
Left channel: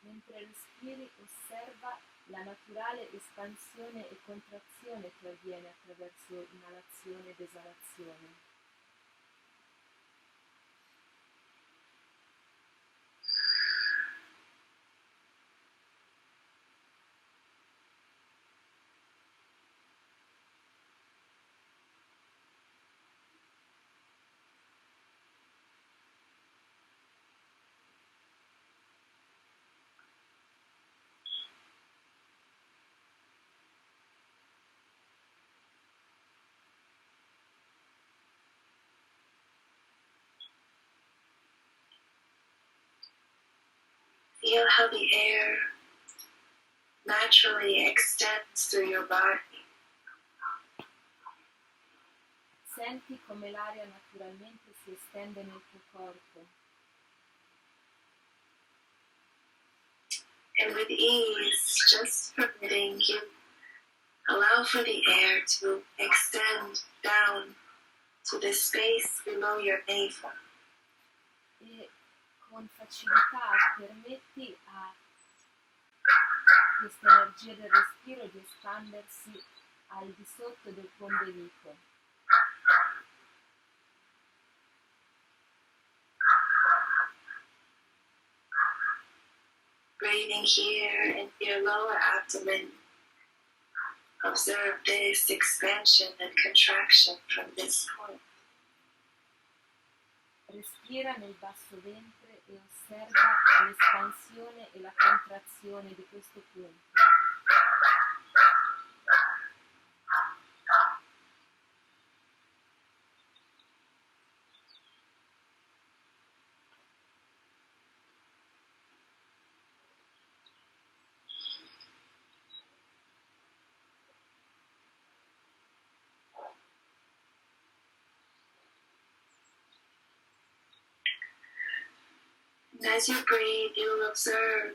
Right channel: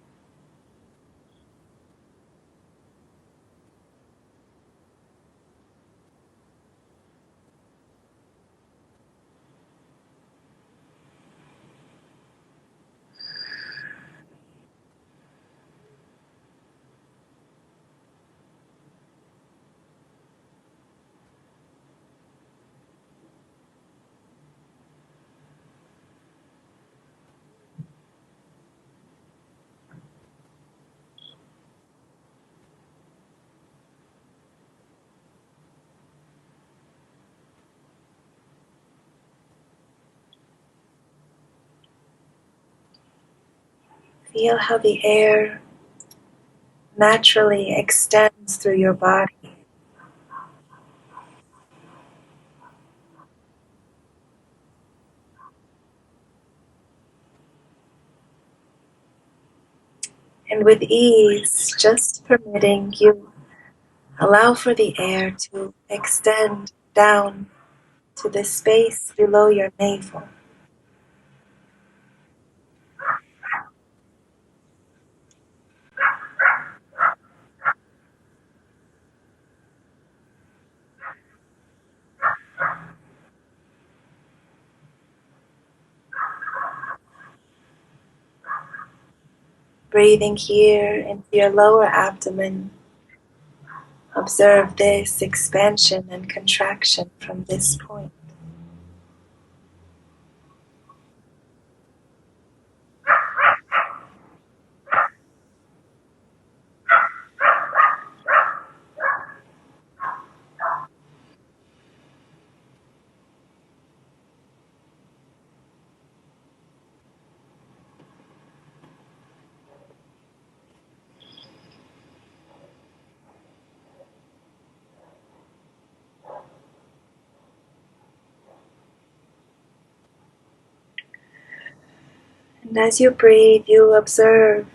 Mentre respiri, osserva la naturale espansione e contrazione che avviene attraverso inalazione ed esalazione. Feel how the air naturally extends through your body. Senti come l'aria naturalmente si estende nel tuo corpo And with ease, just permitting you, allow for the air to extend down to the space below your navel. e con facilità permetti a questa energia del respiro di espandersi al di sotto del tuo ombelico. Breathing here into your lower abdomen, observe this expansion and contraction from this point. Respira nel basso ventre e osserva l'espansione e la contrazione di questo punto. And as you breathe, you observe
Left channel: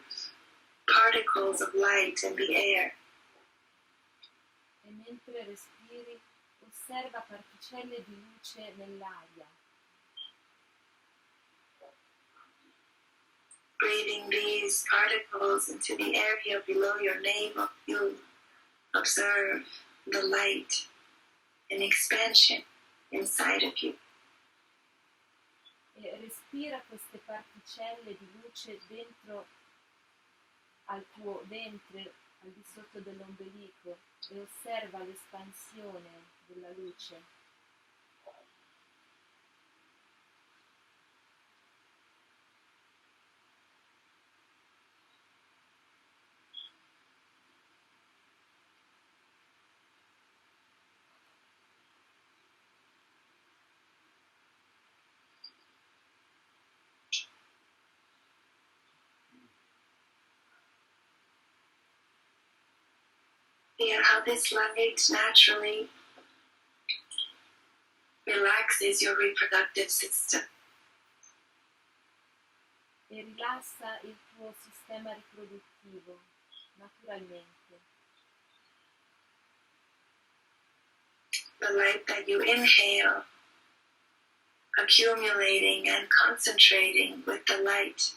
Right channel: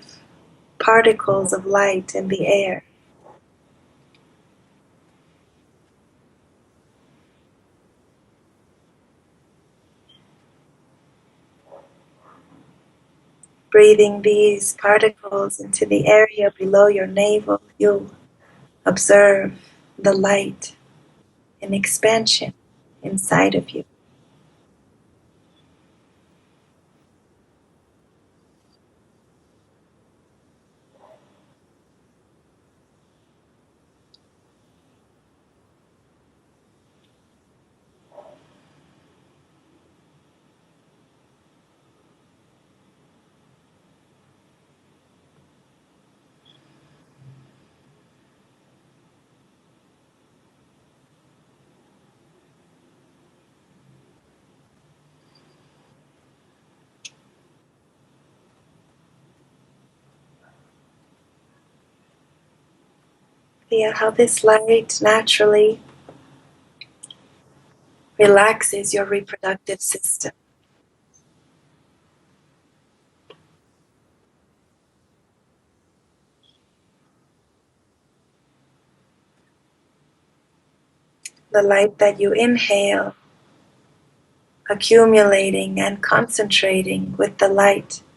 particles of light in the air. E mentre respiri, osserva particelle di luce nell'aria. Breathing these particles into the area below your navel, you observe the light in expansion inside of you. E respira queste particelle di luce dentro al tuo ventre, al di sotto dell'ombelico, e osserva l'espansione della luce. Feel how this light naturally relaxes your reproductive system. E rilassa il tuo sistema riproduttivo, naturalmente. The light that you inhale, accumulating and concentrating with the light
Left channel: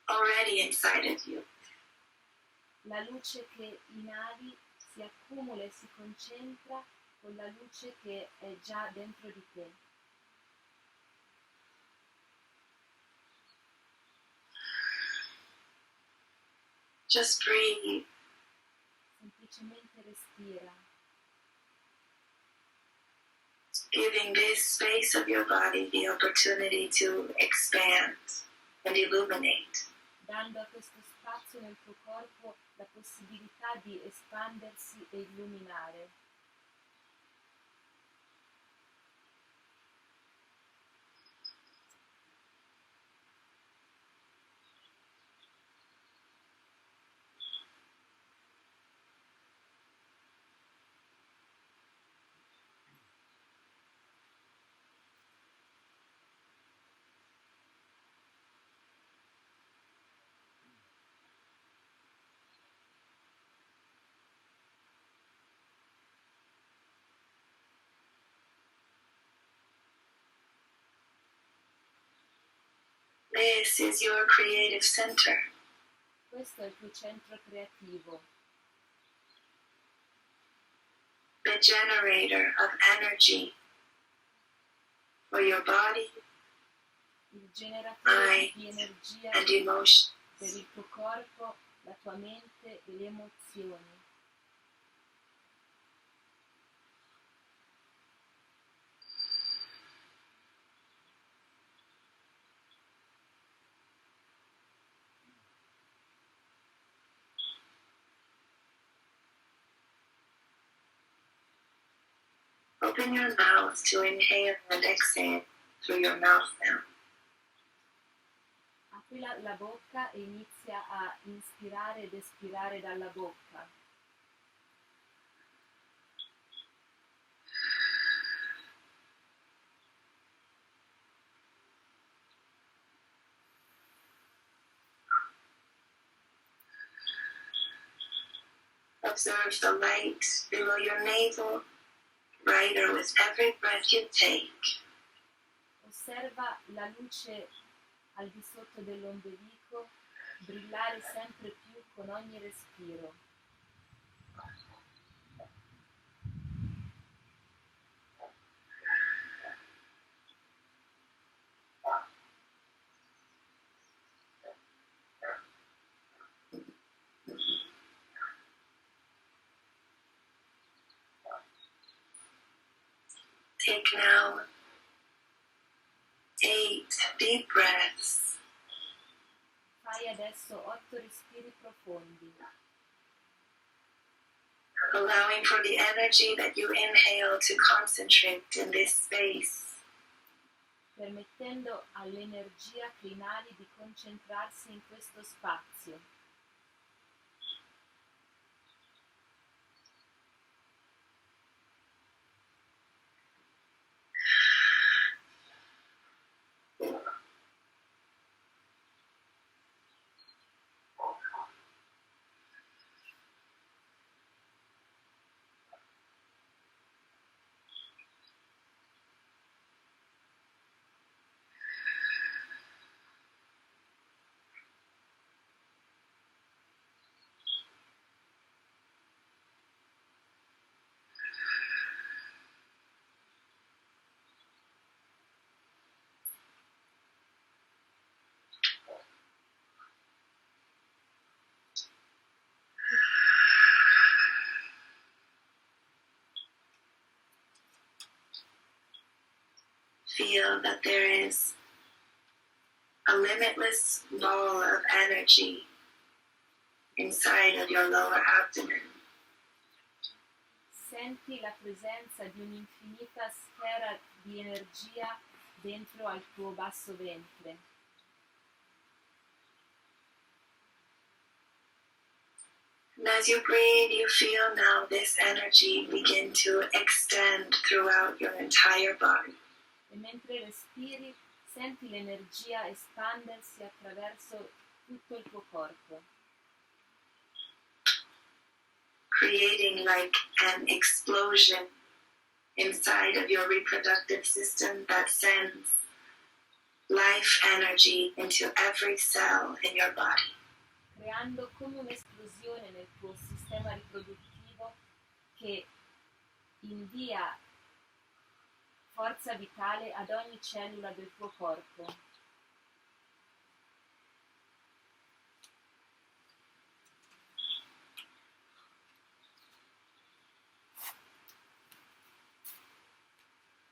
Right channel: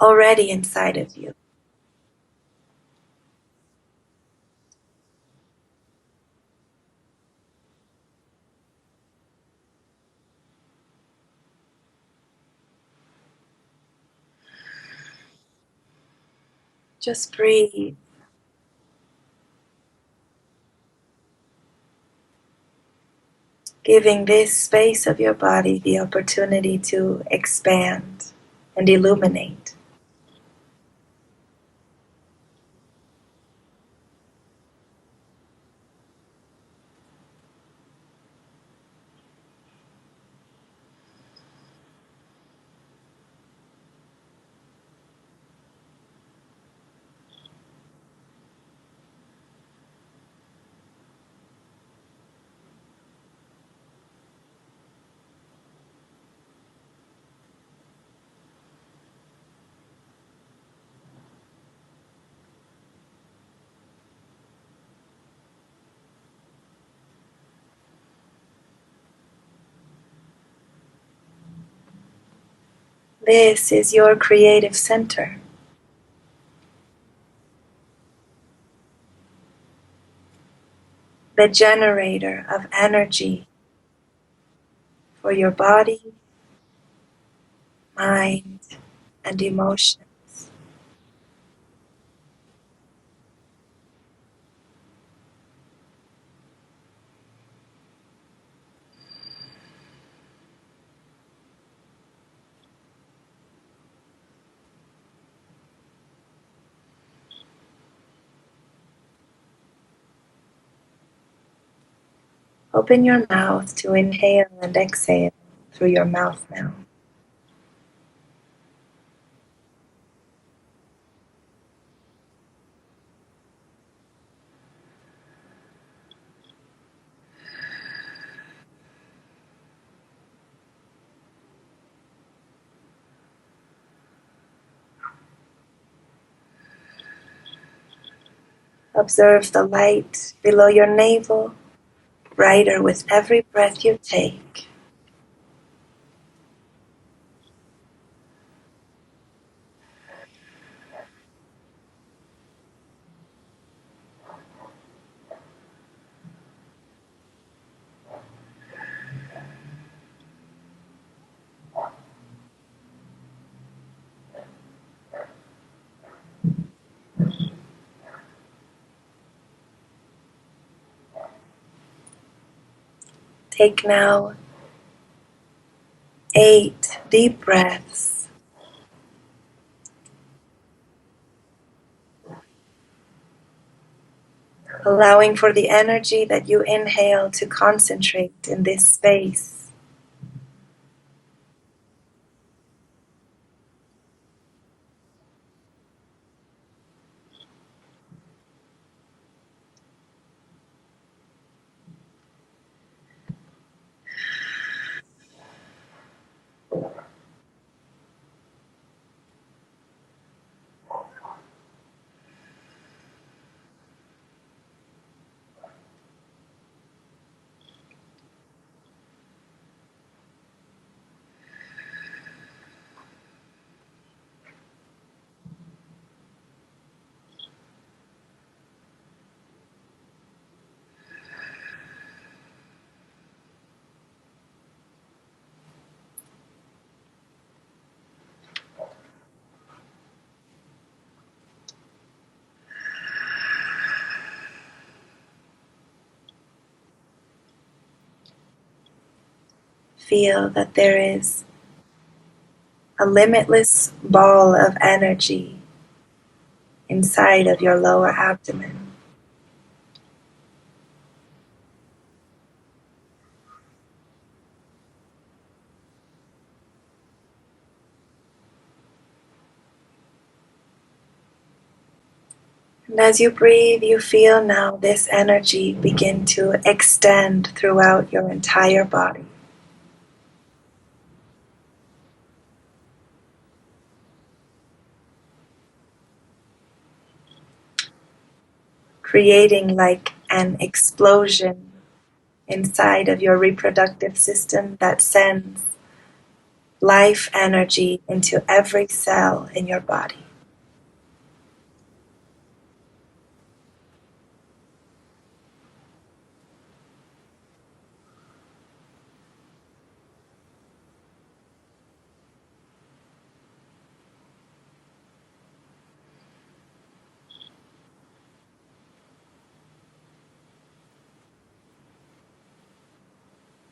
already inside of you. La luce che inali si accumula e si concentra con la luce che è già dentro di te. Just breathe. Semplicemente respira, Giving this space of your body the opportunity to expand and illuminate. dando a questo spazio nel tuo corpo la possibilità di espandersi e illuminare. This is your creative center, Questo è il tuo centro creativo, the generator of energy for your body, il generatore mind, di energia and emotions. per il tuo corpo, la tua mente e le emozioni. Open your mouth to inhale and exhale through your mouth now. Apri la bocca e inizia a inspirare ed espirare dalla bocca. Observe the light below your navel, brighter with every breath you take. Osserva la luce al di sotto dell'ombelico brillare sempre più con ogni respiro. Take now 8 deep breaths, Fai adesso 8 respiri profondi, allowing for the energy that you inhale to concentrate in this space. permettendo all'energia che inali di concentrarsi in questo spazio. Feel that there is a limitless ball of energy inside of your lower abdomen. Senti la presenza di un'infinita sfera di energia dentro al tuo basso ventre. And as you breathe, you feel now this energy begin to extend throughout your entire body. E mentre respiri, senti l'energia espandersi attraverso tutto il tuo corpo, Creating like an explosion inside of your reproductive system that sends life energy into every cell in your body. creando come un'esplosione nel tuo sistema riproduttivo che invia forza vitale ad ogni cellula del tuo corpo.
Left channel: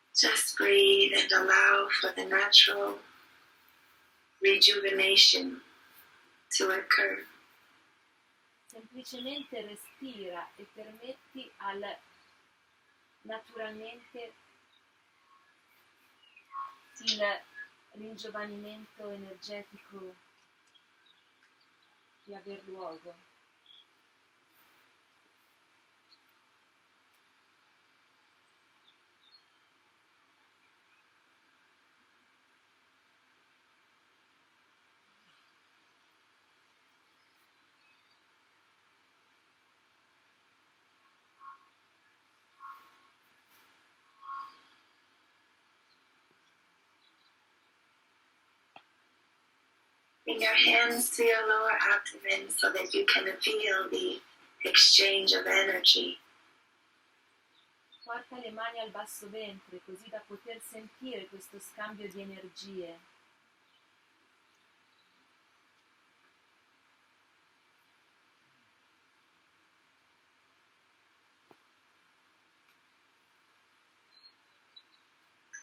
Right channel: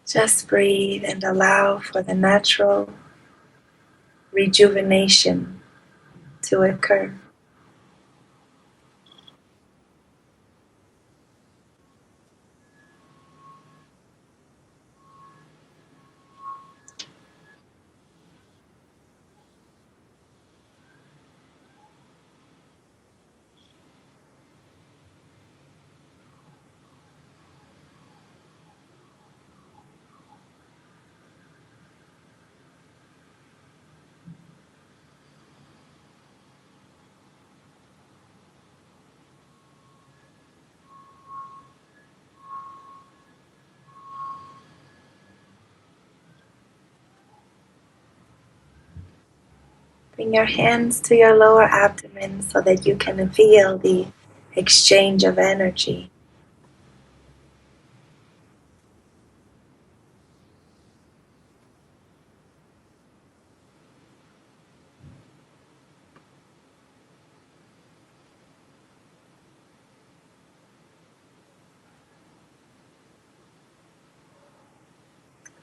Just breathe and allow for the natural rejuvenation to occur. Semplicemente respira e permetti al naturalmente il ringiovanimento energetico di aver luogo. Bring your hands to your lower abdomen so that you can feel the exchange of energy. Porta le mani al basso ventre così da poter sentire questo scambio di energie.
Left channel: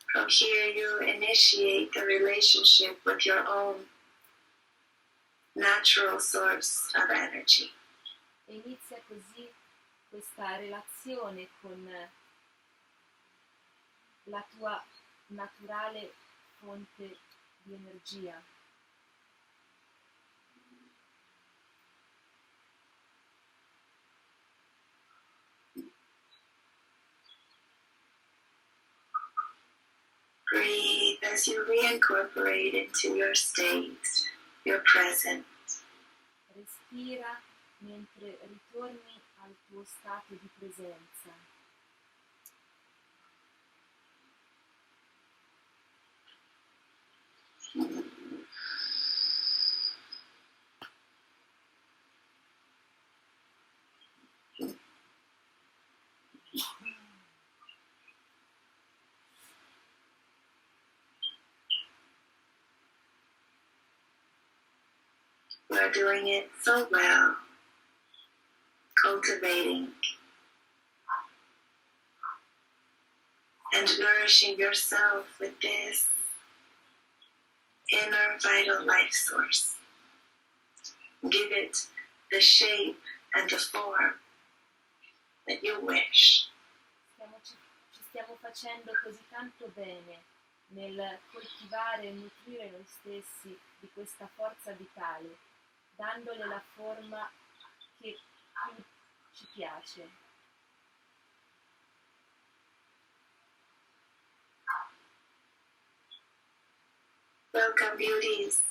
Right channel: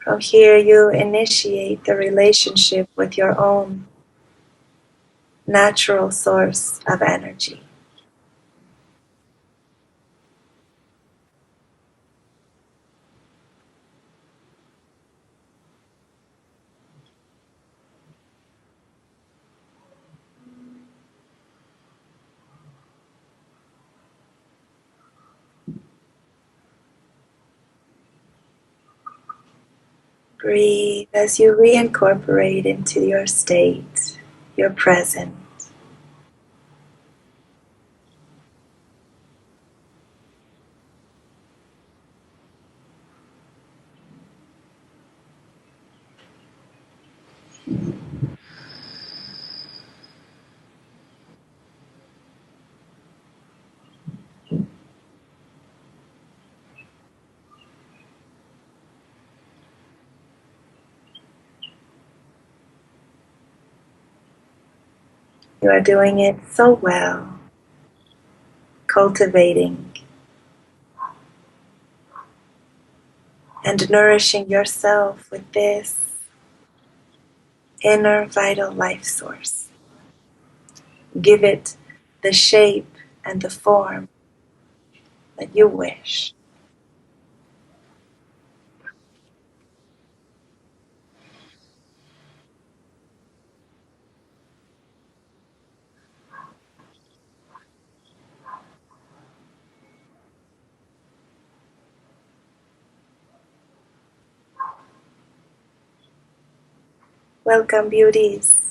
From here, you initiate the relationship with your own natural source of energy. E inizia così questa relazione con la tua naturale fonte di energia. Breathe as you reincorporate into your state, your presence. Respira mentre ritorni al tuo stato di presenza. You are doing it so well, cultivating and nourishing yourself with this inner vital life source. Give it the shape and the form that you wish. Ci stiamo facendo così tanto bene nel coltivare e nutrire noi stessi di questa forza vitale, dandole la forma che ci piace. Welcome, beauties,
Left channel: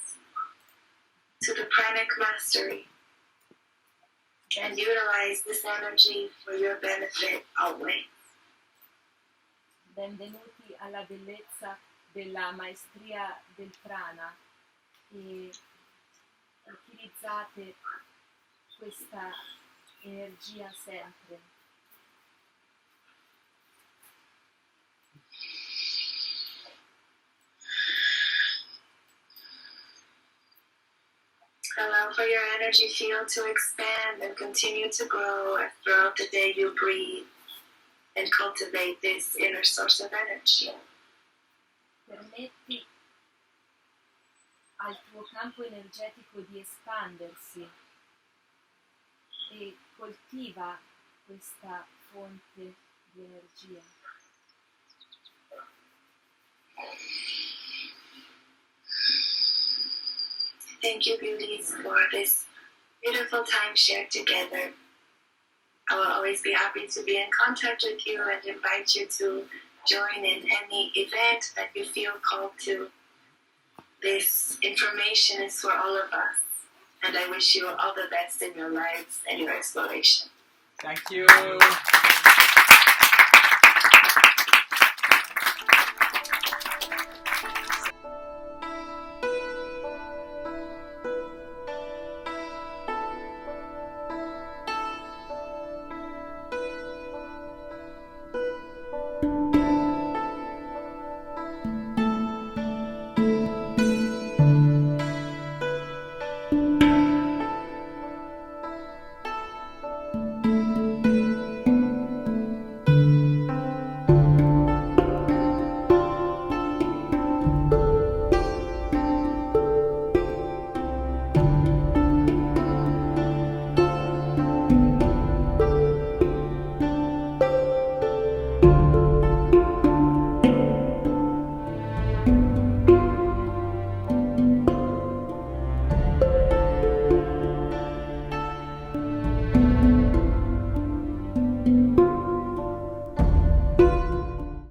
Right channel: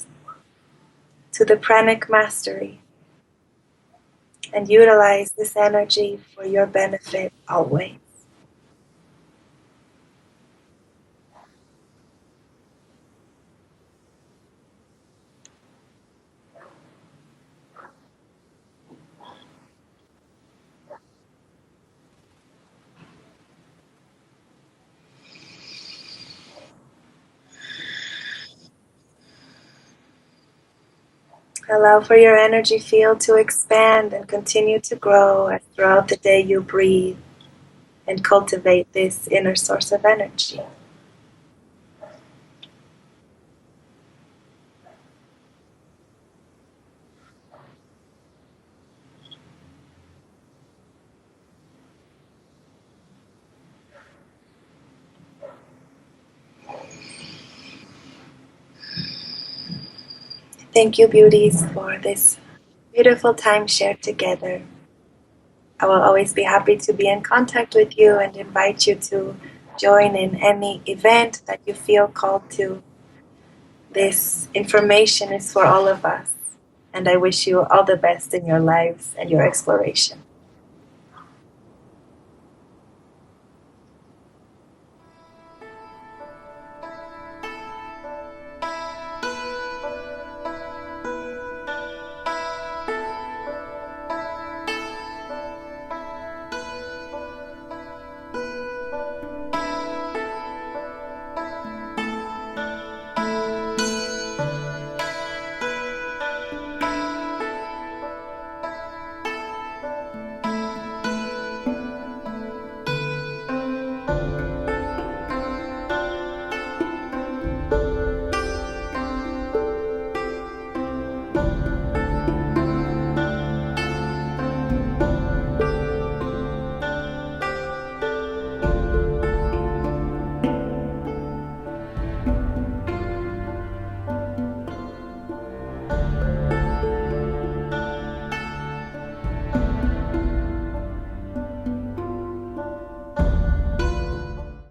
to the Pranic Mastery, and utilize this energy for your benefit always. Benvenuti alla bellezza della maestria del prana e utilizzate questa energia sempre. Allow for your energy field to expand and continue to grow as throughout the day you breathe and cultivate this inner source of energy. Permetti al tuo campo energetico di espandersi e coltiva questa fonte di energia. Thank you, beauties, for this beautiful time shared together. I will always be happy to be in contact with you and invite you to join in any event that you feel called to. This information is for all of us, and I wish you all the best in your life and your exploration. Thank you.